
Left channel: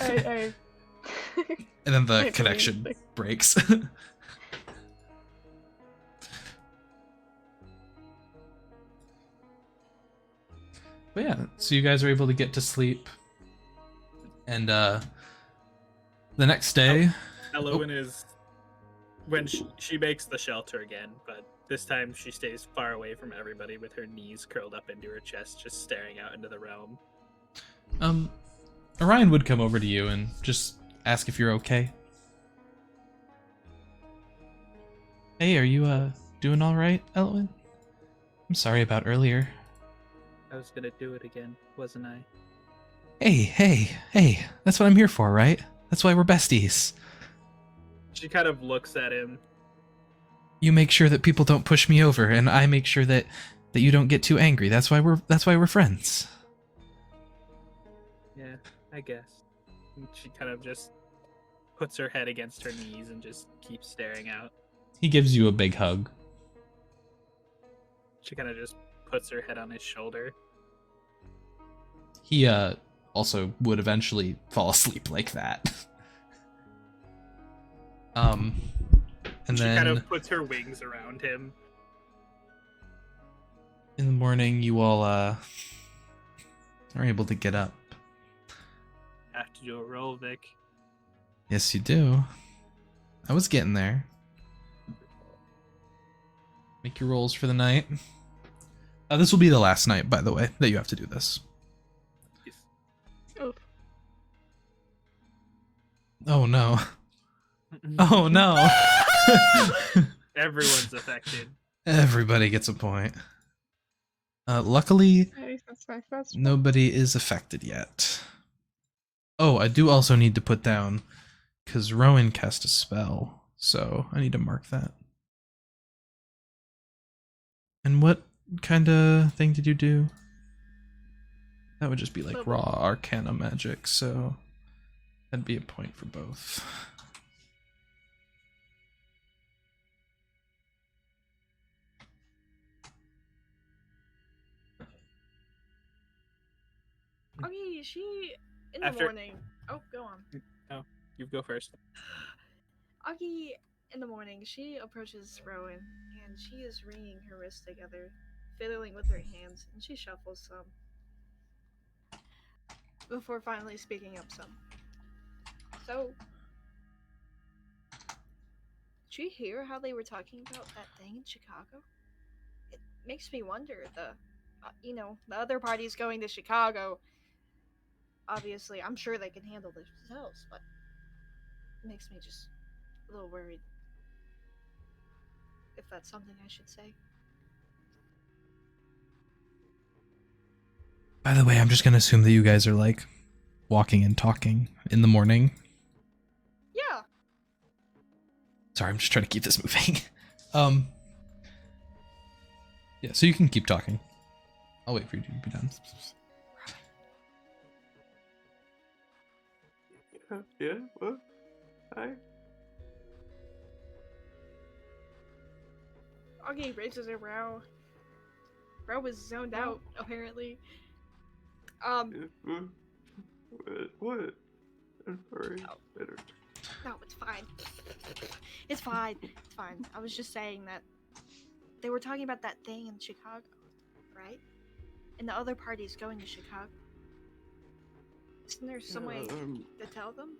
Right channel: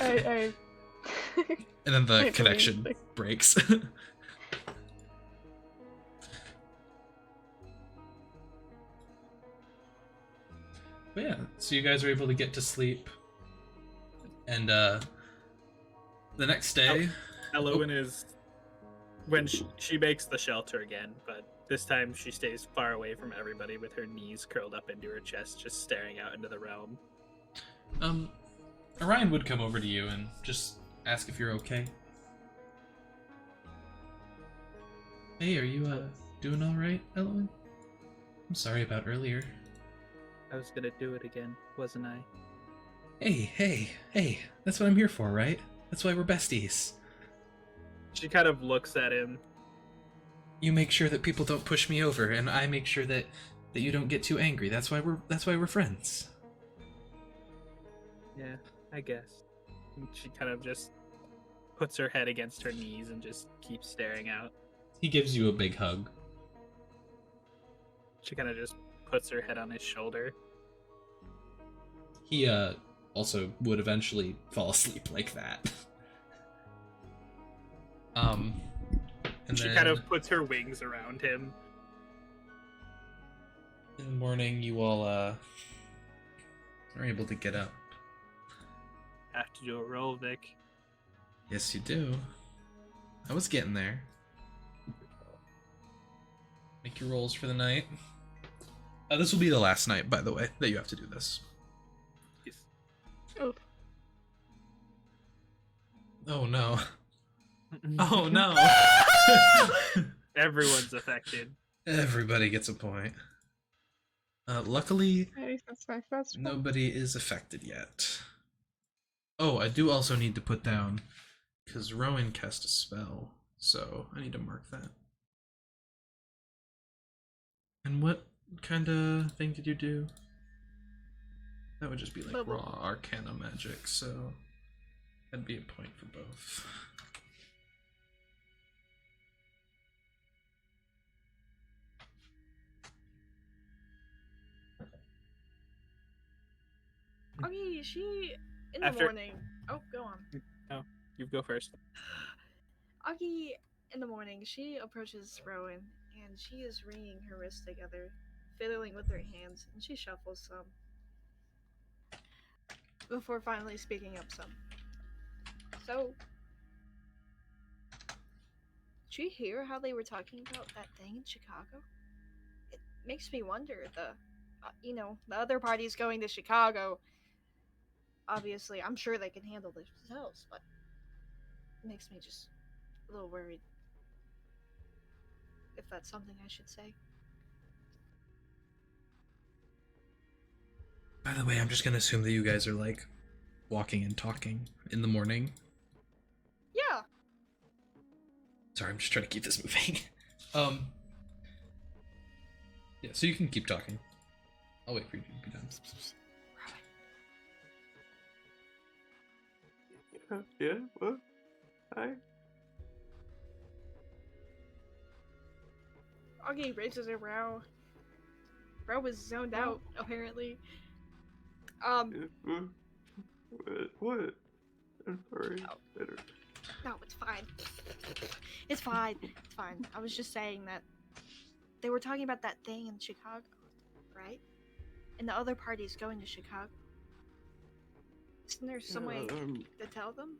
I And then the I connection believe, breaks. But yeah, so you guys are able to get to sleep. And the next day, Elawin is when she makes the shelter again, but this time she stays far away from everybody with her knees curled up into her chest, just staring out into the realm. Orion would come over to you and just ask if you're okay. Hey, are you doing all right, Elawin? I'm sorry about earlier. I was gonna do it again, wasn't I? Hey, that's what I'm here for, right? That's why we're besties. She kind of looks at him. You make sure that people don't push me over, and I make sure that you don't get too angry. That's why we're friends. Yeah, I guess. And she kind of just puts her head against her knees and just keeps staring out. He gives you a big hug. She kind of just puts her head on his shoulder. He also would eventually fall asleep like that. And She then kind of puts her wings around him. in the morning you all are able to get up. Have to do a roll, Vic. Yes, you do. I was getting there. Make your rolls for the night. This will be the last night, by the way, that you have to do this. Yes. Oof. Oh no. Oh no. Everyone's affected. Everybody gets a point. Luckily, At least that's my first one. nobody is affected yet. Oh, I do also need to put down, because Rowan cast a spell, so I need to mark that. And what kind of thing did you do? That would just be like Bubble. raw arcana magic, so that'd be a point for both. Okay, she in the After- morning. Oh, go on. Oh, you go first. Augie, in the morning, she approaches Rowan, and she is wringing her wrists together, fiddling with her hands, and she shuffles some. Before finally speaking up some. So, did you hear how they were talking about that thing in Chicago? It makes me wonder, the other party's going to Chicago. Obviously, I'm sure they can handle themselves, but it makes me just a little worried. If that's something I should say. By the way, I'm just gonna assume that you guys are like walking and talking in the morning. Yeah. Sorry, I'm just trying to keep this moving. Yeah, so you can keep talking. I'll wait for you to be done. Yeah, what? Hi? Augie raises her brow. Bro was zoned out, apparently. Yeah, what? I'm sorry. Oh. I don't- No, it's fine. It's fine. It's fine. I was just saying that they were talking about that thing in Chicago, right? And the other party's going to Chicago. Isn't there some way to tell them?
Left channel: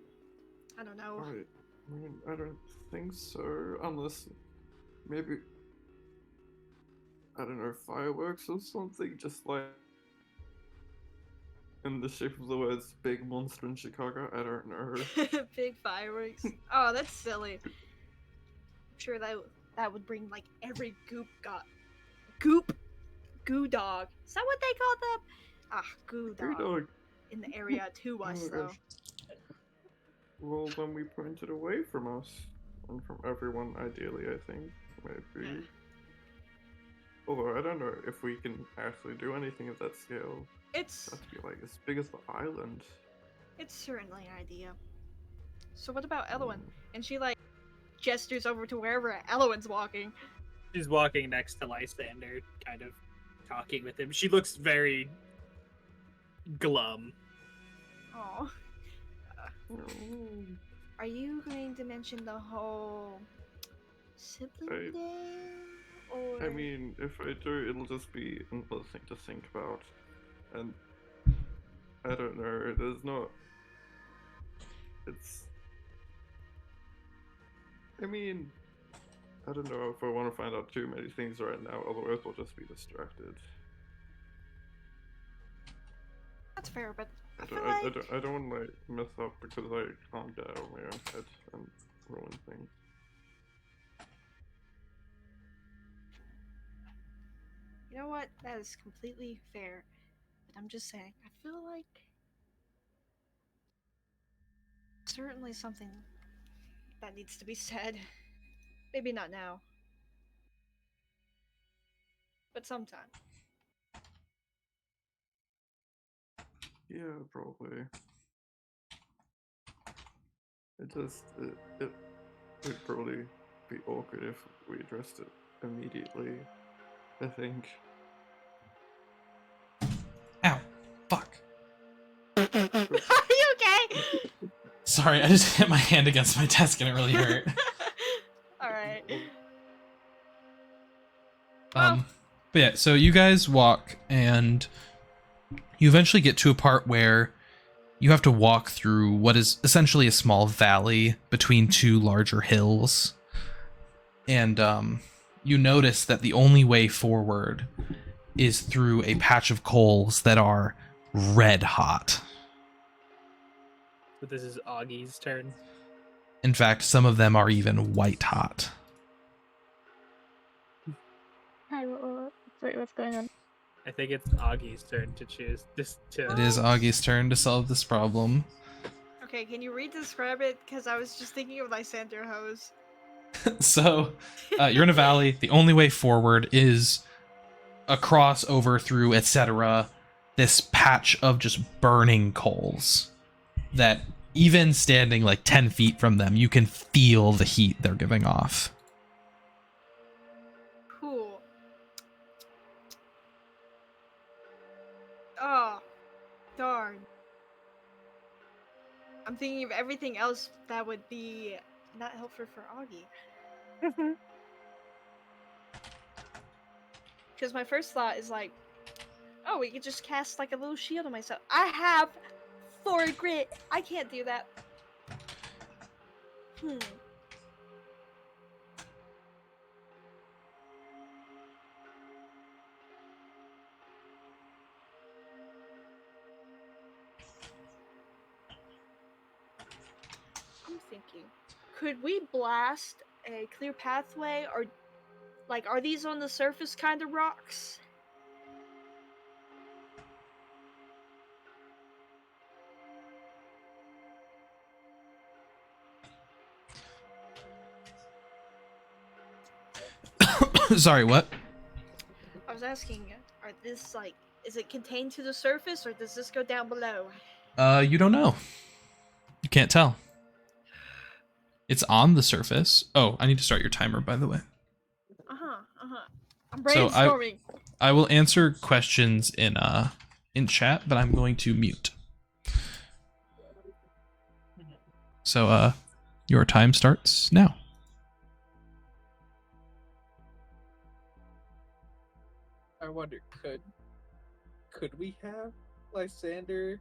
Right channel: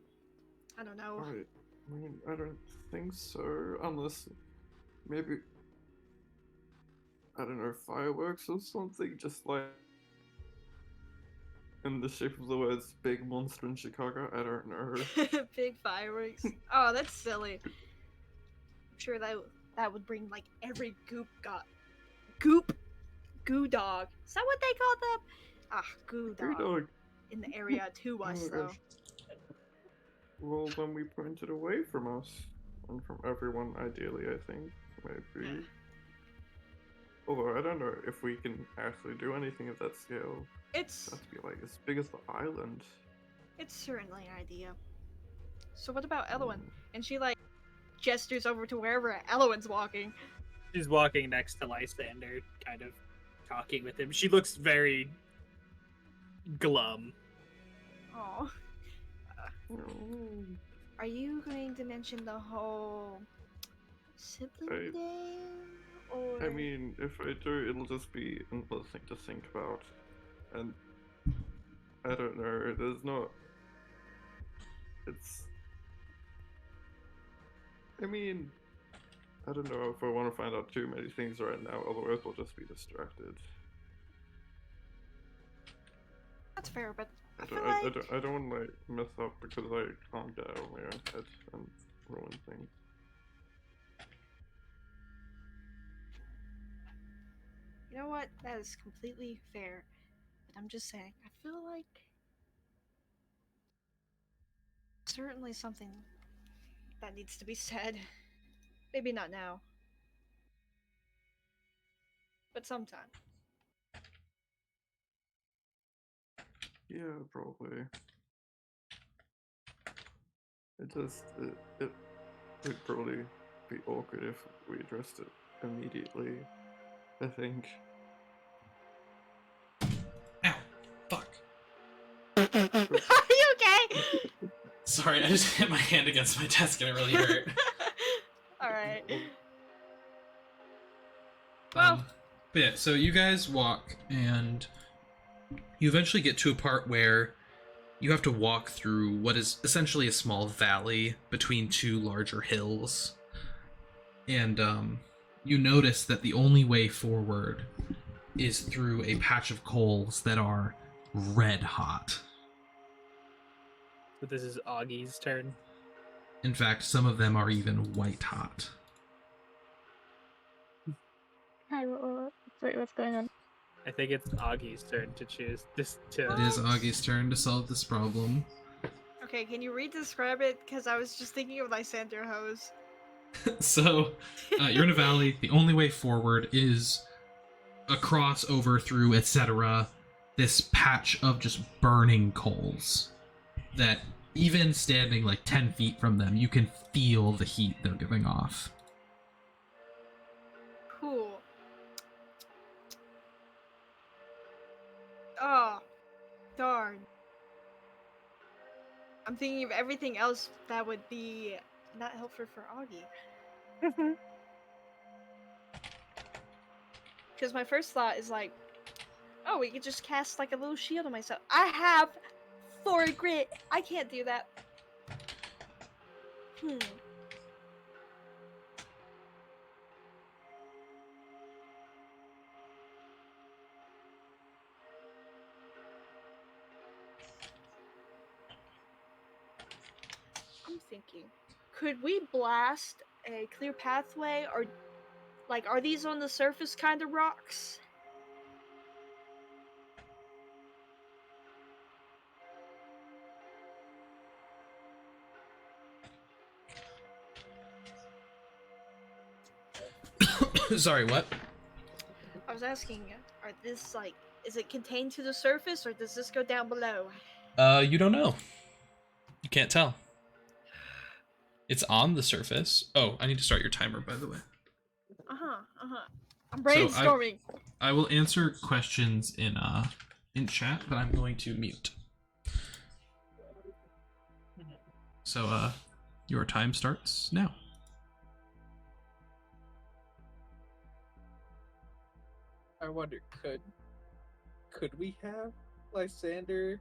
I don't know. I mean, I don't think so, unless maybe, I don't know, fireworks or something, just like in the shape of the words big monster in Chicago. I don't know. Big fireworks. Oh, that's silly. I'm sure that would bring like every goop goo dog. Is that what they call them? Ah, goo Goo dog. dog. In the area to Oh us, my though. gosh. Well, then we point it away from us. And from everyone, ideally, I think. Maybe. Although, I don't know if we can actually do anything of that scale. It's It has to be like as big as the island. it's certainly an idea. So what about Elawin? And she like gestures over to wherever Elawin's walking. She's walking next to Lysander, kind of talking with him. She looks very glum. Oh, Oh. are you going to mention the whole sibling thing? Or I mean, if I do, it'll just be another thing to think about. And I don't know, there's not. It's. I mean, I don't know if I want to find out too many things right now, otherwise we'll just be distracted. that's fair, but I I feel don't, like I don't want to like mess up because I can't get out of my own head and ruin things. you know what? That is completely fair. But I'm just saying, I feel like certainly something that needs to be said. Maybe not now, but sometime. Yeah, probably. It would probably be awkward if we addressed it immediately, I think. Ow. Fuck. Are you okay? Sorry, I just hit my hand against my desk and it really hurt. Alright. Well, But yeah, so you guys walk and you eventually get to a part where you have to walk through what is essentially a small valley between two larger hills. And you notice that the only way forward is through a patch of coals that are red hot. So this is Augie's turn. In fact, some of them are even white hot. Hi, wait, what's going on? I think it's Augie's turn to choose this to. It is Augie's turn to solve this problem. okay, can you re-describe it? Because I was just thinking of Lysander hose. So, you're in a valley. The only way forward is across, over, through, etc. This patch of just burning coals that even standing like 10 feet from them, you can feel the heat they're giving off. Cool. Oh, darn. I'm thinking of everything else that would be not helpful for Auggie. Because my first thought is like, oh, we could just cast like a little shield on myself. I have 4 grit. I can't do that. I'm thinking, could we blast a clear pathway, or like, are these on the surface kind of rocks? Sorry, what? I was asking, are this like, is it contained to the surface, or does this go down below? You don't know. You can't tell. It's on the surface. Oh, I need to start your timer, by the way. I'm So brainstorming. I will answer questions in chat, but I'm going to mute. So your time starts now. I wonder, could we have Lysander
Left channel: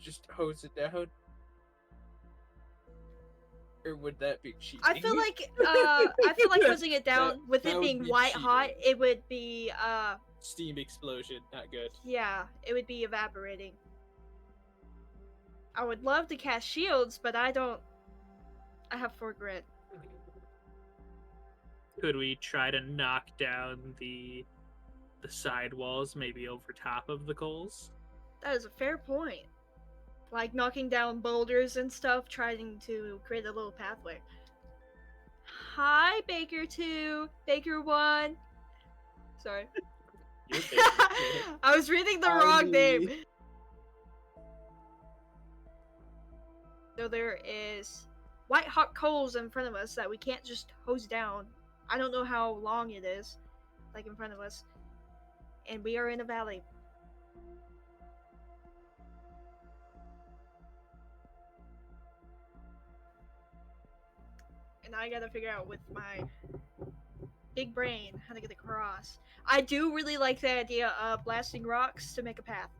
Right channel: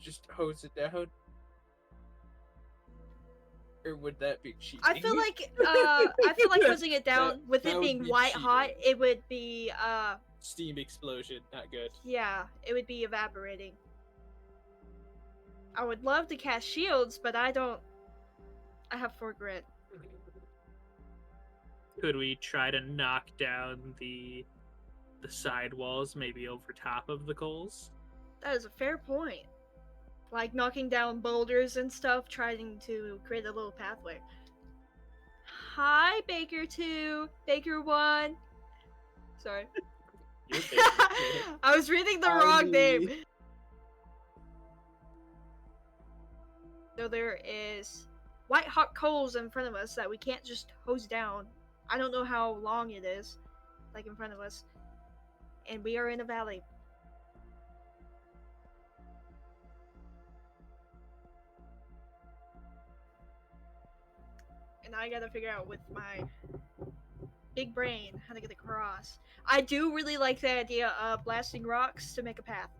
just hose it down? Or would that be cheating? I feel like hosing it down with that it would being be white hot, cheating. it would be Steam explosion, not good. yeah, it would be evaporating. I would love to cast shields, but I have 4 grit. Could we try to knock down the the side walls, maybe over top of the coals. That is a fair point. Like knocking down boulders and stuff, trying to create a little pathway. Hi, Baker 2, Baker 1. Sorry. You're Baker 2. I was reading the wrong name. So there is white hot coals in front of us that we can't just hose down. I don't know how long it is, like in front of us. And we are in a valley. And I gotta figure out with my big brain how to get across. I do really like the idea of blasting rocks to make a path.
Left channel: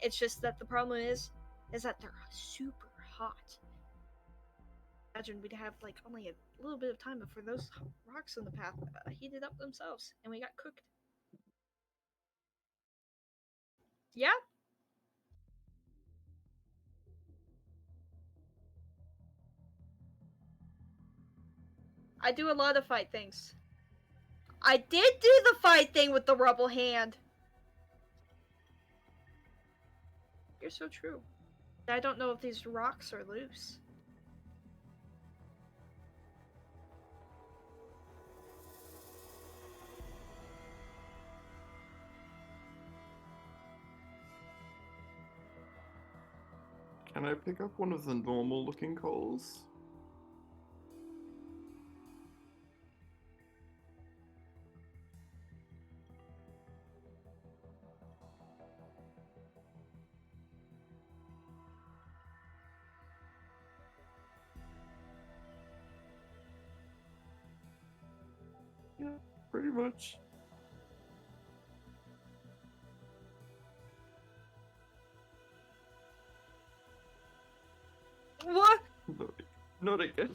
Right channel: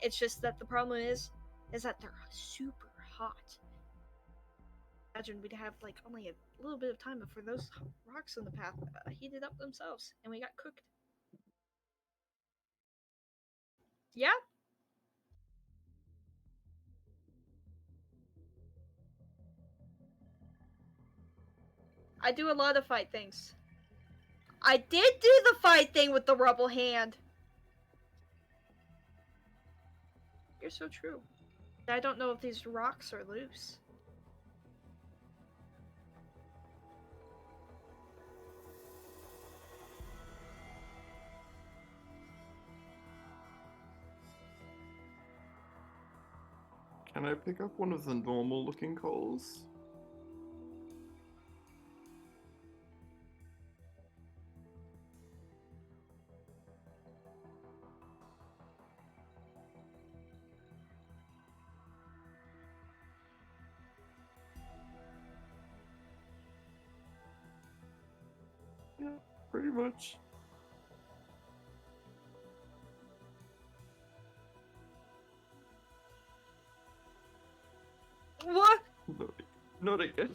It's just that the problem is that they're super hot. Imagine we'd have like only a little bit of time before those rocks in the path heated up themselves and we got cooked. Yeah. I do a lot of fight things. I did do the fight thing with the rubble hand. You're so true. I don't know if these rocks are loose. Can I pick up one of the normal looking coals? Yeah, pretty much. What? Not again.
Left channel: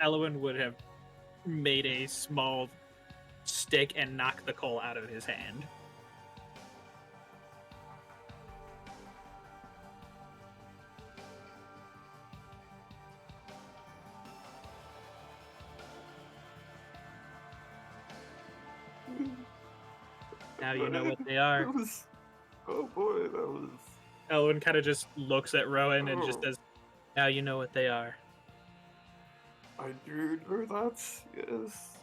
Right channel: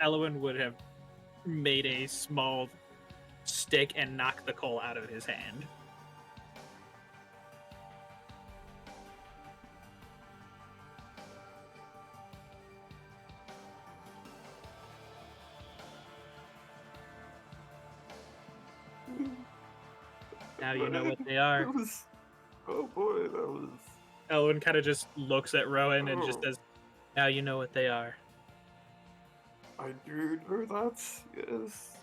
Elawin would have made a small stick and knocked the coal out of his hand. Now you know what they are. That was... Oh boy, that was... Elawin kind of just looks at Rowan and just Oh. says, now you know what they are. I do know that, yes.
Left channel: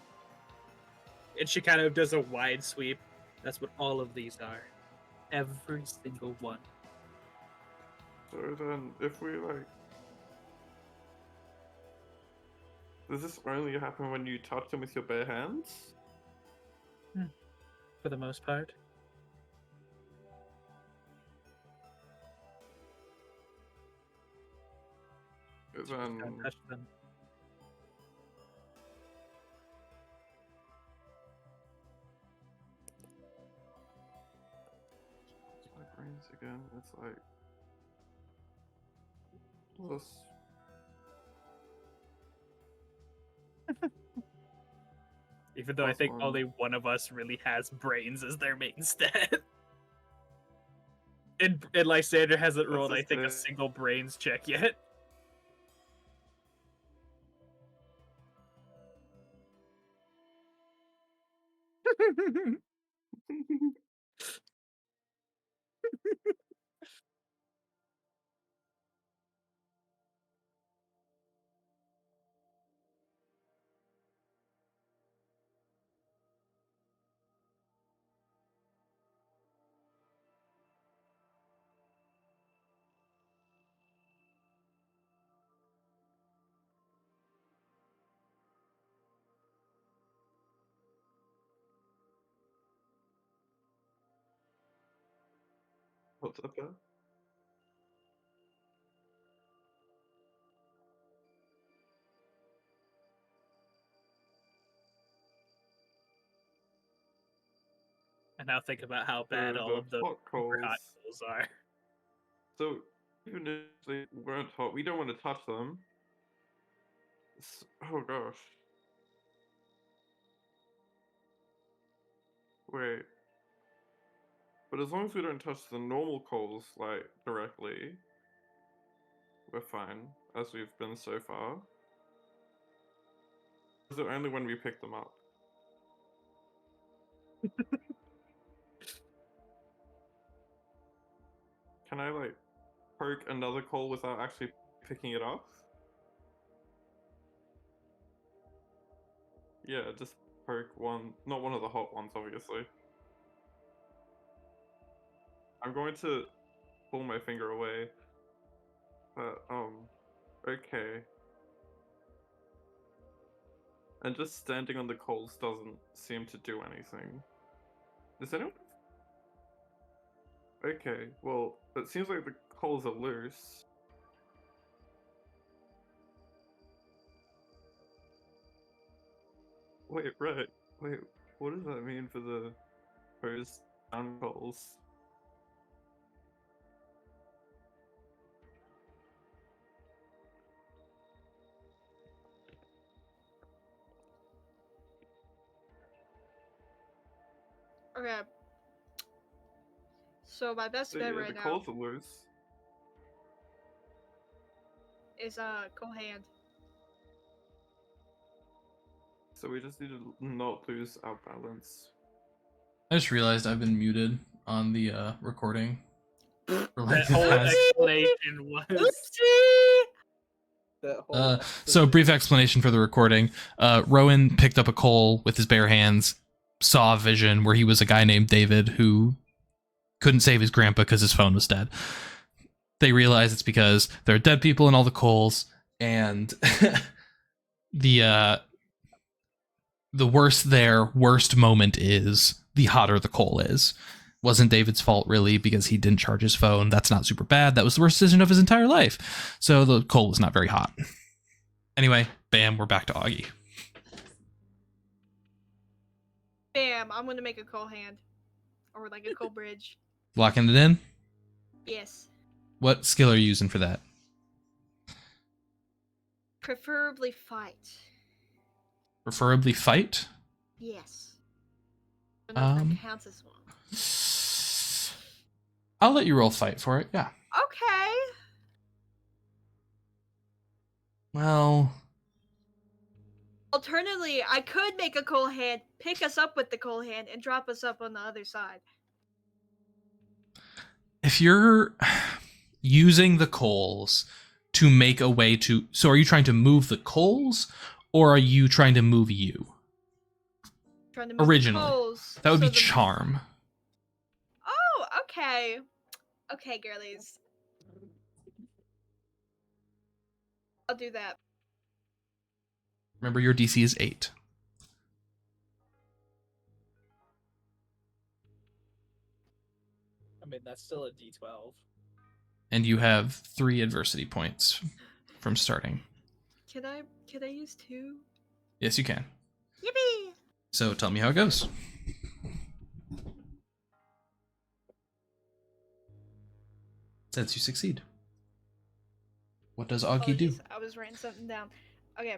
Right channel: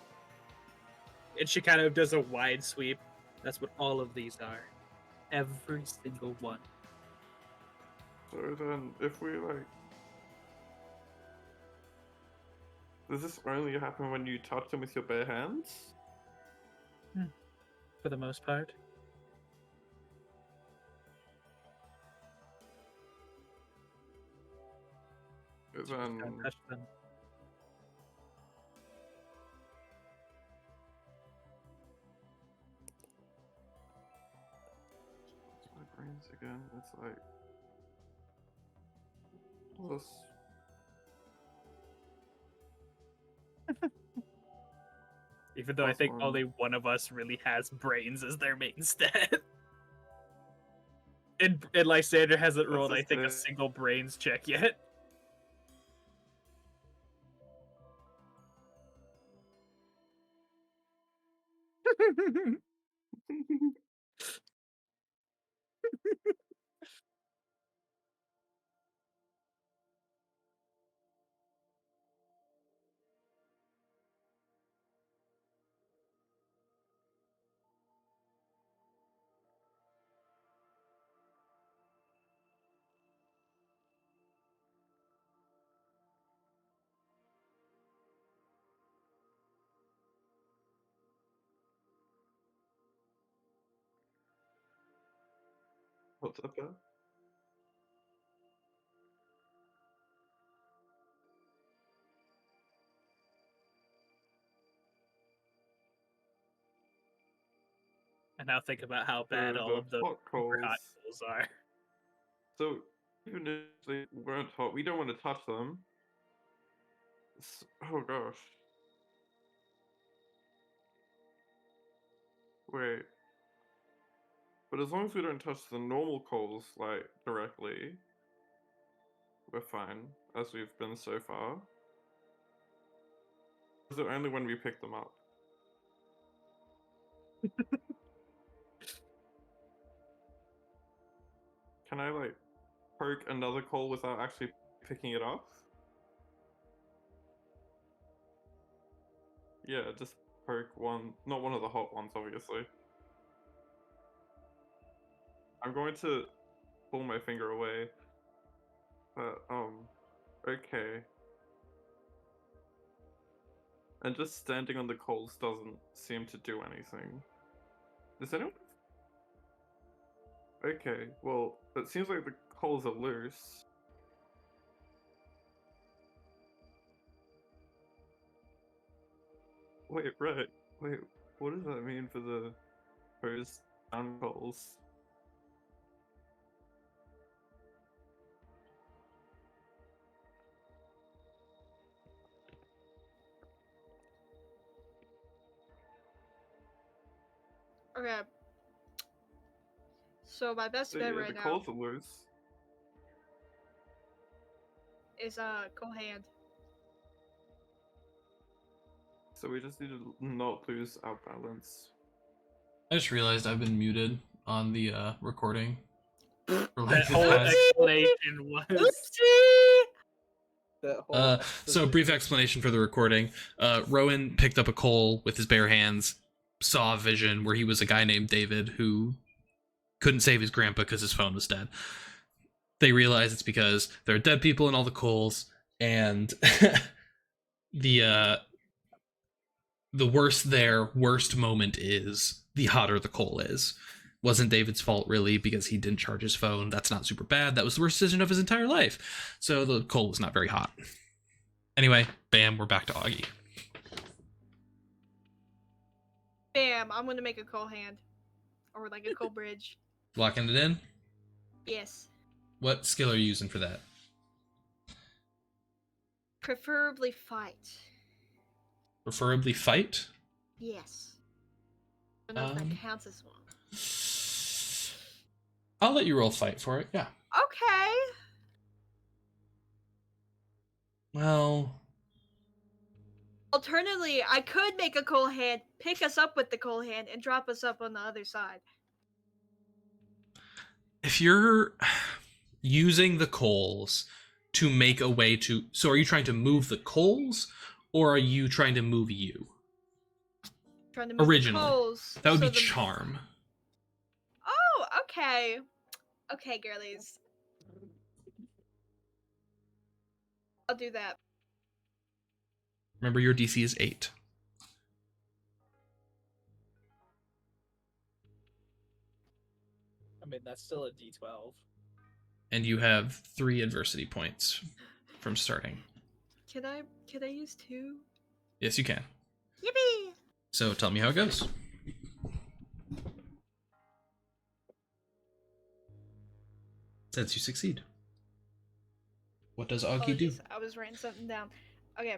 And she kind of does a wide sweep. That's what all of these are. Every single one. So then, if we like... Does this only happen when you touch them with your bare hands? For the most part. Then... Don't touch them. It's my brains again, it's like... Plus... Even though I Plus think one. only one of us really has brains as their main stat. And Lysander hasn't rolled, I just think, a it. single brains check yet. What's up, there? And now think about how bad So all the of those hot super hot coals. coals are. So even if they weren't hot, we don't want to touch them. Oh gosh. Wait. But as long as we don't touch the normal coals, like, directly, we're fine, as we've been so far. Is it only when we pick them up? Can I, like, poke another coal without actually picking it up? Yeah, just poke one, not one of the hot ones, obviously. I'm going to pull my finger away. But, okay. And just standing on the coals doesn't seem to do anything. Does anyone? Okay, well, it seems like the coals are loose. Wait, right. Wait, what does that mean for the hose down coals? Okay. So my best So bet yeah, right the now coals are loose. is cold hand. So we just need to not lose our balance. I just realized I've been muted on the recording. For like That the whole past- explanation was Oopsie! that whole. so brief explanation for the recording. Rowan picked up a coal with his bare hands, saw a vision where he was a guy named David who couldn't save his grandpa because his phone was dead. They realize it's because there are dead people in all the coals, and the worst moment is the hotter the coal is. Wasn't David's fault really because he didn't charge his phone. That's not super bad. That was the worst decision of his entire life. So the coal was not very hot. Anyway, bam, we're back to Auggie. Bam! I'm gonna make a cold hand, or like a cold bridge. Locking it in. Yes. What skill are you using for that? Preferably fight. Preferably fight. Yes. I don't know if that Um, counts as one. I'll let you roll fight for it. Yeah. Okay. Well, Alternatively, I could make a cold hand, pick us up with the cold hand, and drop us up on the other side. if you're using the coals to make a way to, so are you trying to move the coals, or are you trying to move you? Trying to move Originally, the coals. that would so be charm. Oh, okay. Okay, girlies. I'll do that. Remember, your DC is 8. I mean, that's still a D12. And you have 3 adversity points from starting. Can I use 2? Yes, you can. Yippee! So tell me how it goes. Says you succeed. What does Auggie do? Apologies, I was writing something down. Okay.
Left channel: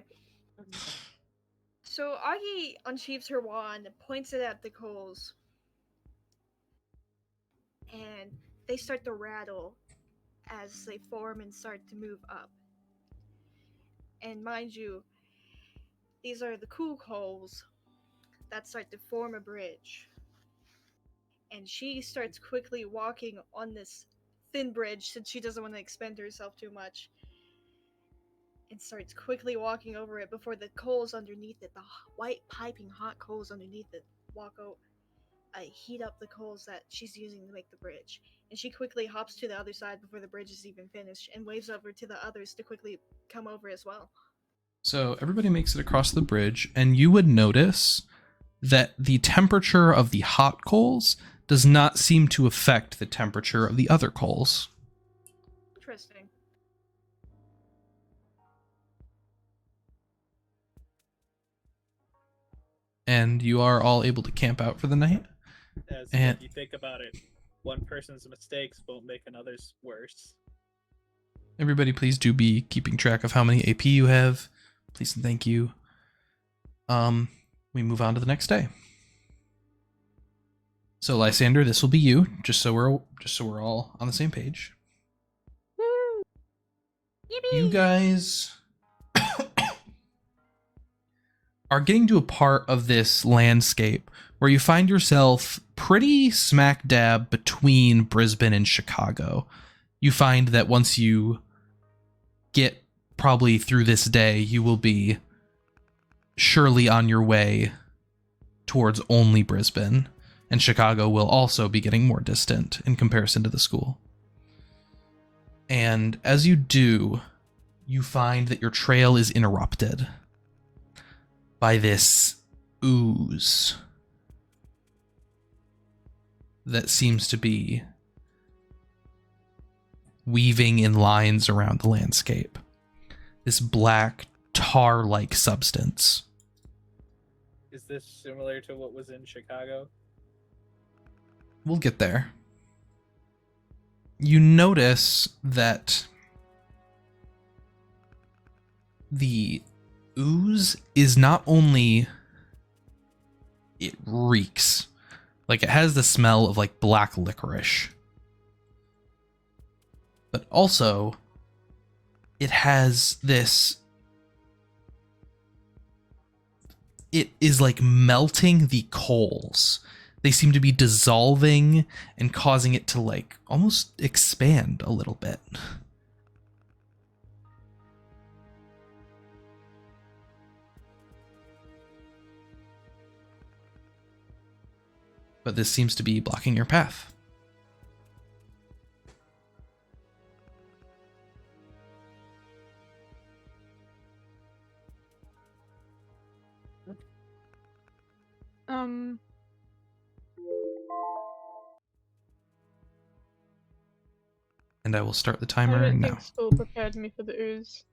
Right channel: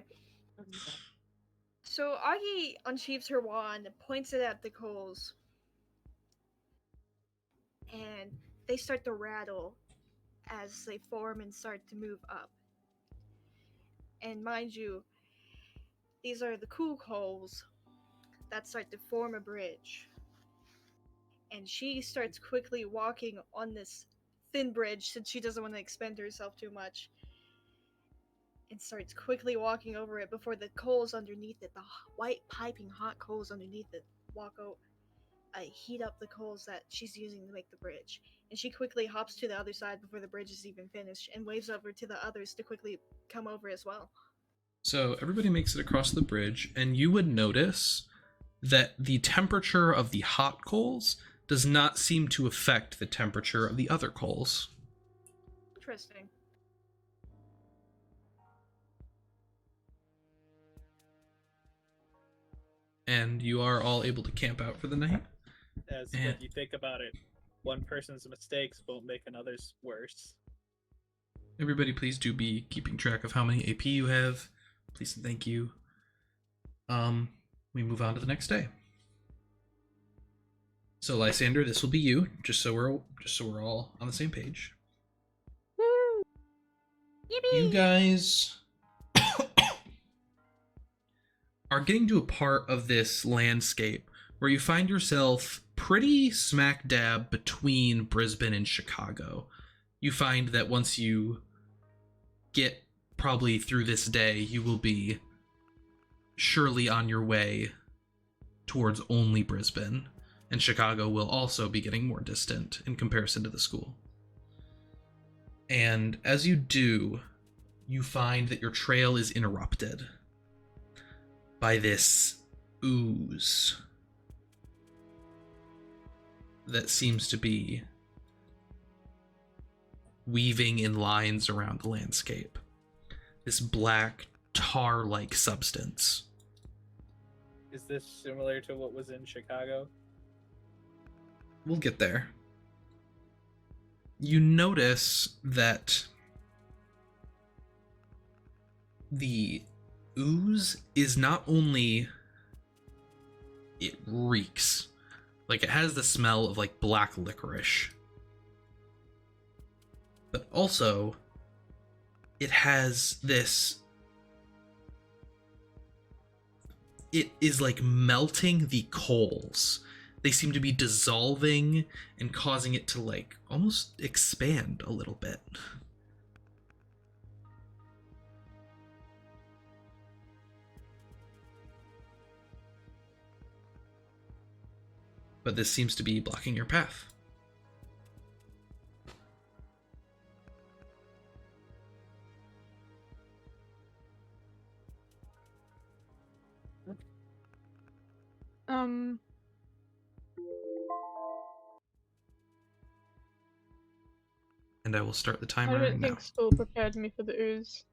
So Auggie unsheaves her wand, points it at the coals, and they start to rattle as they form and start to move up. And mind you, these are the cool coals that start to form a bridge. And she starts quickly walking on this thin bridge since she doesn't want to expend herself too much. And starts quickly walking over it before the coals underneath it, the white piping hot coals underneath it, heat up the coals that she's using to make the bridge. And she quickly hops to the other side before the bridge is even finished and waves over to the others to quickly come over as well. So everybody makes it across the bridge, and you would notice that the temperature of the hot coals does not seem to affect the temperature of the other coals. Interesting. And you are all able to camp out for the night. As And- if you think about it, one person's mistakes won't make another's worse. Everybody, please do be keeping track of how many AP you have. Please and thank you. We move on to the next day. So Lysander, this will be you, just so we're all on the same page. Woo! You guys are getting to a part of this landscape where you find yourself pretty smack dab between Brisbane and Chicago. You find that once you get probably through this day, you will be surely on your way towards only Brisbane, and Chicago will also be getting more distant in comparison to the school. And as you do, you find that your trail is interrupted by this ooze that seems to be weaving in lines around the landscape. This black, tar-like substance. Is this similar to what was in Chicago? We'll get there. You notice that the ooze is not only... it reeks. Like, it has the smell of, like, black licorice. But also, it has this... it is, like, melting the coals. They seem to be dissolving and causing it to, like, almost expand a little bit. But this seems to be blocking your path. And I will start the I timer don't now. think school prepared me for the ooze.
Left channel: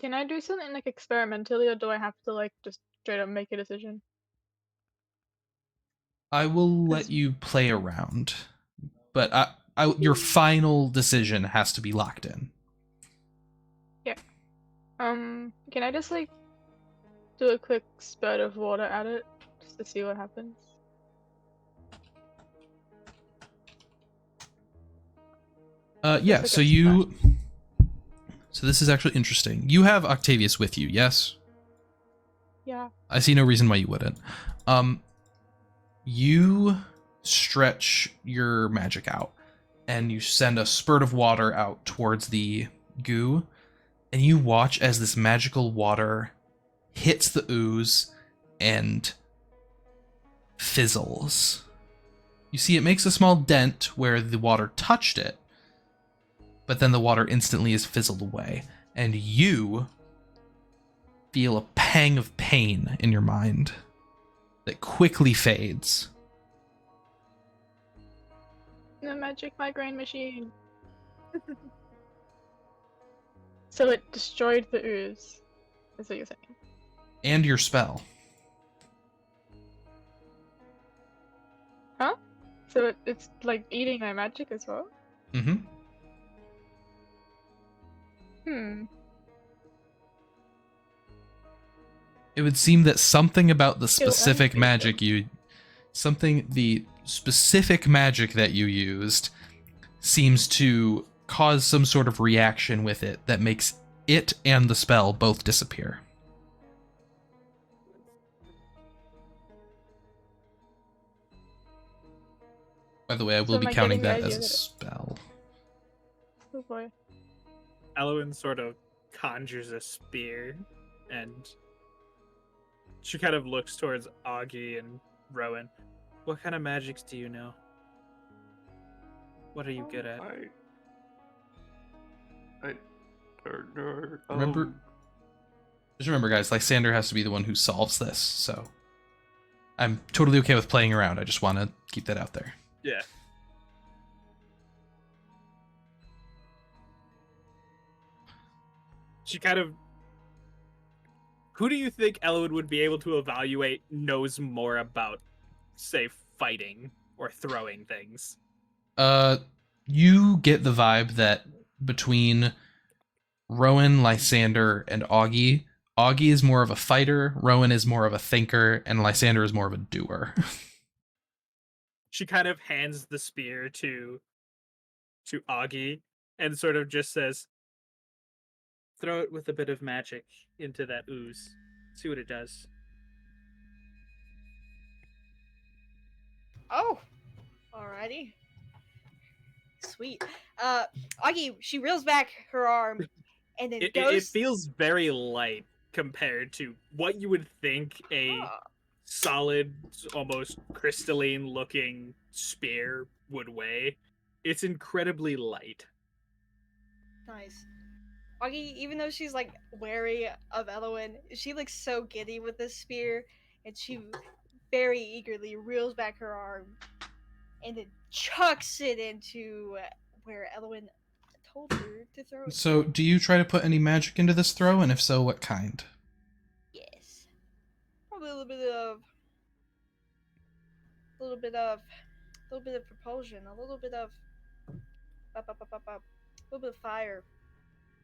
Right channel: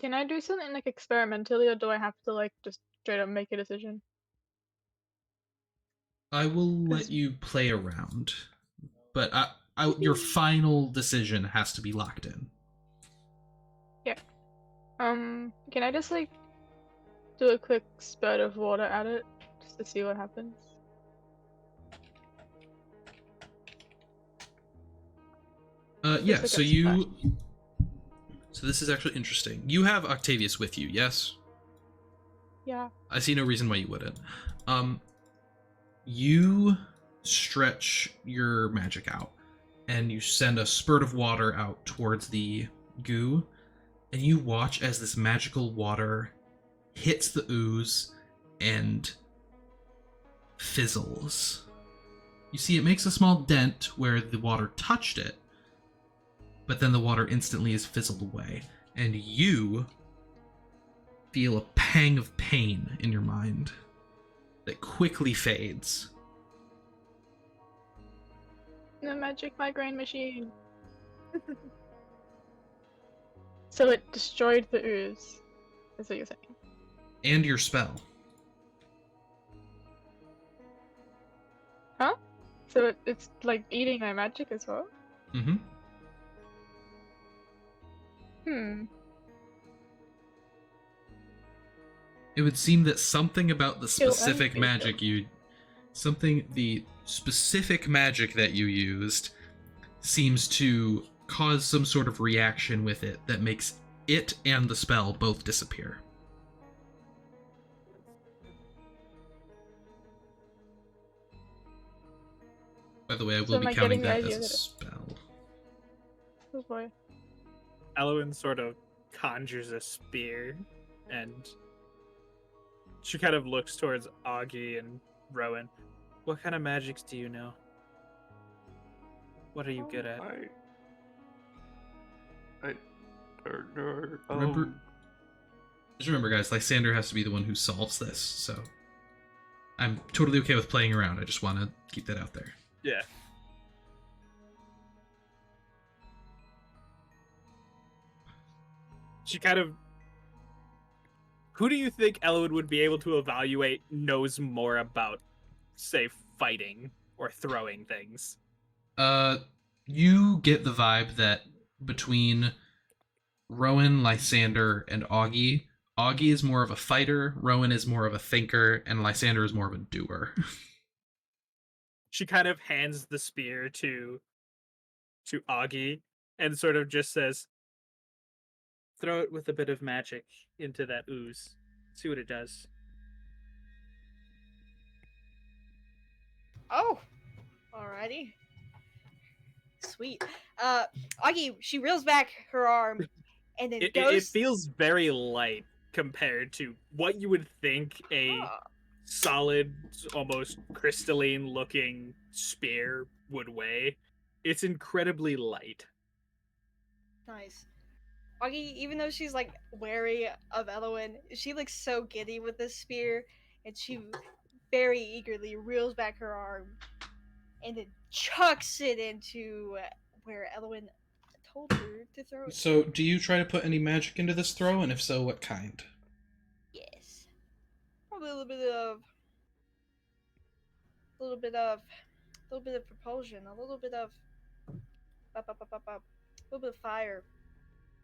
Can I do something like experimentally, or do I have to like just straight up make a decision? I will let 'Cause- you play around, but your final decision has to be locked in. Can I just like do a quick spurt of water at it just to see what happens? Yeah, like so a you... So this is actually interesting. You have Octavius with you, yes? Yeah. I see no reason why you wouldn't. You stretch your magic out, and you send a spurt of water out towards the goo, and you watch as this magical water hits the ooze and fizzles. You see it makes a small dent where the water touched it, but then the water instantly is fizzled away, and you feel a pang of pain in your mind that quickly fades. The magic migraine machine. So it destroyed the ooze, is what you're saying. And your spell. Huh? So it's like eating my magic as well? Mm-hmm. It would seem that something about the Still specific unfaithful. magic the specific magic that you used seems to cause some sort of reaction with it that makes it and the spell both disappear. By the way, I will So be am I counting getting that the as idea a that spell. Oh boy. Elawin sort of conjures a spear, and she kind of looks towards Auggie and Rowan. What kind of magics do you know? What are you good at? don't know. Remember- Just remember, guys, Lysander has to be the one who solves this, so I'm totally okay with playing around. I just want to keep that out there. Yeah. She kind of. Who do you think Elawin would be able to evaluate knows more about, say, fighting or throwing things? You get the vibe that between Rowan, Lysander, and Auggie, Auggie is more of a fighter, Rowan is more of a thinker, and Lysander is more of a doer. She kind of hands the spear to Auggie and sort of just says, "Throw it with a bit of magic into that ooze. See what it does." Oh, alrighty. Sweet. Augie, she reels back her arm and then It goes. feels very light compared to what you would think a Oh, solid, almost crystalline looking spear would weigh. It's incredibly light. nice. Augie, even though she's like wary of Elawin, she looks so giddy with this spear, and she very eagerly reels back her arm and then chucks it into where Elawin told her to throw it. So, do you try to put any magic into this throw, and if so, what kind? Yes. Probably a little bit of propulsion, a little bit of fire.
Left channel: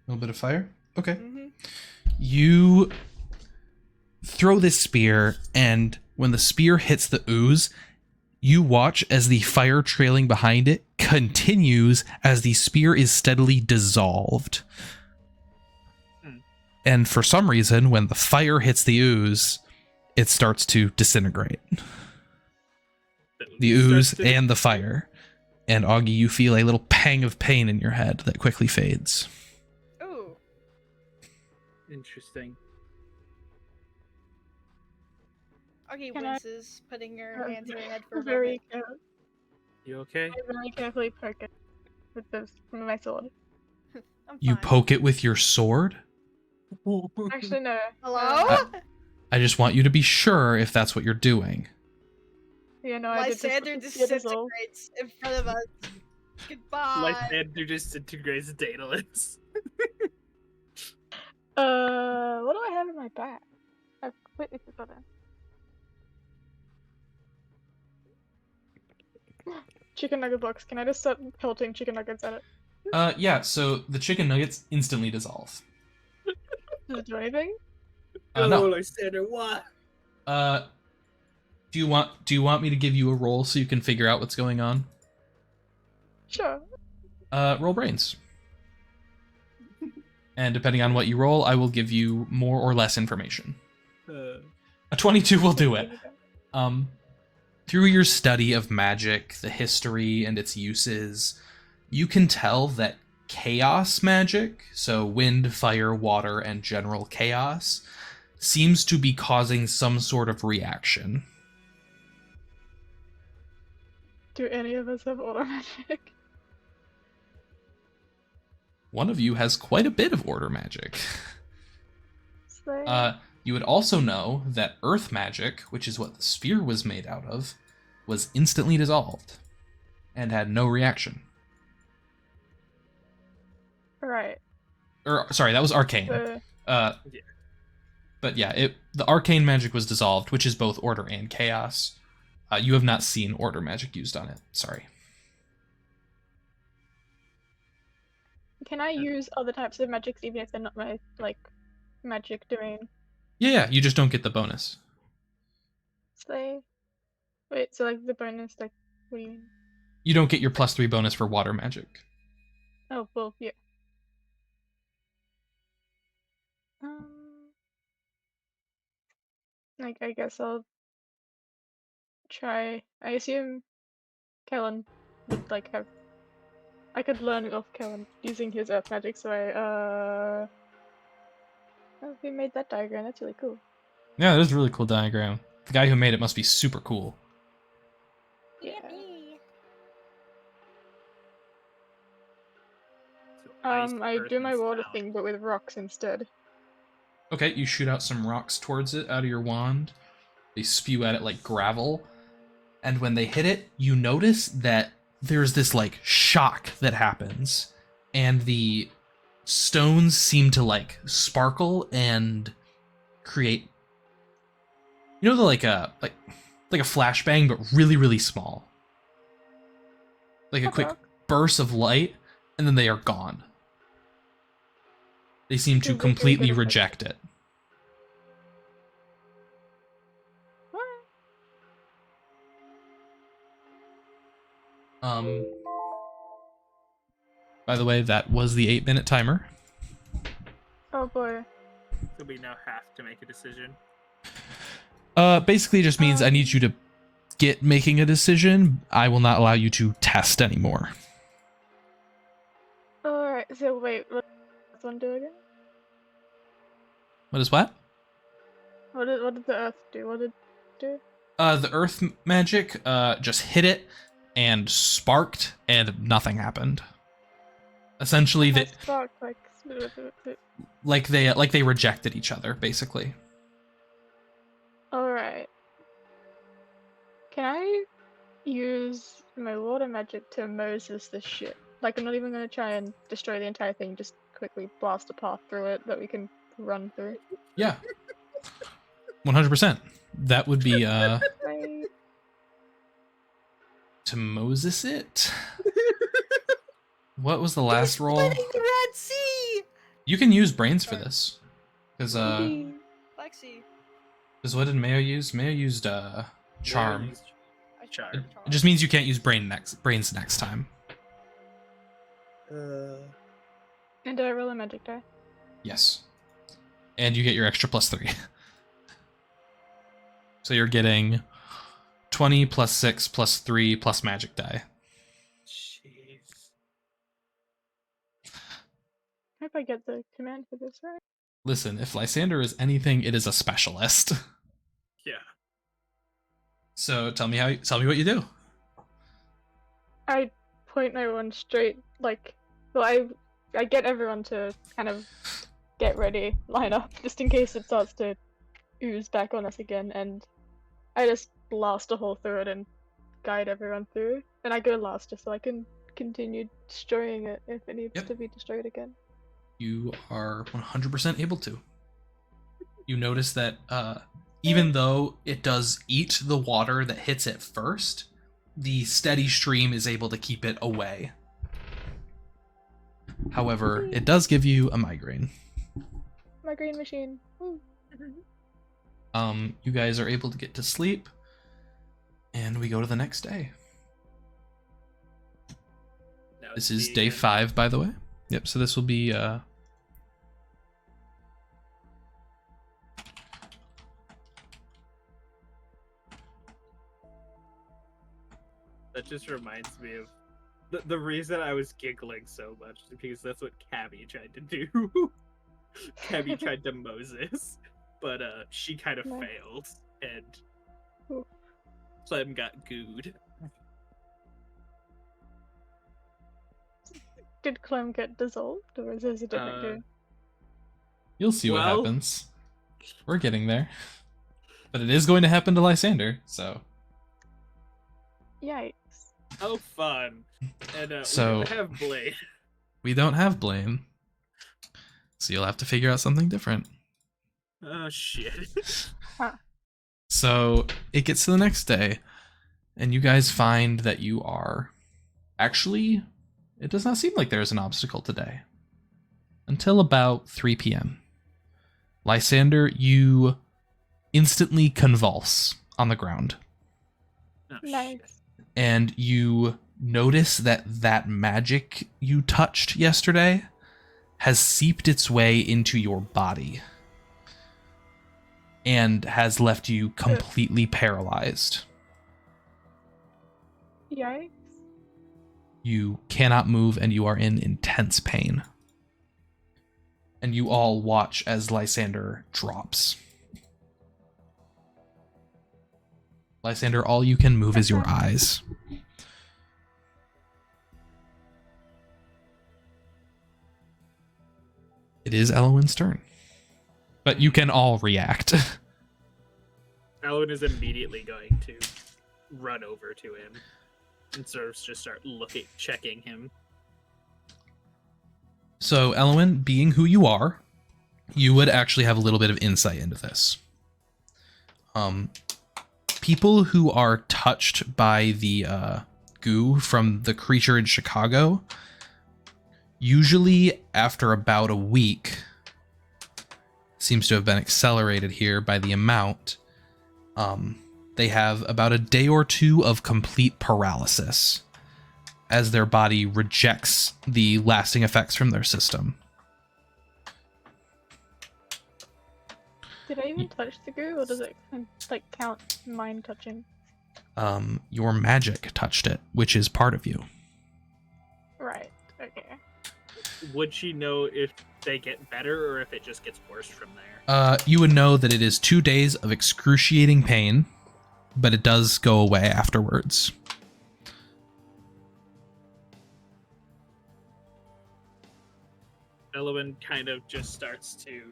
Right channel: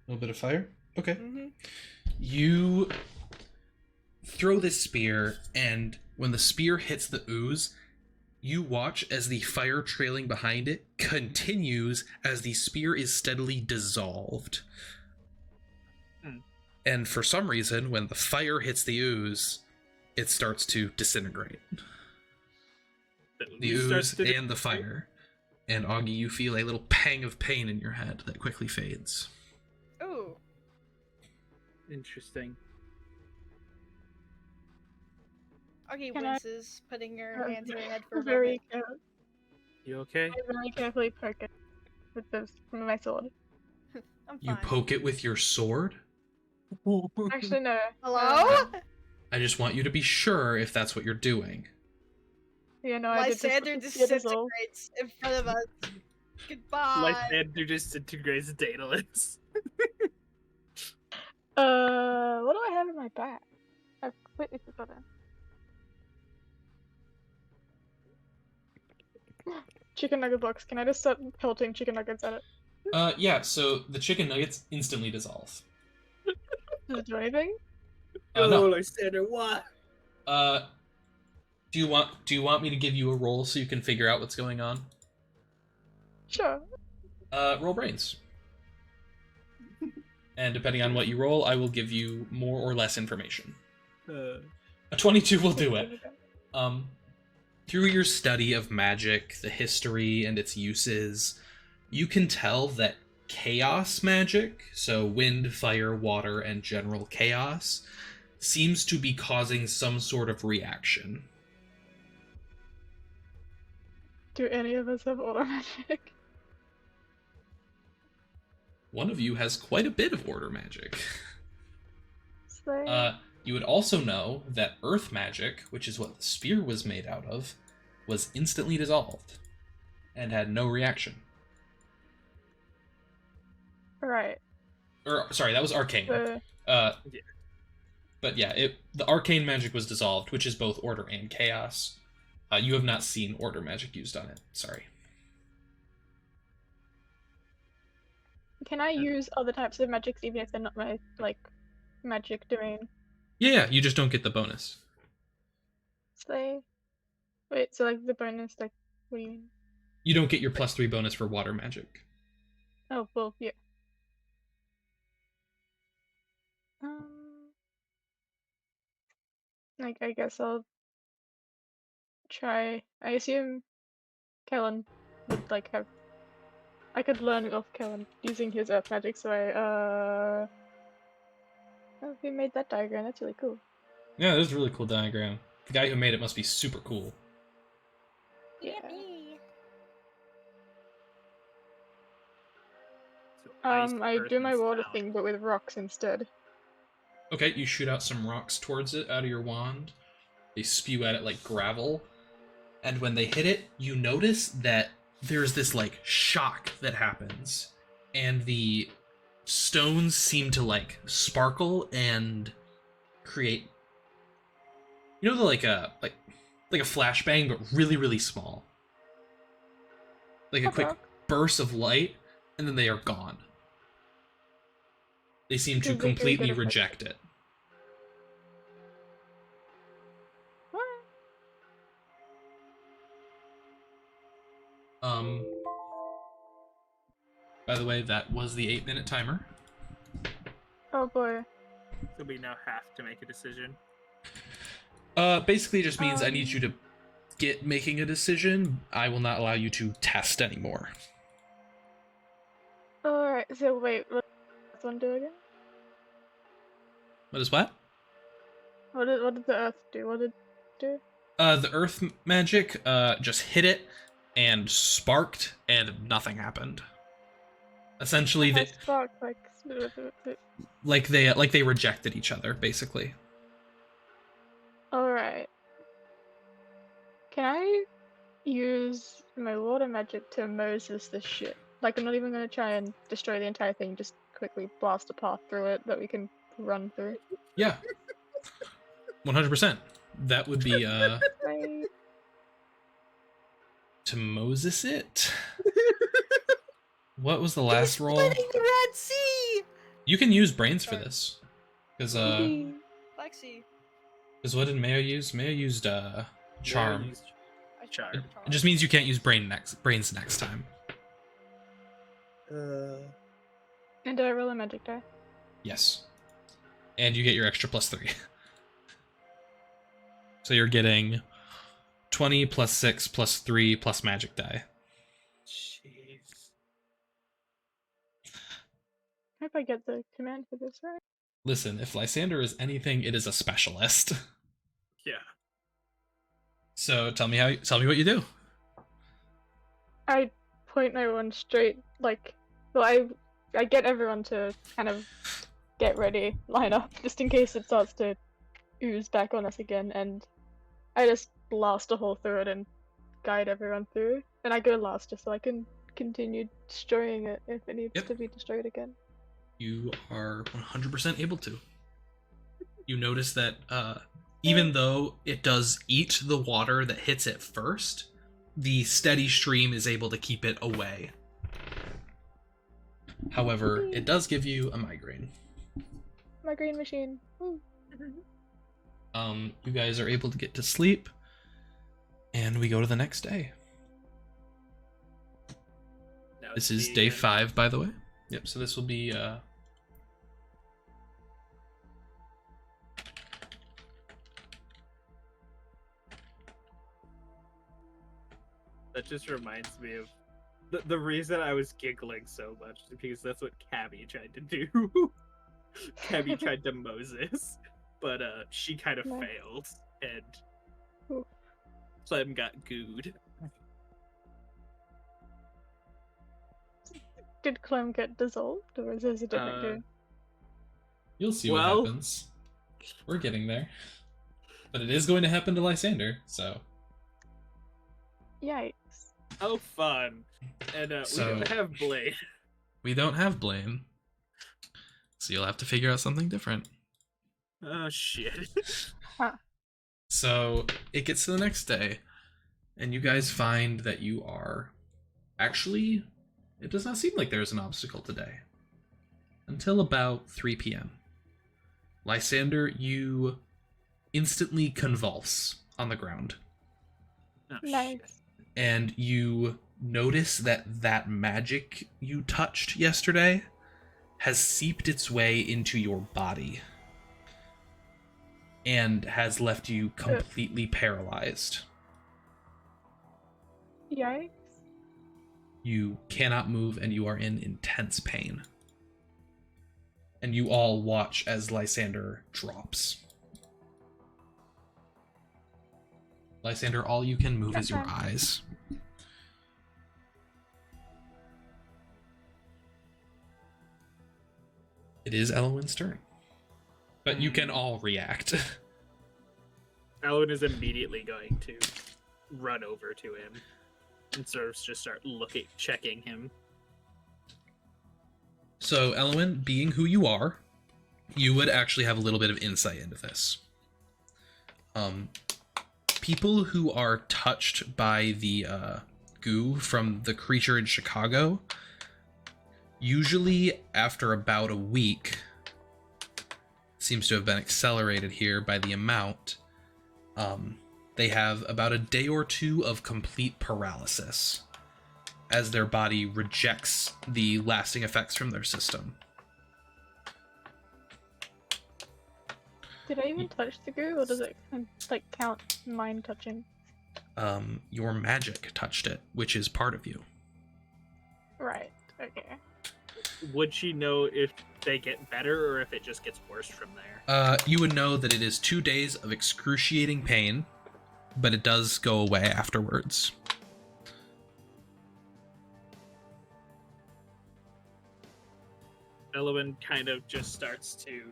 A little bit of fire? Okay. Mm-hmm. You throw this spear, and when the spear hits the ooze, you watch as the fire trailing behind it continues as the spear is steadily dissolved. And for some reason, when the fire hits the ooze, it starts to disintegrate. The ooze and the fire. And Auggie, you feel a little pang of pain in your head that quickly fades. Ooh. Interesting. Augie Can I- winces, putting her hand to her head for a very, moment. You okay? I very carefully poke it with my sword. I'm fine. You poke it with your sword? Actually, no. Hello? I just want you to be sure if that's what you're doing. Yeah, no, I did Lysander just get dissolved. disintegrates in front of us. Goodbye. Lysander just integrates Daedalus. What do I have in my bag? I've completely forgotten. Chicken nugget box. Can I just start pelting chicken nuggets at it? Yeah, so the chicken nuggets instantly dissolve. Does it do anything? No. Lysander, what? Do you want me to give you a roll so you can figure out what's going on? Sure. Roll brains. And depending on what you roll, I will give you more or less information. A 22 will do it. Through your study of magic, the history and its uses, you can tell that chaos magic, so wind, fire, water, and general chaos, seems to be causing some sort of reaction. Do any of us have order magic? One of you has quite a bit of order magic. Slay. You would also know that earth magic, which is what the spear was made out of, was instantly dissolved and had no reaction. Right. Or sorry, that was arcane. But yeah, the arcane magic was dissolved, which is both order and chaos. You have not seen order magic used on it. Sorry. Can I use other types of magics even if they're not my magic domain? Yeah, you just don't get the bonus. Slay. Wait, so the bonus, what do you mean? You don't get your +3 bonus for water magic. Oh, well, yeah. I guess I'll try. I assume Kellen would have. I could learn it off Kellen using his earth magic, so oh, we made that diagram. That's really cool. Yeah, that is a really cool diagram. The guy who made it must be super cool. Yeah. So ice, I earth, do and my water sound. thing, but with rocks instead. Okay, you shoot out some rocks towards it out of your wand. They spew at it like gravel. And when they hit it, you notice that there's this like shock that happens. And the stones seem to like sparkle and create, you know, the like a flashbang, but really, really small. Like a quick Okay. burst of light, and then they are gone. They seem to Is it really completely good effect? reject it. What? By the way, that was the 8-minute timer. Oh boy. So we now have to make a decision. Basically it just means I need you to get making a decision. I will not allow you to test anymore. Alright, so wait, what does this one do again? What is what? What did the earth do? What did it do? The earth magic just hit it and sparked and nothing happened. Essentially How they spark, like they rejected each other basically. Alright. Can I use my water magic to Moses this shit? Like, I'm not even gonna try and destroy the entire thing, just quickly blast a path through it that we can run through. Yeah. 100%. That would be Right. to Moses it. What was the last roll? Splitting the Red Sea. You can use brains for this. Because Lexi. what did Mayo use? Mayo used charm. I Charm. It just means you can't use brains next time. And do I roll a magic die? Yes. And you get your extra +3. So you're getting 20 + 6 + 3 + magic die. Jeez. I hope I get the command for this right. Listen, if Lysander is anything, it is a specialist. Yeah. So tell me what you do. I point my one straight, like, well, I get everyone to kind of get ready, line up, just in case it starts to ooze back on us again, and I just blast a hole through it and guide everyone through. And I go last just so I can continue destroying it if it needs Yep. to be destroyed again. You are 100% able to. You notice that even though it does eat the water that hits it first, the steady stream is able to keep it away. However, it does give you a migraine. Migraine machine. Woo. You guys are able to get to sleep, and we go to the next day. Now This it's is the, day 5, by the way. Yep, so this will be That just reminds me of the reason I was giggling so much is because that's what Cabby tried to do. Cabby tried to Moses, but she kind of Nice. failed, and Ooh. Clem got gooed. Did Clem get dissolved, or is this a different game? You'll see what Well- happens. We're getting there. But it is going to happen to Lysander, so Yikes. Oh, fun! And So- we don't have Blade. we don't have Blaine. So you'll have to figure out something different. Oh shit! So it gets to the next day, and you guys find that you are actually, it does not seem like there's an obstacle today. Until about 3 p.m. Lysander, you instantly convulse on the ground, Oh, Nice. shit. and you notice that magic you touched yesterday has seeped its way into your body and has left you completely paralyzed. Yikes. You cannot move, and you are in intense pain. And you all watch as Lysander drops. Lysander, all you can move is your eyes. It is Elawin's turn. But you can all react. Elawin is immediately going to run over to him and sort of just start checking him. So, Elawin, being who you are, you would actually have a little bit of insight into this. People who are touched by the goo from the creature in Chicago, usually after about a week, seems to have been accelerated here by the amount, they have about a day or two of complete paralysis as their body rejects the lasting effects from their system. Did I even touch the goo, or does it like count mine touching? Your magic touched it, which is part of you. Right. Okay. Would she know if they get better or if it just gets worse from there? You would know that it is 2 days of excruciating pain, but it does go away afterwards. Elawin kind of just starts to...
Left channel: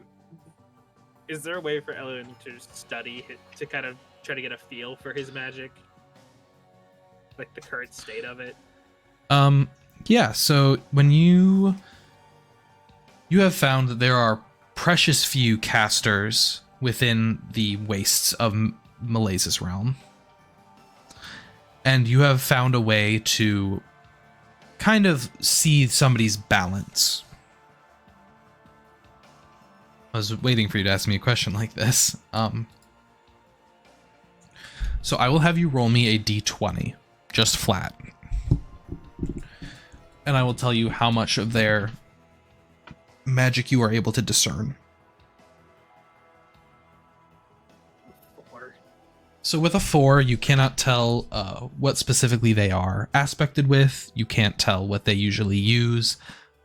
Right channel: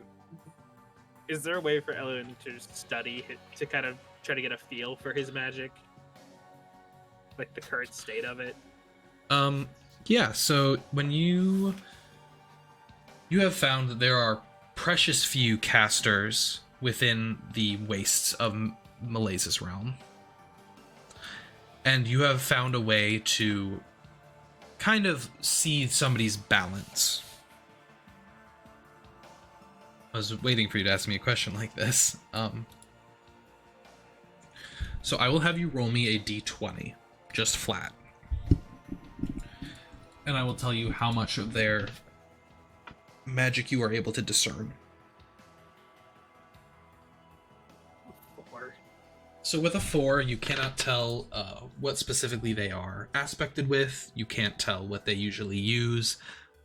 Is there a way for Elawin to study, to kind of try to get a feel for his magic? Like the current state of it? Yeah, so when you have found that there are precious few casters within the wastes of Malais's realm. And you have found a way to kind of see somebody's balance. I was waiting for you to ask me a question like this. So I will have you roll me a d20, just flat. And I will tell you how much of their magic you are able to discern. 4. So with a 4, you cannot tell what specifically they are aspected with. You can't tell what they usually use,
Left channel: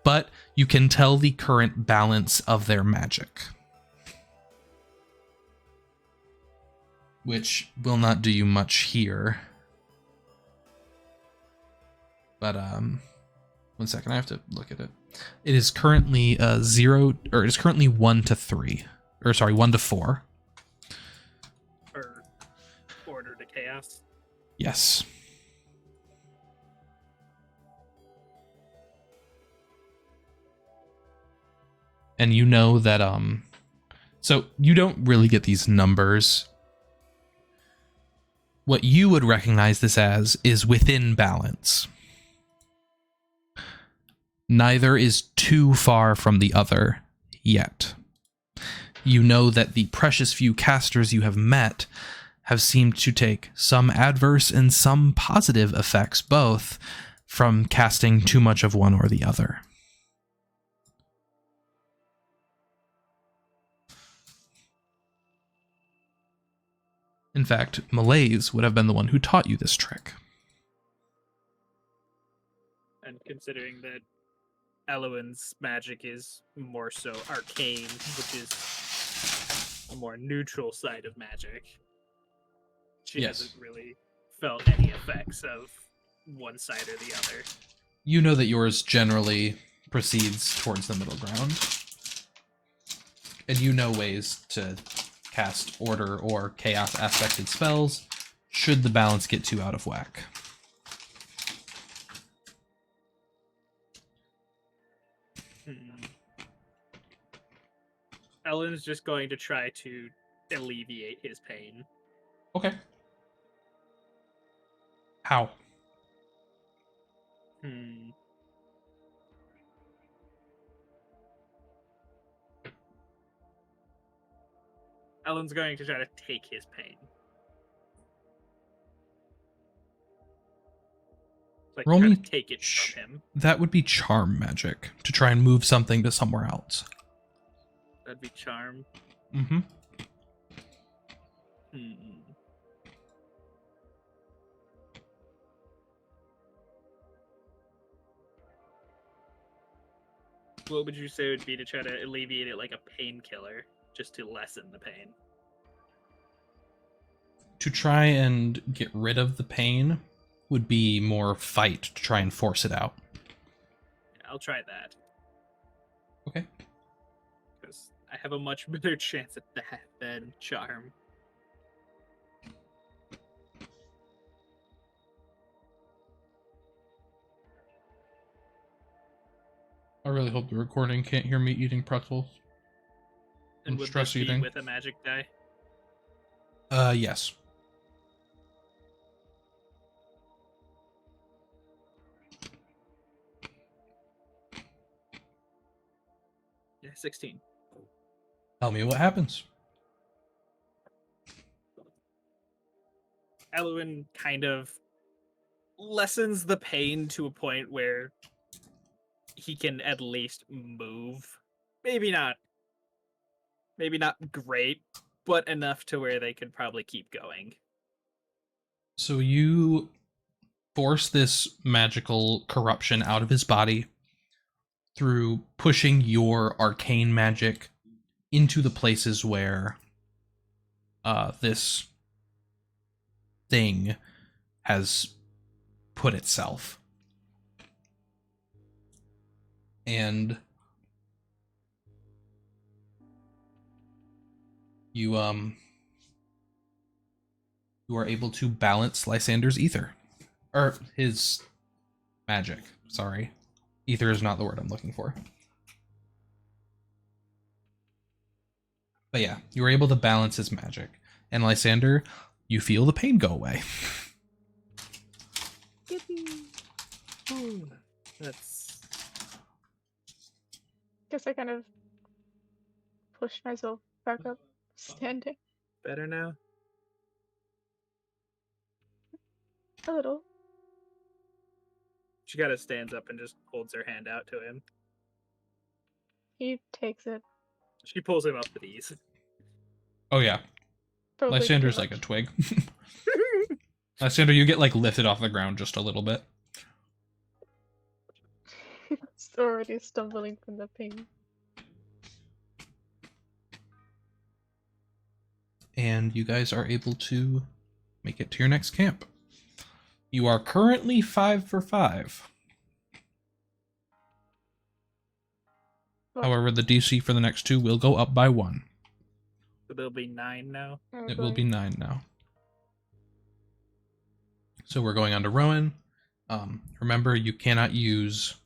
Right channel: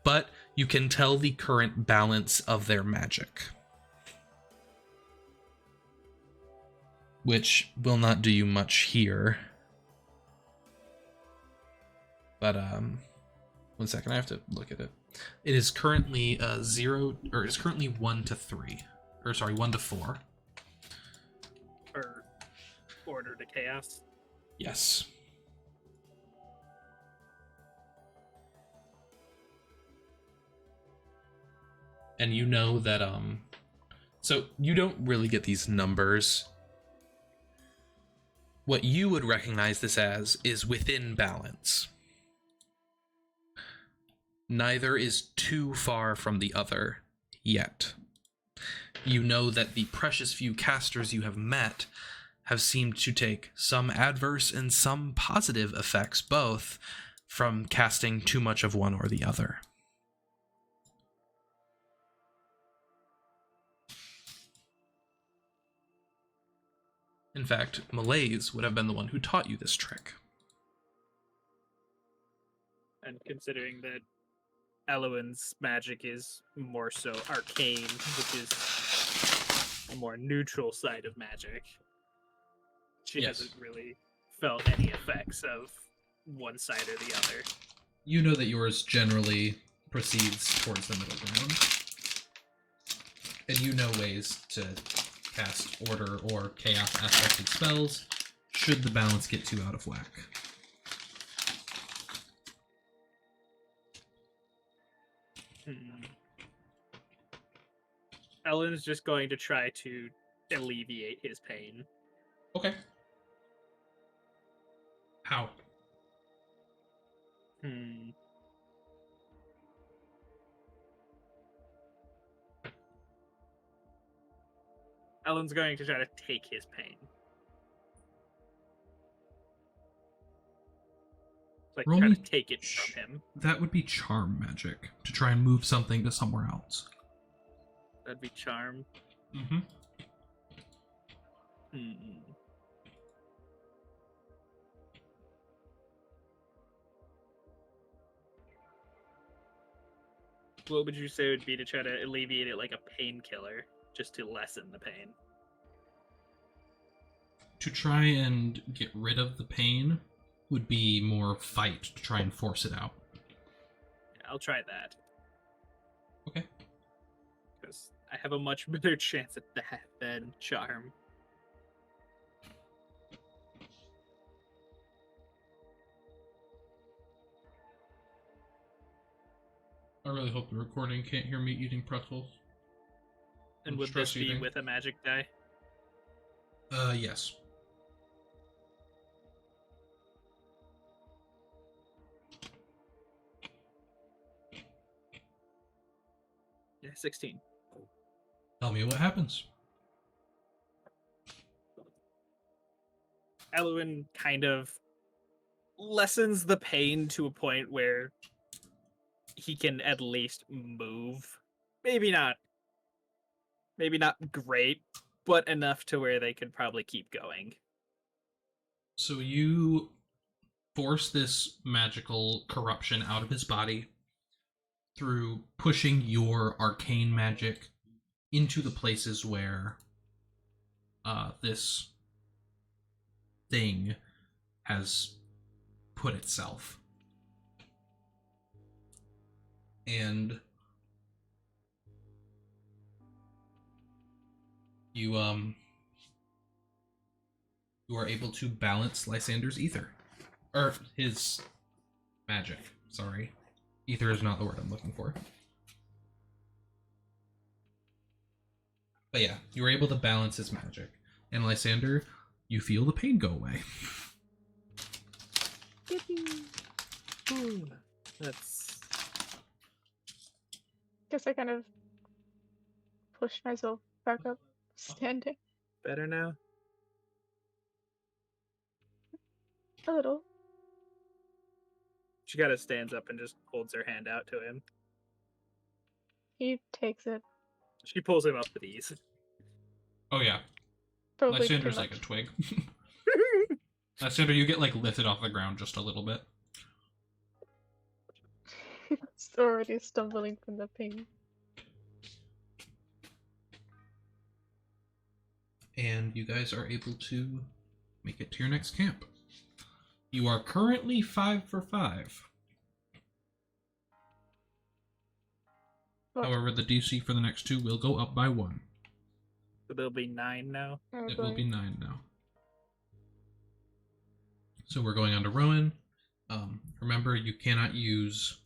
but you can tell the current balance of their magic. Which will not do you much here. But, 1 second, I have to look at it. It is currently 1 to 3. Or sorry, 1 to 4. Or order to chaos? Yes. And you know that, so you don't really get these numbers. What you would recognize this as is within balance. Neither is too far from the other yet. You know that the precious few casters you have met have seemed to take some adverse and some positive effects both from casting too much of one or the other. In fact, Malaise would have been the one who taught you this trick. And considering that Elawin's magic is more so arcane, which is a more neutral side of magic, she hasn't really felt any effects of one side or the other. You know that yours generally proceeds towards the middle ground. And you know ways to cast order or chaos aspected spells should the balance get too out of whack. Ellen's just going to try to alleviate his pain. Okay. How? Ellen's going to try to take his pain. Like, Roll try me to take it from him. That would be charm magic to try and move something to somewhere else. That'd be charm. Mm-hmm. What would you say would be to try to alleviate it like a painkiller, just to lessen the pain? To try and get rid of the pain would be more fight to try and force it out. Yeah, I'll try that. Okay. I have a much better chance at that than charm. I really hope the recording can't hear me eating pretzels. And I'm would stress this be eating. with a magic die? Yes. Yeah, 16. Tell me what happens. Elawin kind of lessens the pain to a point where he can at least move. Maybe not great, but enough to where they could probably keep going. So you force this magical corruption out of his body through pushing your arcane magic into the places where this thing has put itself. And you are able to balance Lysander's ether. Or his magic, sorry. Ether is not the word I'm looking for. But yeah, you were able to balance his magic. And Lysander, you feel the pain go away. Ooh, that's Guess I kind of pushed myself back up, standing better now. a little. She kind of stands up and just holds her hand out to him. He takes it. She pulls him up with ease. Oh yeah, Probably Lysander's too like a much. twig. Lysander, you get like lifted off the ground just a little bit. It's already stumbling from the pain. And you guys are able to make it to your next camp. You are currently 5 for 5. What? However, the DC for the next 2 will go up by 1. So there'll be 9 now. Oh, It will be boy. 9 now. So we're going on to Rowan. Remember, you cannot use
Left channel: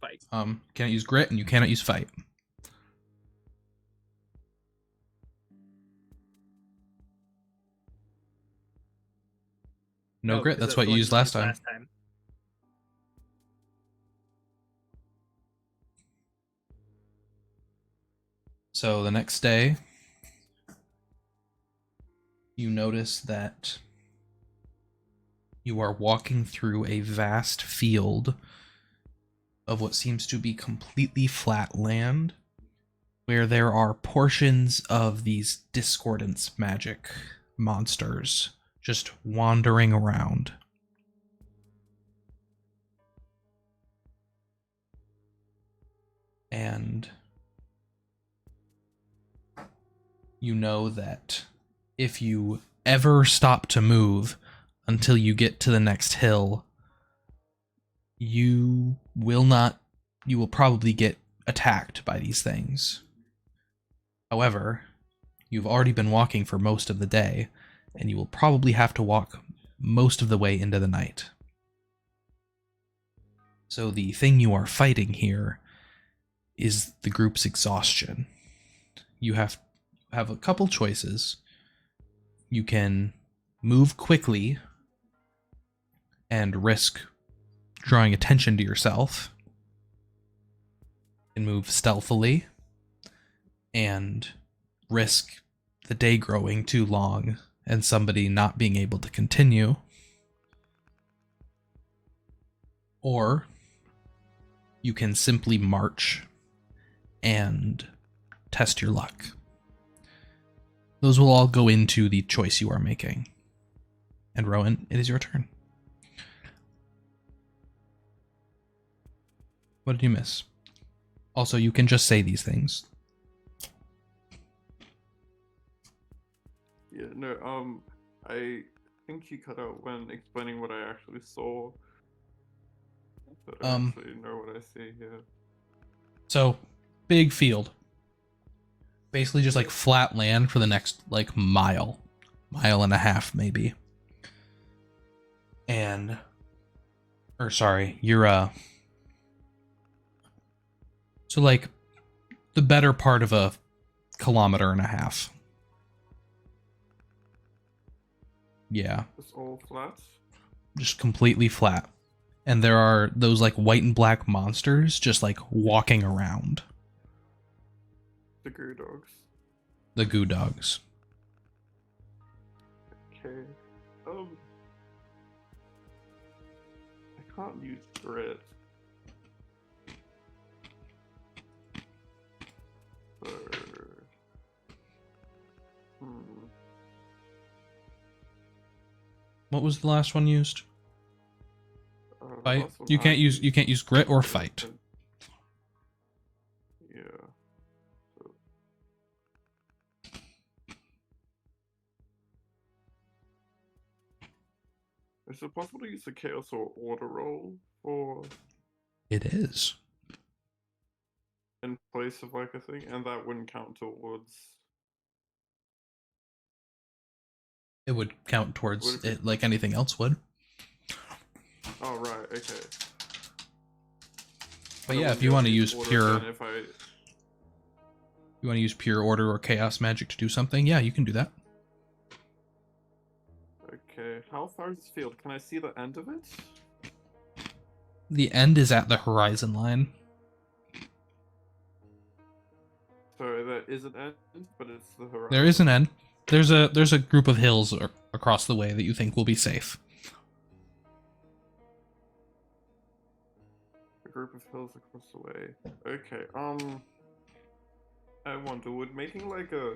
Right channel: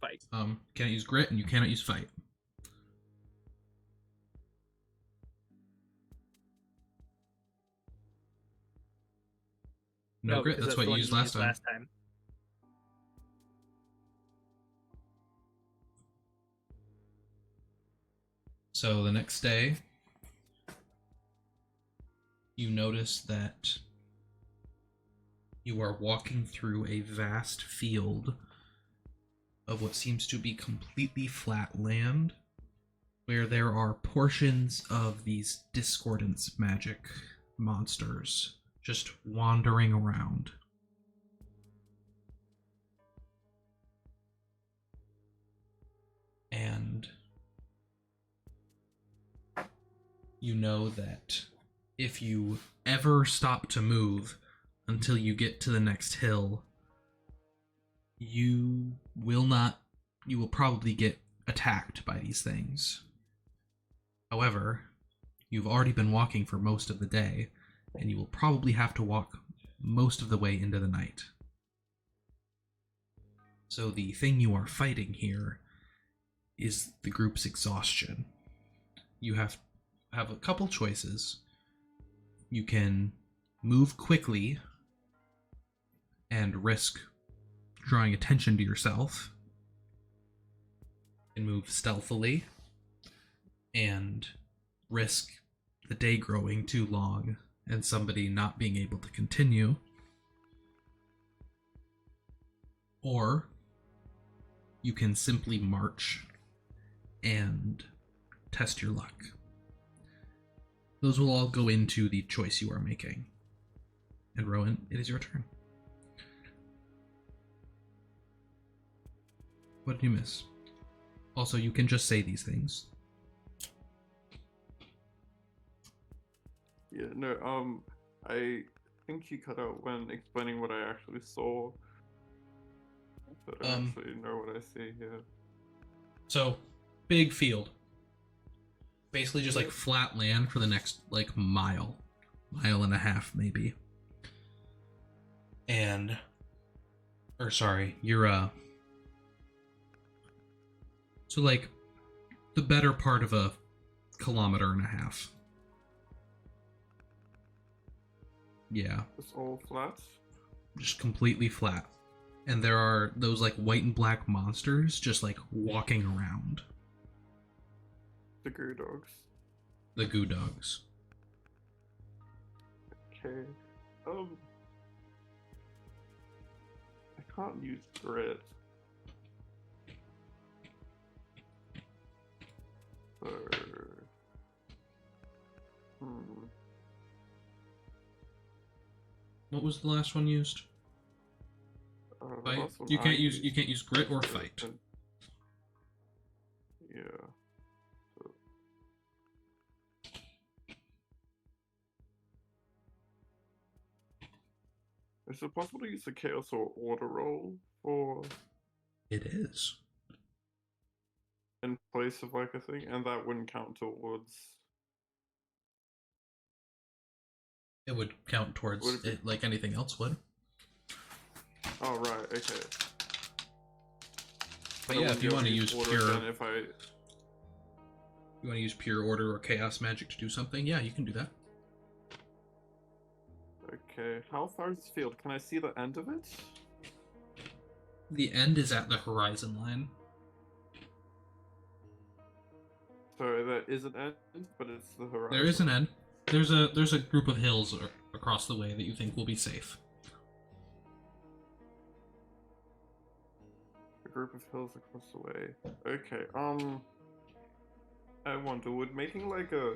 Fight. Cannot use grit, and you cannot use fight. No grit. 'cause That's what the you one used last time. time. So the next day, you notice that you are walking through a vast field of what seems to be completely flat land, where there are portions of these discordance magic monsters just wandering around. And you know that if you ever stop to move until you get to the next hill, you will probably get attacked by these things. However, you've already been walking for most of the day, and you will probably have to walk most of the way into the night. So the thing you are fighting here is the group's exhaustion. You have a couple choices. You can move quickly and risk drawing attention to yourself, and move stealthily and risk the day growing too long and somebody not being able to continue. Or you can simply march and test your luck. Those will all go into the choice you are making. And Rowan, it is your turn. What did you miss? Also, you can just say these things. Yeah, no, I think you cut out when explaining what I actually saw. But I actually know what I see here. So, big field. Basically just like flat land for the next like mile and a half maybe. And you're so like the better part of a kilometer and a half. Yeah, It's all flat. just completely flat. And there are those like white and black monsters just like walking around. The goo dogs. The goo dogs. Okay. I can't use grit. So, What was the last one used? the Fight. last one You I can't use grit or fight. Yeah. So. Is it possible to use the chaos or order roll for It is. in place of like a thing, and that wouldn't count towards? It would count towards Would it be- it like anything else would. Oh right, okay. But I yeah, wouldn't if be you able want to use order pure, again if I you want to use pure order or chaos magic to do something, yeah, you can do that. Okay, how far is this field? Can I see the end of it? The end is at the horizon line. So there is an end, but it's the horizon. There is an end. There's a group of hills across the way that you think will be safe. A group of hills across the way. Okay, I wonder, would making like a...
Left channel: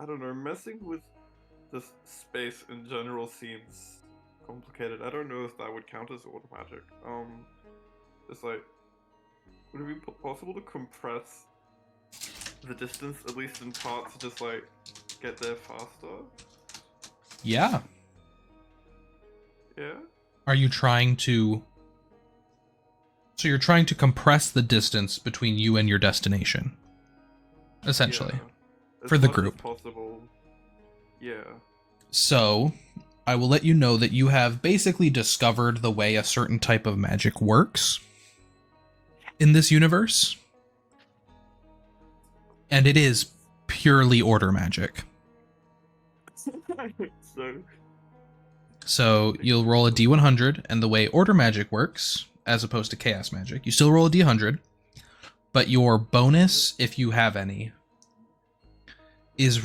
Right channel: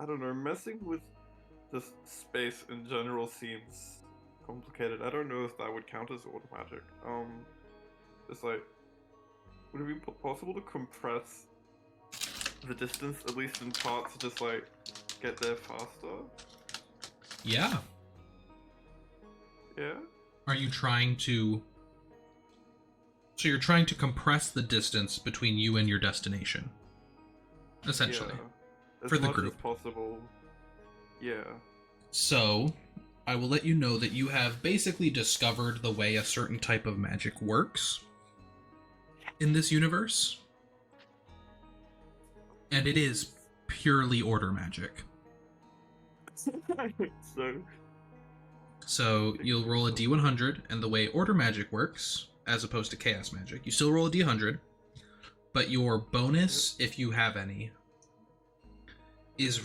I don't know, messing with just space in general seems complicated. I don't know if that would count as order magic. It's like, would it be possible to compress the distance, at least in part, to just like get there faster? Yeah. Yeah? Are you trying to... So you're trying to compress the distance between you and your destination, essentially, As for the much as group. possible. Yeah. So, I will let you know that you have basically discovered the way a certain type of magic works in this universe. And it is purely order magic. So you'll roll a d100, and the way order magic works, as opposed to chaos magic, you still roll a d100, but your bonus, if you have any, is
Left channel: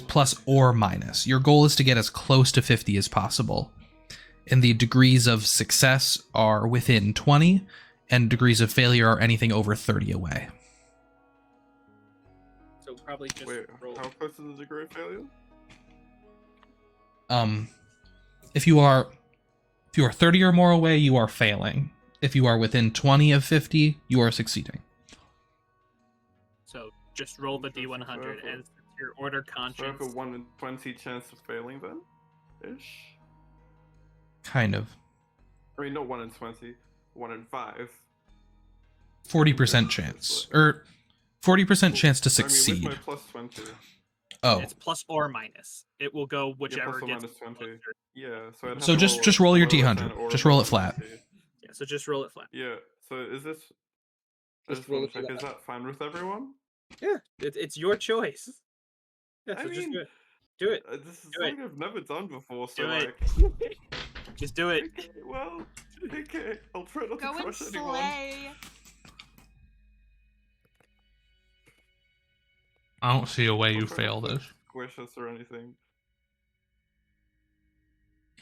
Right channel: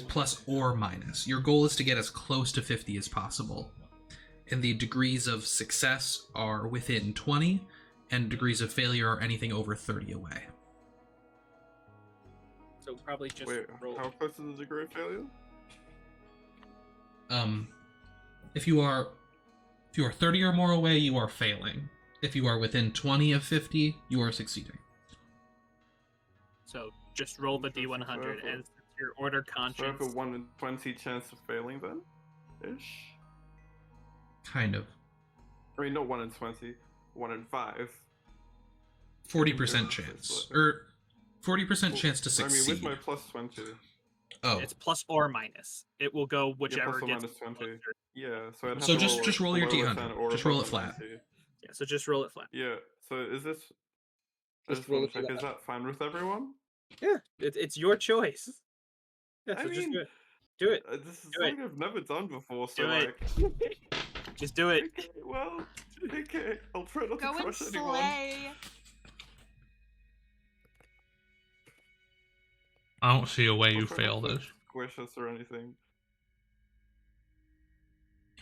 plus or minus. Your goal is to get as close to 50 as possible. And the degrees of success are within 20, and degrees of failure are anything over 30 away. So probably just Wait, roll. how close is the degree of failure? If you are 30 or more away, you are failing. If you are within 20 of 50, you are succeeding. So just roll the D100 as your order So I have conscience. a 1 in 20 chance of failing then? Ish? Kind of. I mean, not 1 in 20, 1 in 5. 40% chance. Or 40% chance to I mean, succeed. with my plus 20. Oh, It's plus or minus. It will go Yeah, whichever plus or gets minus 20. closer. Yeah, so I'd have so to just roll your below a d100. 10 or Just roll it above a flat. 90. Yeah, so just roll it flat. Yeah, so is this... I Just just roll want to it check, is flat. that fine with everyone? Yeah, it's your choice. Yeah, I so just mean, do it. Do it. This is Do it. something I've never done before, so Do it. like... Just do it. Okay, well, okay, I'll try not Go to and crush anyone. slay. I don't see a way I'll you try fail not to this. squish us or anything.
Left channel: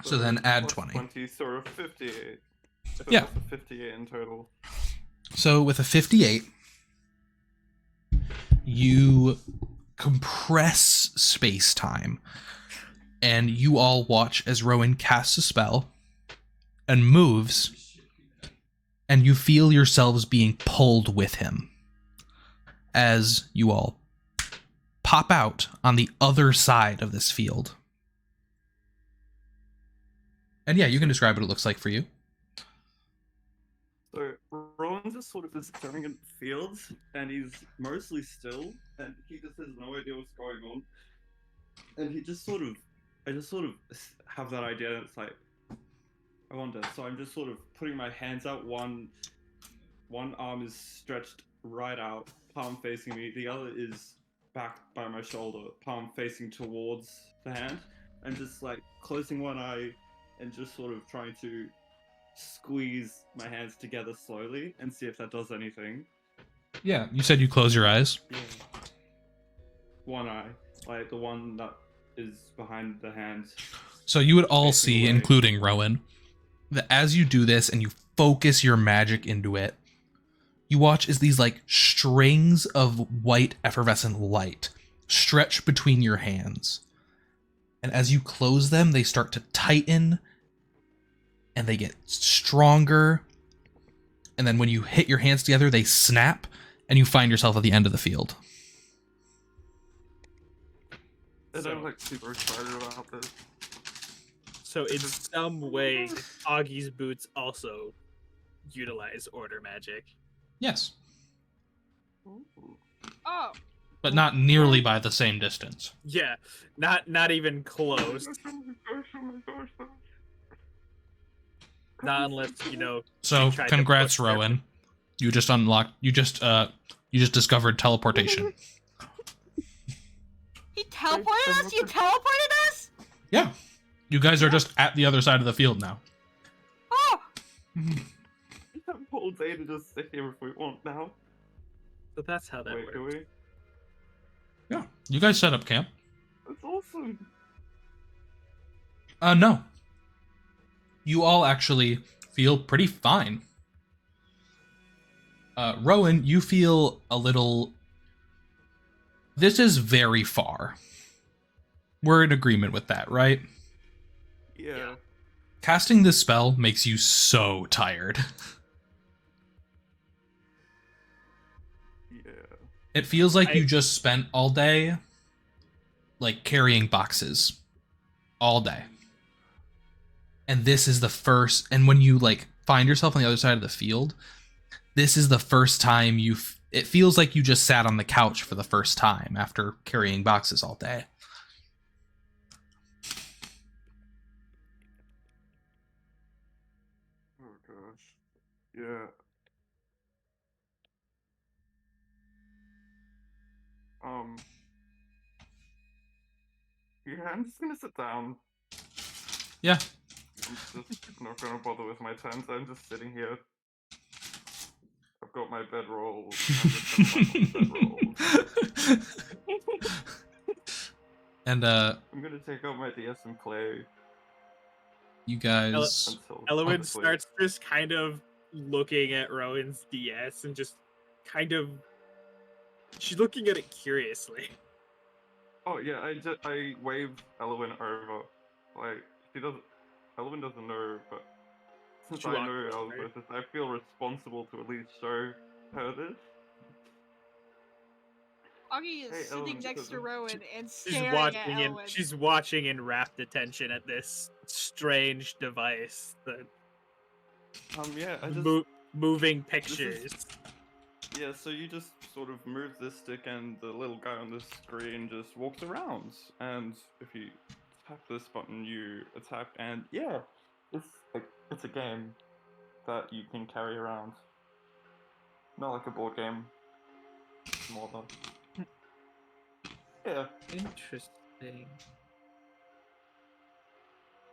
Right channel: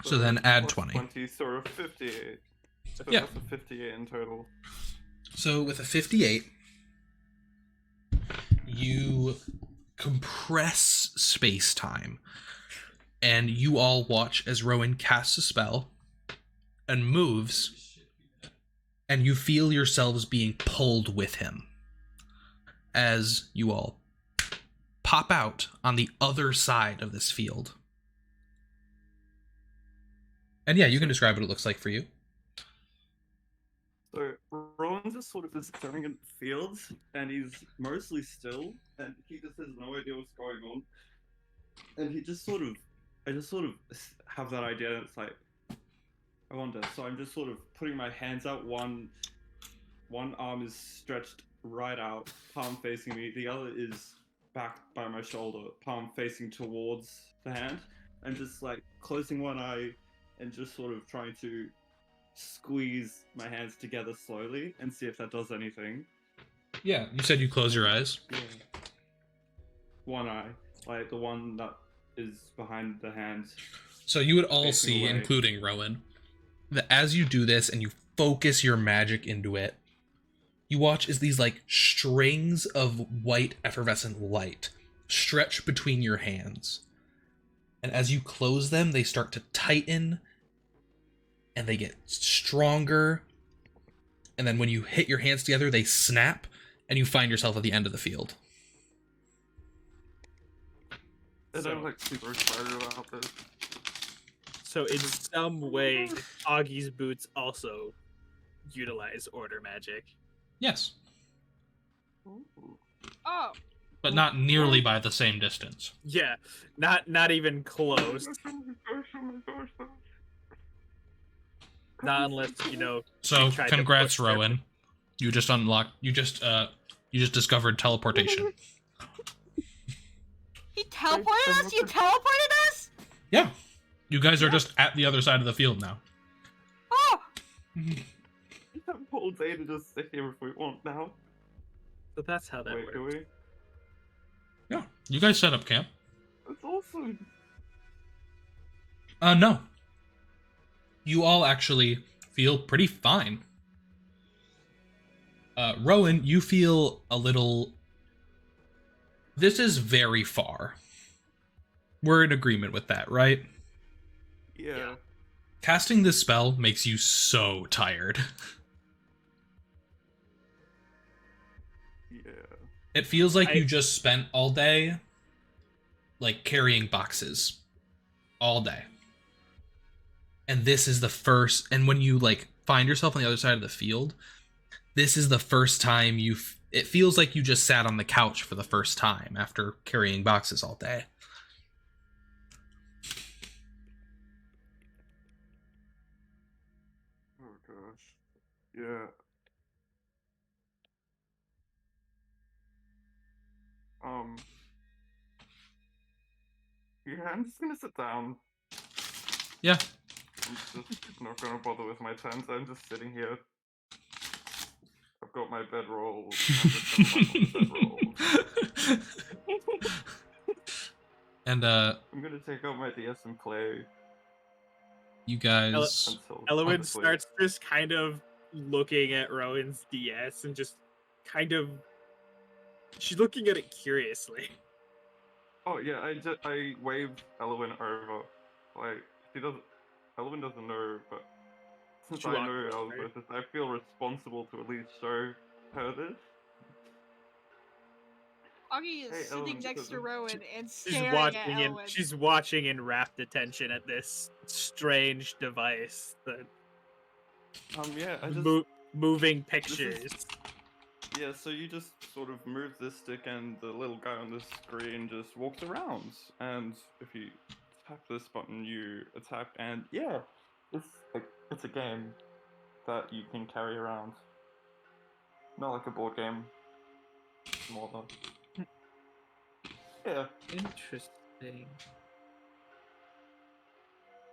So then add plus 20. 20, so a 58. So Yeah. that's a 58 in total. So with a 58, you compress space-time, and you all watch as Rowan casts a spell and moves, and you feel yourselves being pulled with him as you all pop out on the other side of this field. And yeah, you can describe what it looks like for you. So Rowan just sort of just staring at fields, and he's mostly still, and he just has no idea what's going on. And he just sort of, I just sort of have that idea, and it's like, I wonder. So I'm just sort of putting my hands out. One arm is stretched right out, palm facing me. The other is back by my shoulder, palm facing towards the hand. I'm just like closing one eye and just sort of trying to squeeze my hands together slowly and see if that does anything. Yeah, you said you close your eyes. Yeah. One eye, like the one that is behind the hand. So you would all Facing see, away. including Rowan, that as you do this and you focus your magic into it, you watch as these like strings of white effervescent light stretch between your hands. And as you close them, they start to tighten and they get stronger. And then when you hit your hands together, they snap and you find yourself at the end of the field. And So- I'm like super excited about this. So in some way, Augie's boots also utilize order magic. Yes, Ooh. Oh, but not nearly by the same distance. Yeah, not even close. Not unless So You tried to congrats, push them. Rowan. You just unlocked. You just discovered teleportation. he teleported us? You teleported us? Yeah, you guys are just at the other side of the field now. Oh, We have all day to just sit here if we want now. So that's how that Wait, do works. we? Yeah, you guys set up camp. That's awesome. No. You all actually feel pretty fine. Rowan, you feel a little... This is very far. We're in agreement with that, right? Yeah. Casting this spell makes you so tired. Yeah. It feels like I- you just spent all day, like, carrying boxes. All day. And this is the first... And when you, like, find yourself on the other side of the field, this is the first time it feels like you just sat on the couch for the first time after carrying boxes all day. Oh gosh. Yeah. Yeah, I'm just gonna sit down. Yeah. I'm just not gonna bother with my turns. I'm just sitting here. I've got my bedroll. I'm just gonna lie on the bedroll. And I'm gonna take out my DS and play you guys... until Elawin honestly- starts just kind of looking at Rowan's DS and just kind of... She's looking at it curiously. Oh yeah, I waved Elawin over. Like Elawin doesn't know, but since She I walked know over. Elawin, I feel responsible to at least show her this. Augie is Hey, sitting Elwin, next to doesn't- Rowan and She's staring at watching Elwin. she's watching in rapt attention at this strange device that Yeah, I just moving is- pictures. yeah. So you just sort of move this stick, and the little guy on the screen just walks around. And if you tap this button, you attack, and yeah, it's a game that you can carry around. Not like a board game. More than yeah. Interesting.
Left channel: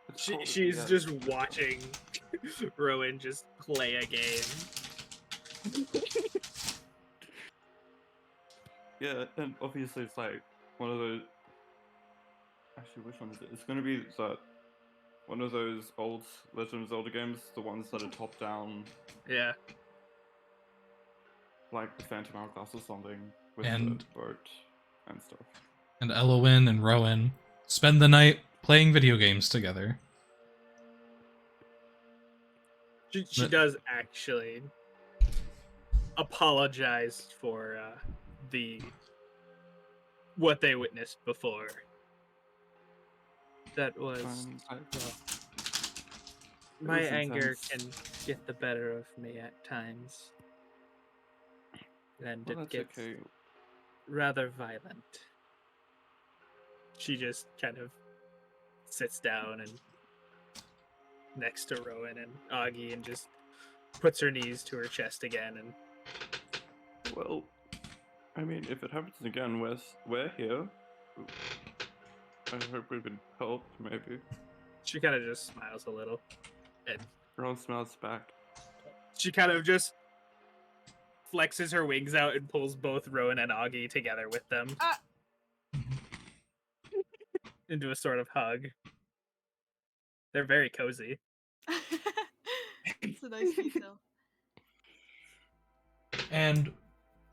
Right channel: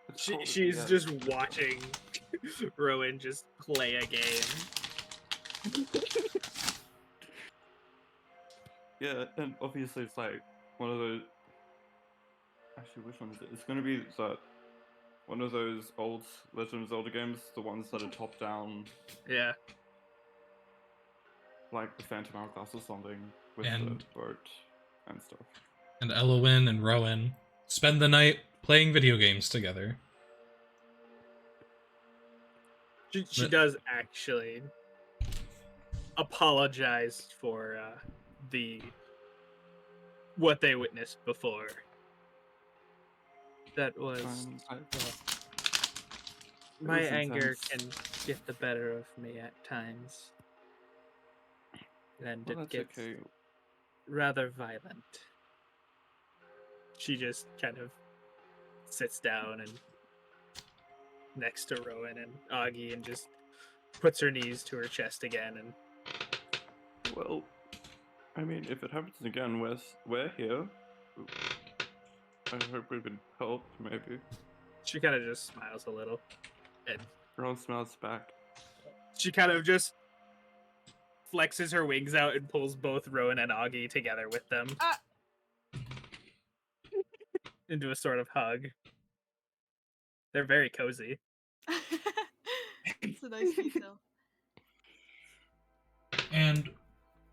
It's called- She's yeah. just watching Rowan just play a game. Yeah, and obviously it's like one of those. Actually, which one is it? It's gonna be that one of those old Legend of Zelda games, the ones that are top down, Yeah. like the Phantom Hourglass or something, with And- the boat and stuff. And Elawin and Rowan spend the night playing video games together. She But- does actually apologize for what they witnessed before. That was my was anger intense. can get the better of me at times. and Well, it that's gets okay. rather violent. She just kind of sits down and next to Rowan and Auggie and just puts her knees to her chest again, and Well, I mean, if it happens again, we're here. I hope we could help, maybe. she kind of just smiles a little, and Ron smiles back. she kind of just flexes her wings out and pulls both Rowan and Auggie together with them into a sort of hug. They're very cozy. It's a nice detail. And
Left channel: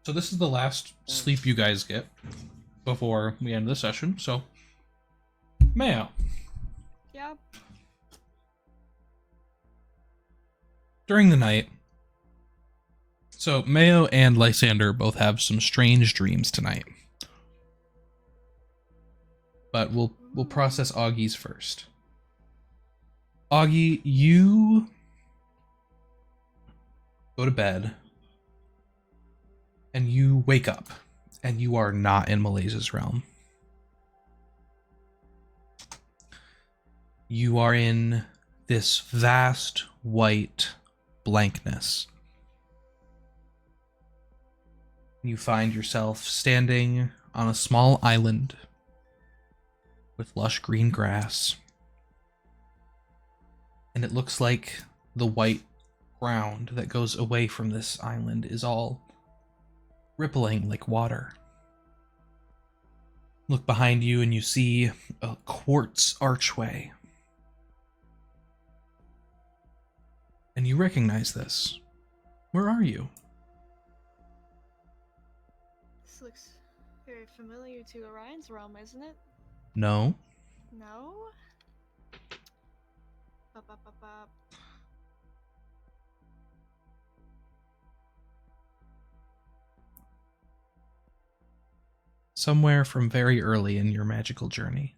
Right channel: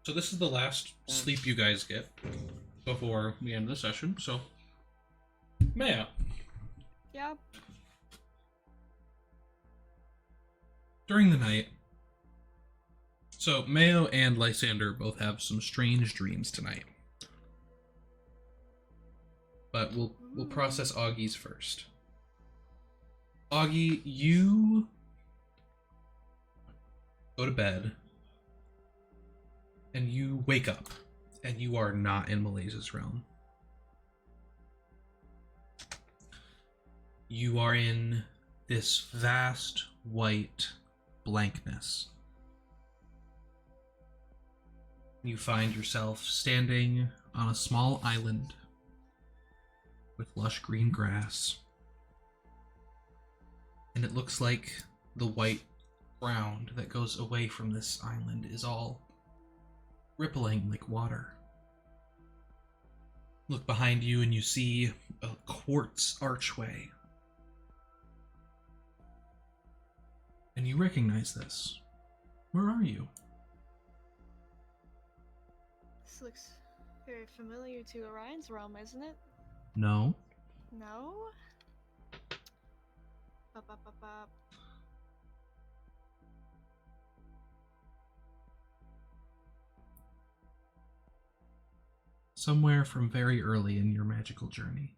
so this is the last sleep you guys get before we end the session. So, Mayo, Yeah. during the night. So Mayo and Lysander both have some strange dreams tonight. But we'll process Augie's first. Auggie, you go to bed and you wake up and you are not in Malaysia's realm. You are in this vast white blankness. You find yourself standing on a small island with lush green grass. And it looks like the white ground that goes away from this island is all rippling like water. Look behind you and you see a quartz archway. And you recognize this. Where are you? This looks very familiar to Orion's realm, isn't it? No. No? Bop, bop, bop, bop. Somewhere from very early in your magical journey.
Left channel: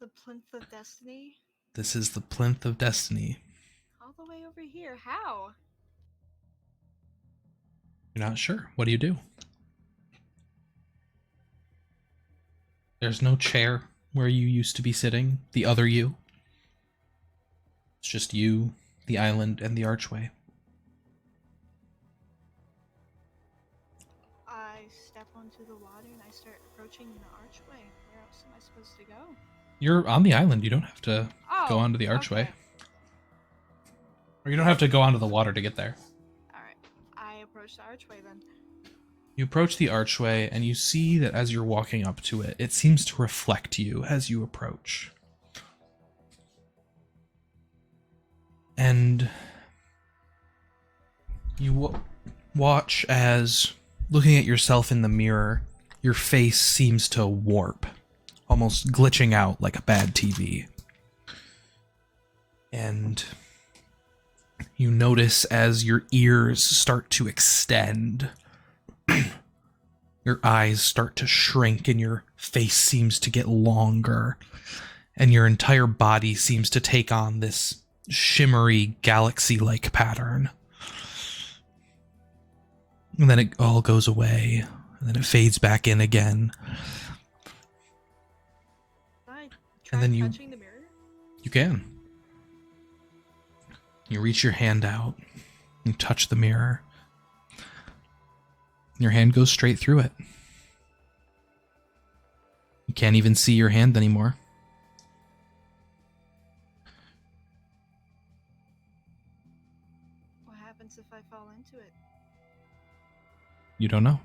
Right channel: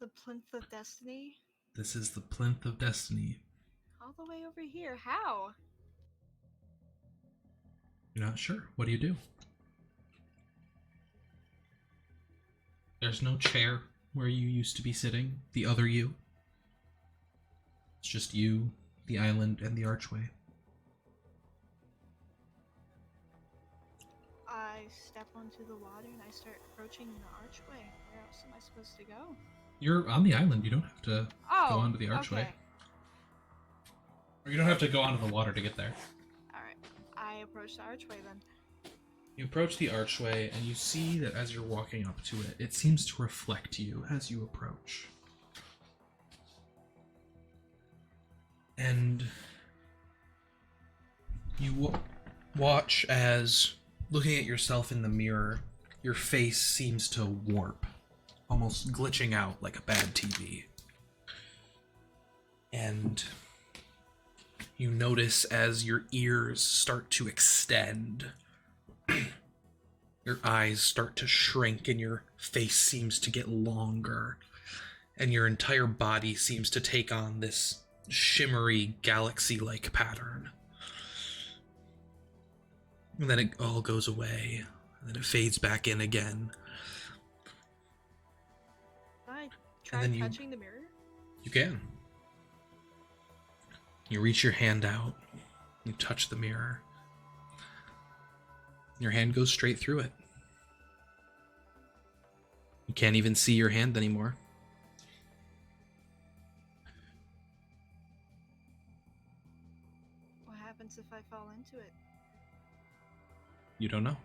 The Plinth of Destiny? This is the Plinth of Destiny. All the way over here. How? You're not sure. What do you do? There's no chair where you used to be sitting, the other you. It's just you, the island, and the archway. I step onto the water and I start approaching the archway. Where else am I supposed to go? You're on the island. You don't have to go onto the archway. Okay. Or you don't have to go onto the water to get there. Alright. I approach the archway then. You approach the archway and you see that as you're walking up to it, it seems to reflect you as you approach. And you watch as, looking at yourself in the mirror, your face seems to warp, almost glitching out like a bad TV. And you notice as your ears start to extend, your eyes start to shrink and your face seems to get longer, and your entire body seems to take on this shimmery galaxy-like pattern. And then it all goes away, and then it fades back in again. Can I try then you- touching the mirror? You can. You reach your hand out, you touch the mirror. Your hand goes straight through it. You can't even see your hand anymore. What happens if I fall into it? You don't know.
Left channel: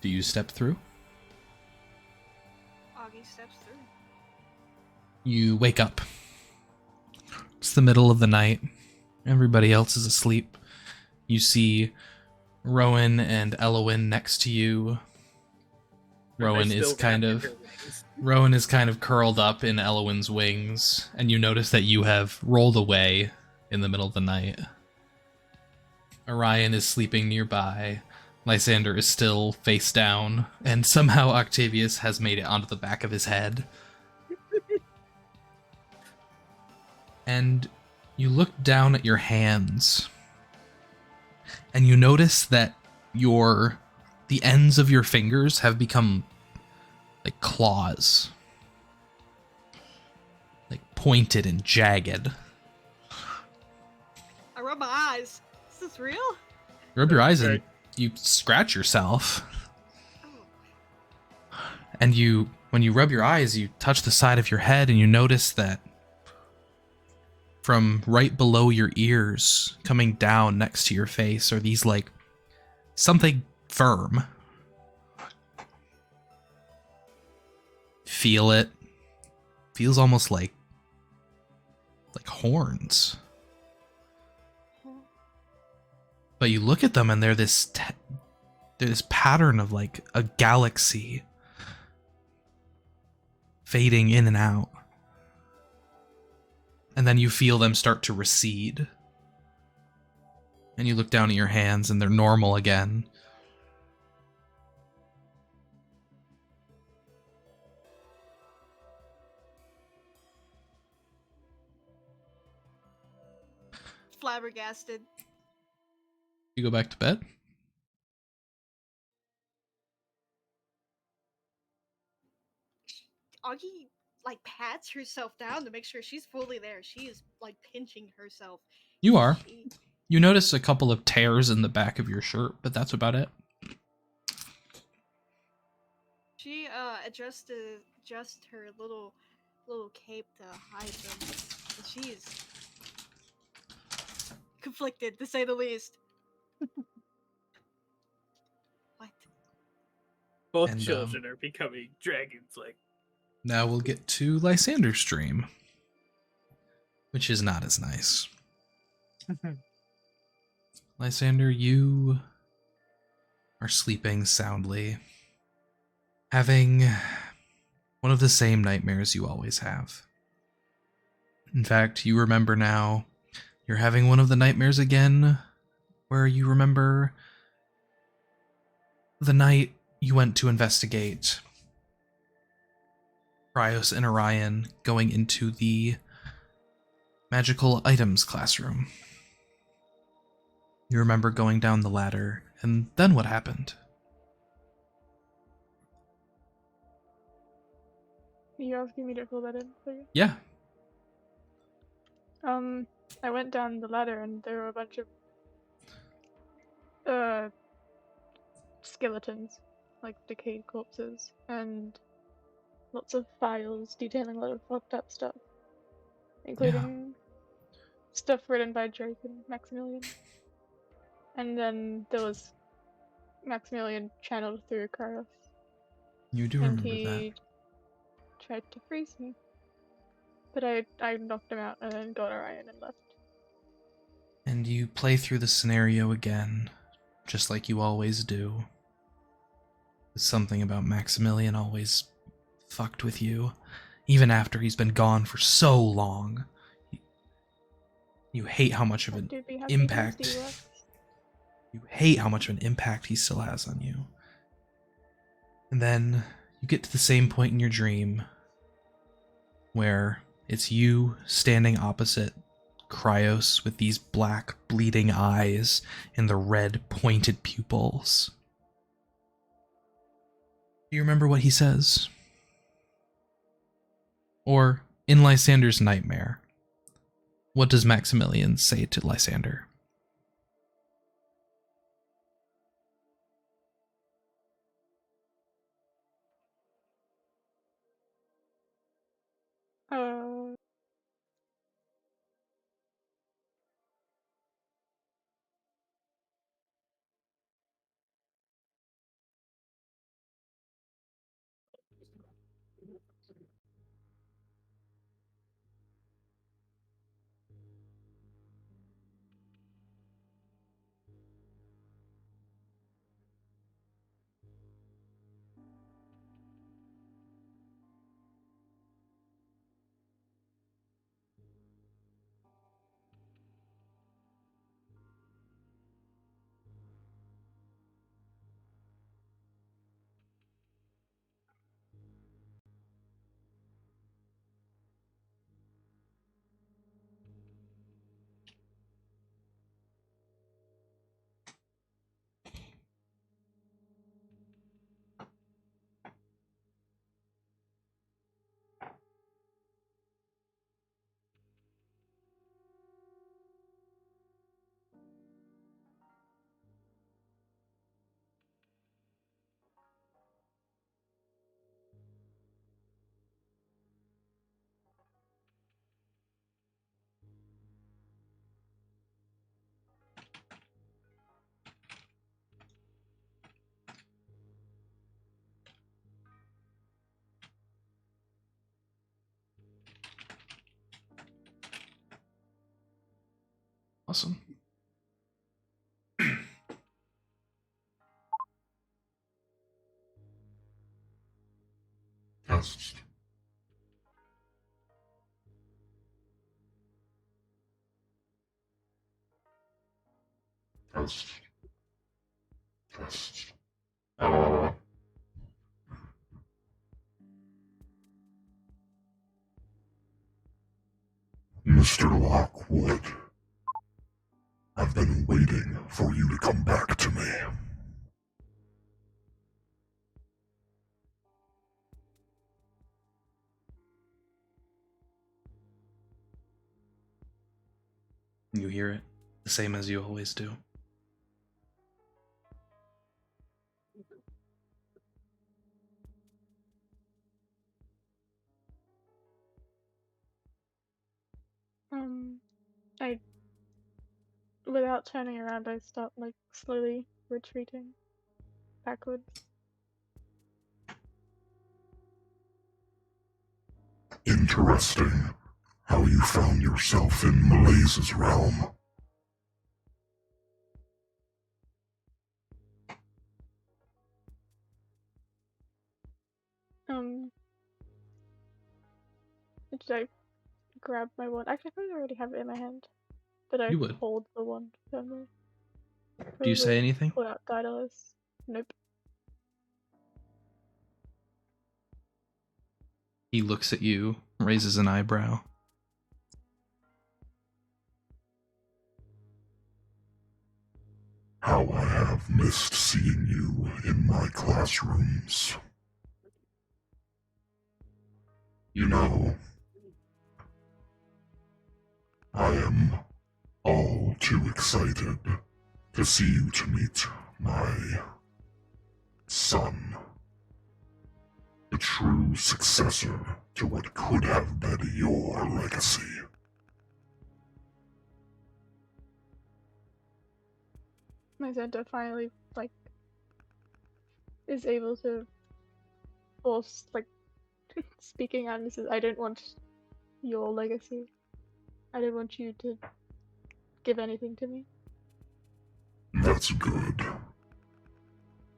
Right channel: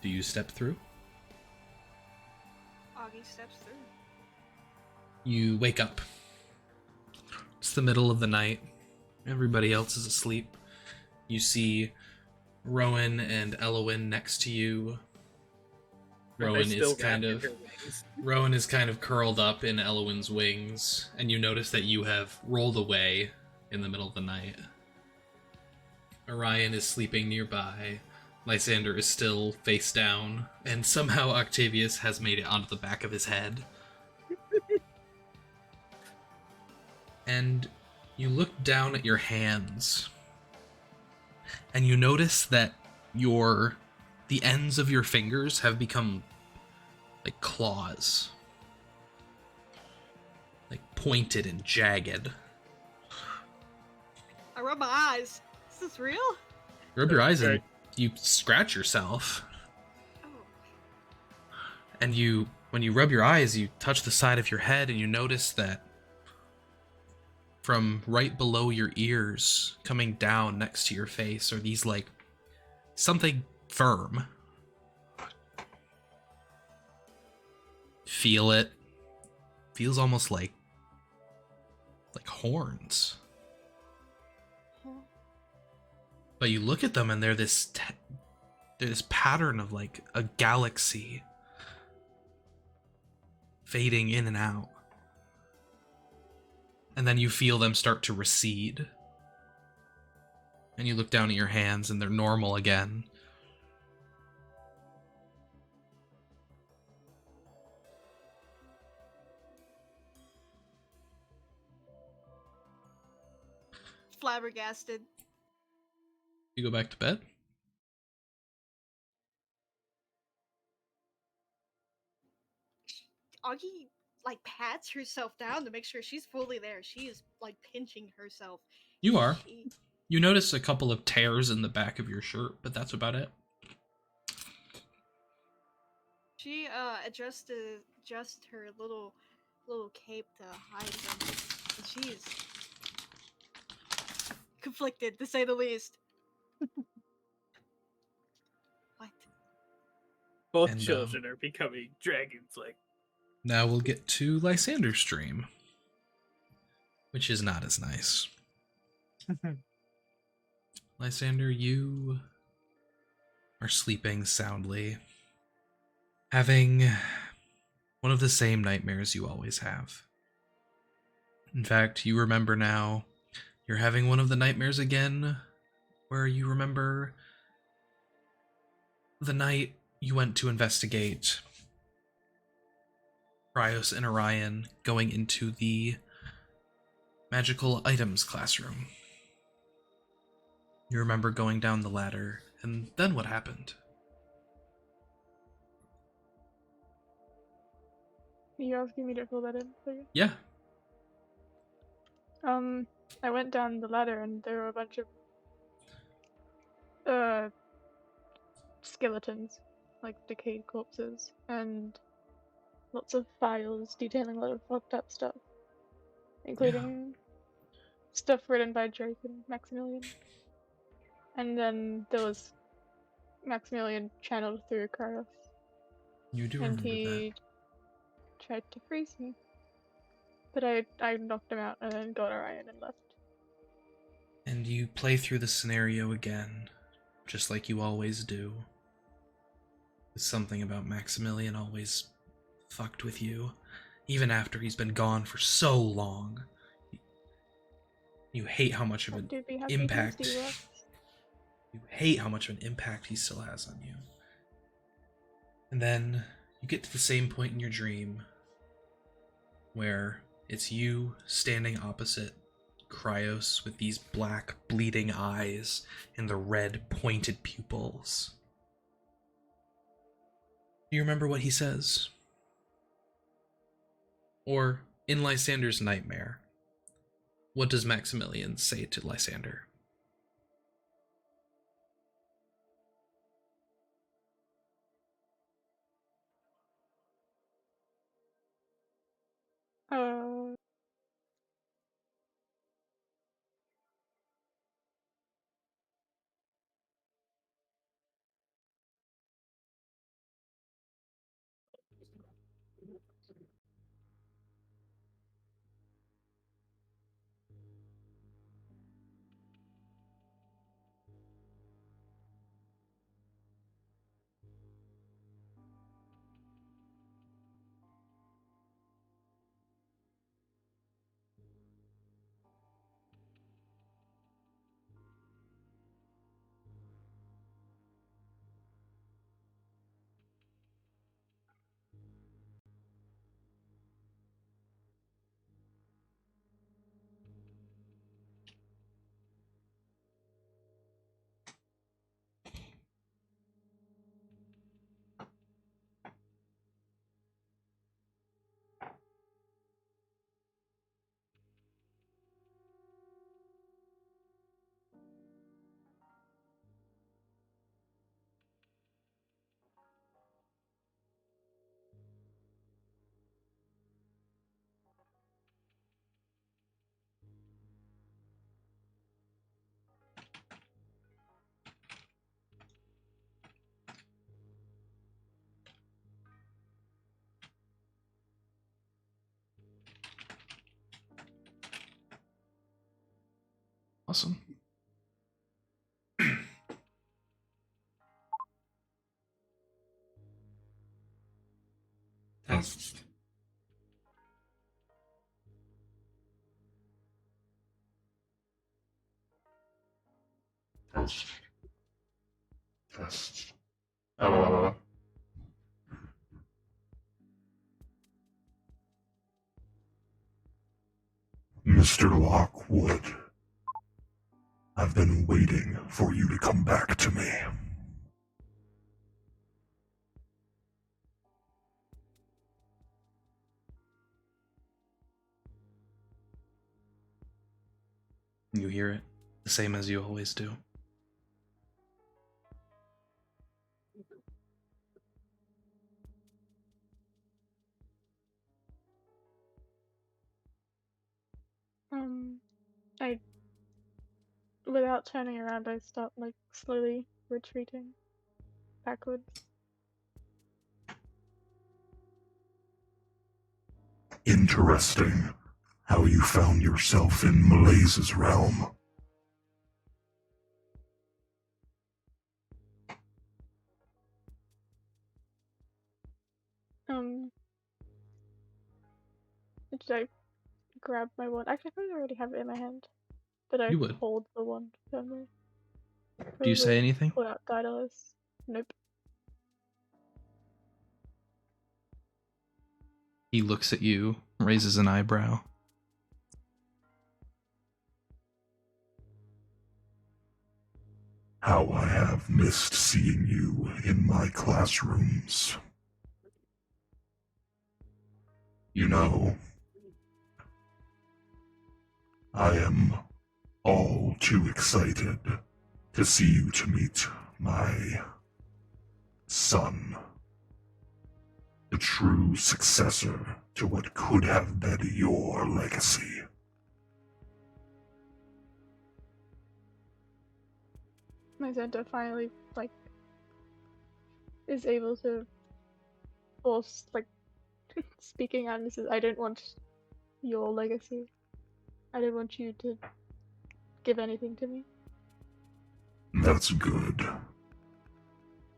Do you step through? Auggie steps through. You wake up. It's the middle of the night. Everybody else is asleep. You see Rowan and Elawin next to you. Rowan is kind of curled up in Elawin's wings, and you notice that you have rolled away in the middle of the night. Orion is sleeping nearby. Lysander is still face down, and somehow Octavius has made it onto the back of his head. And You look down at your hands, and you notice that the ends of your fingers have become like claws, like pointed and jagged. I rub my eyes. Is this real? You rub your eyes and Right. you scratch yourself, Oh. and when you rub your eyes, you touch the side of your head, and you notice that from right below your ears, coming down next to your face, are these like something firm. Feel it. Feels almost like horns. Huh. But you look at them and they're this pattern of like a galaxy fading in and out. And then you feel them start to recede. And you look down at your hands and they're normal again. Flabbergasted. You go back to bed? Auggie like pats herself down to make sure she's fully there. She is like pinching herself. You are. She, You notice a couple of tears in the back of your shirt, but that's about it. she adjusts her little cape to hide them. And she's conflicted to say the least. What? Both And, children are becoming dragons. Like, Now we'll get to Lysander's dream, which is not as nice. Lysander, you are sleeping soundly, having one of the same nightmares you always have. In fact, you remember now you're having one of the nightmares again, where you remember the night you went to investigate Cryos and Orion going into the magical items classroom. You remember going down the ladder, and then what happened? Are you asking me to fill that in for you? Yeah. I went down the ladder and there were a bunch of skeletons, like decayed corpses, and lots of files detailing a lot of fucked up stuff, including stuff written by Drake and Maximilian. And then there was Maximilian channeled through Cryos, You do and remember that. he tried to freeze me. But I knocked him out and then got Orion and left. And you play through the scenario again, just like you always do. There's something about Maximilian always fucked with you, even after he's been gone for so long. You hate how much of That an dude be happy impact. Tuesday works. You hate how much of an impact he still has on you. And then you get to the same point in your dream where it's you standing opposite Cryos with these black bleeding eyes and the red pointed pupils. Do you remember what he says? Or in Lysander's nightmare, what does Maximilian say to Lysander? Uh, Awesome. Test. Test. Test. Mr. Lockwood, I've been waiting for you to come back to me. You hear it, the same as you always do. I, without turning around, I start like slowly retreating backwards. Interesting how you found yourself in Malais's realm. Did I grab my wand? Actually, I probably already have it in my hand. But I You would. hold the wand firmly. Do you say Probably anything? pull out Daedalus. Nope. He looks at you, raises an eyebrow. How I have missed seeing you in my classrooms. You know, I am all too excited to see you to meet my son. The true successor to what could have been your legacy. Lysander finally, like, is able to force, like, speaking out and says, I don't want your legacy. I don't want you to give anything to me. That's good.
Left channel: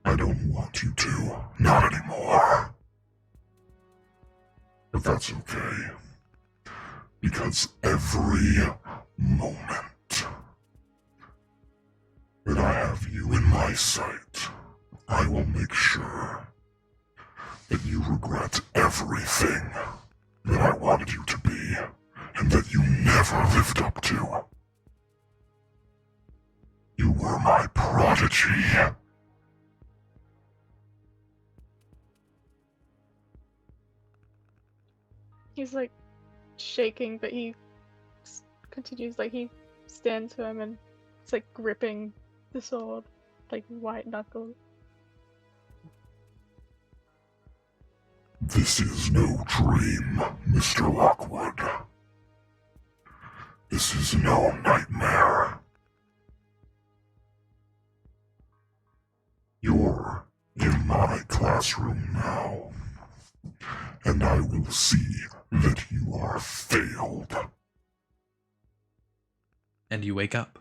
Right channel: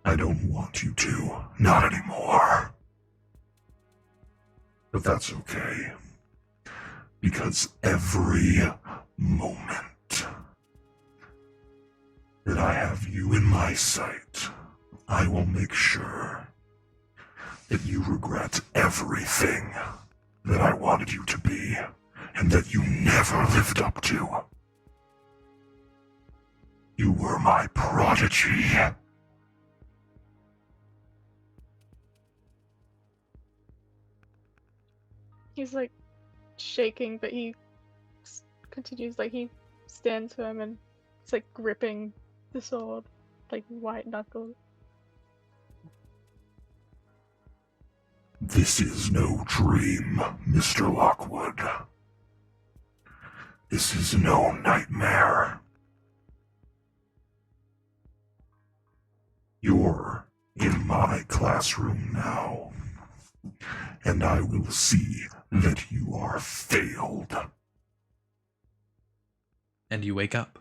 I don't want you to. Not anymore. But that's okay. Because every moment that I have you in my sight, I will make sure that you regret everything that I wanted you to be and that you never lived up to. You were my prodigy. He's like shaking, but he continues, like he stands firm and it's like gripping the sword, like white knuckles. This is no dream, Mr. Lockwood. This is no nightmare. You're in my classroom now, and I will see that you are failed. And you wake up.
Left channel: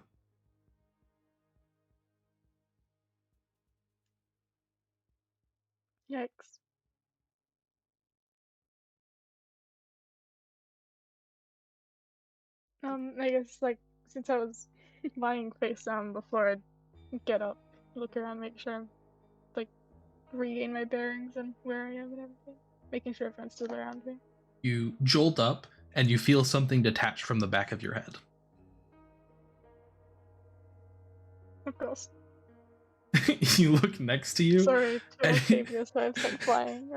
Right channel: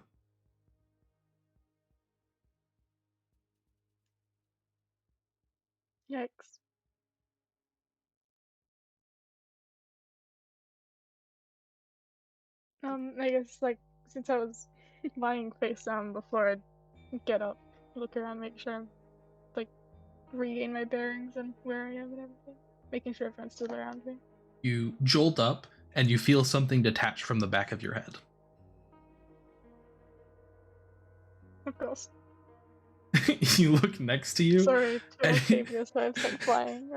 Yikes. I guess, like, since I was lying face down before I'd get up, look around, make sure I'm, like, regain my bearings and where I am and everything. Making sure everyone's still around me. You jolt up, and you feel something detach from the back of your head. Of course. You look next to you. Sorry to and- Octavius, I've started flying.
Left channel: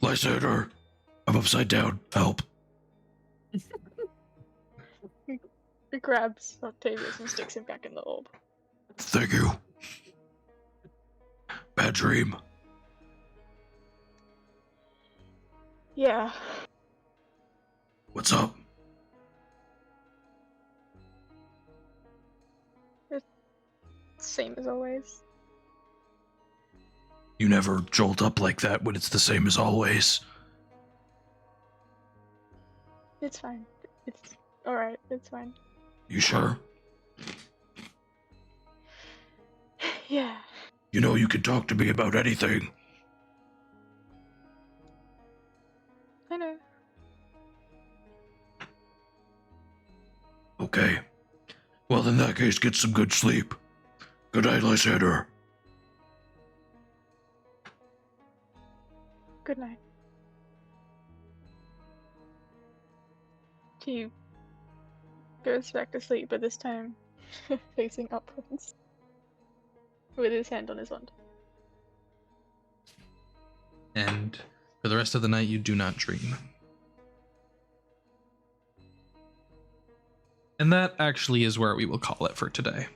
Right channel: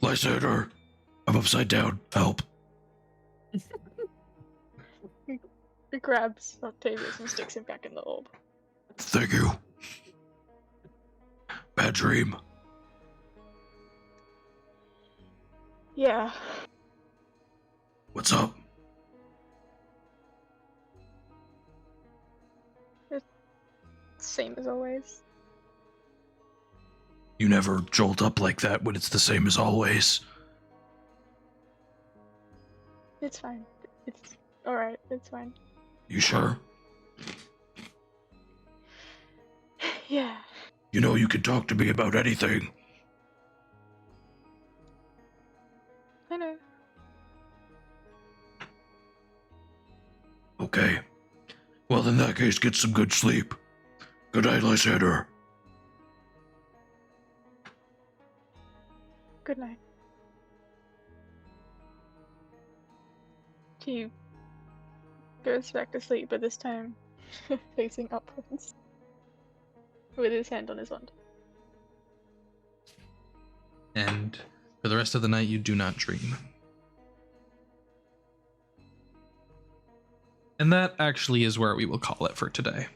Lysander, I'm upside down. Help. He grabs Octavius and sticks him back in the orb. Thank you. Bad dream. Yeah. What's up? Same as always. You never jolt up like that when it's the same as always. It's fine. It's Alright, it's fine. You sure? Yeah. You know you can talk to me about anything. I know. Okay. Well, in that case, get some good sleep. Good night, Lysander. Good night. He goes back to sleep, but this time facing upwards. With his hand on his wand. And for the rest of the night, you do not dream. And that actually is where we will call it for today.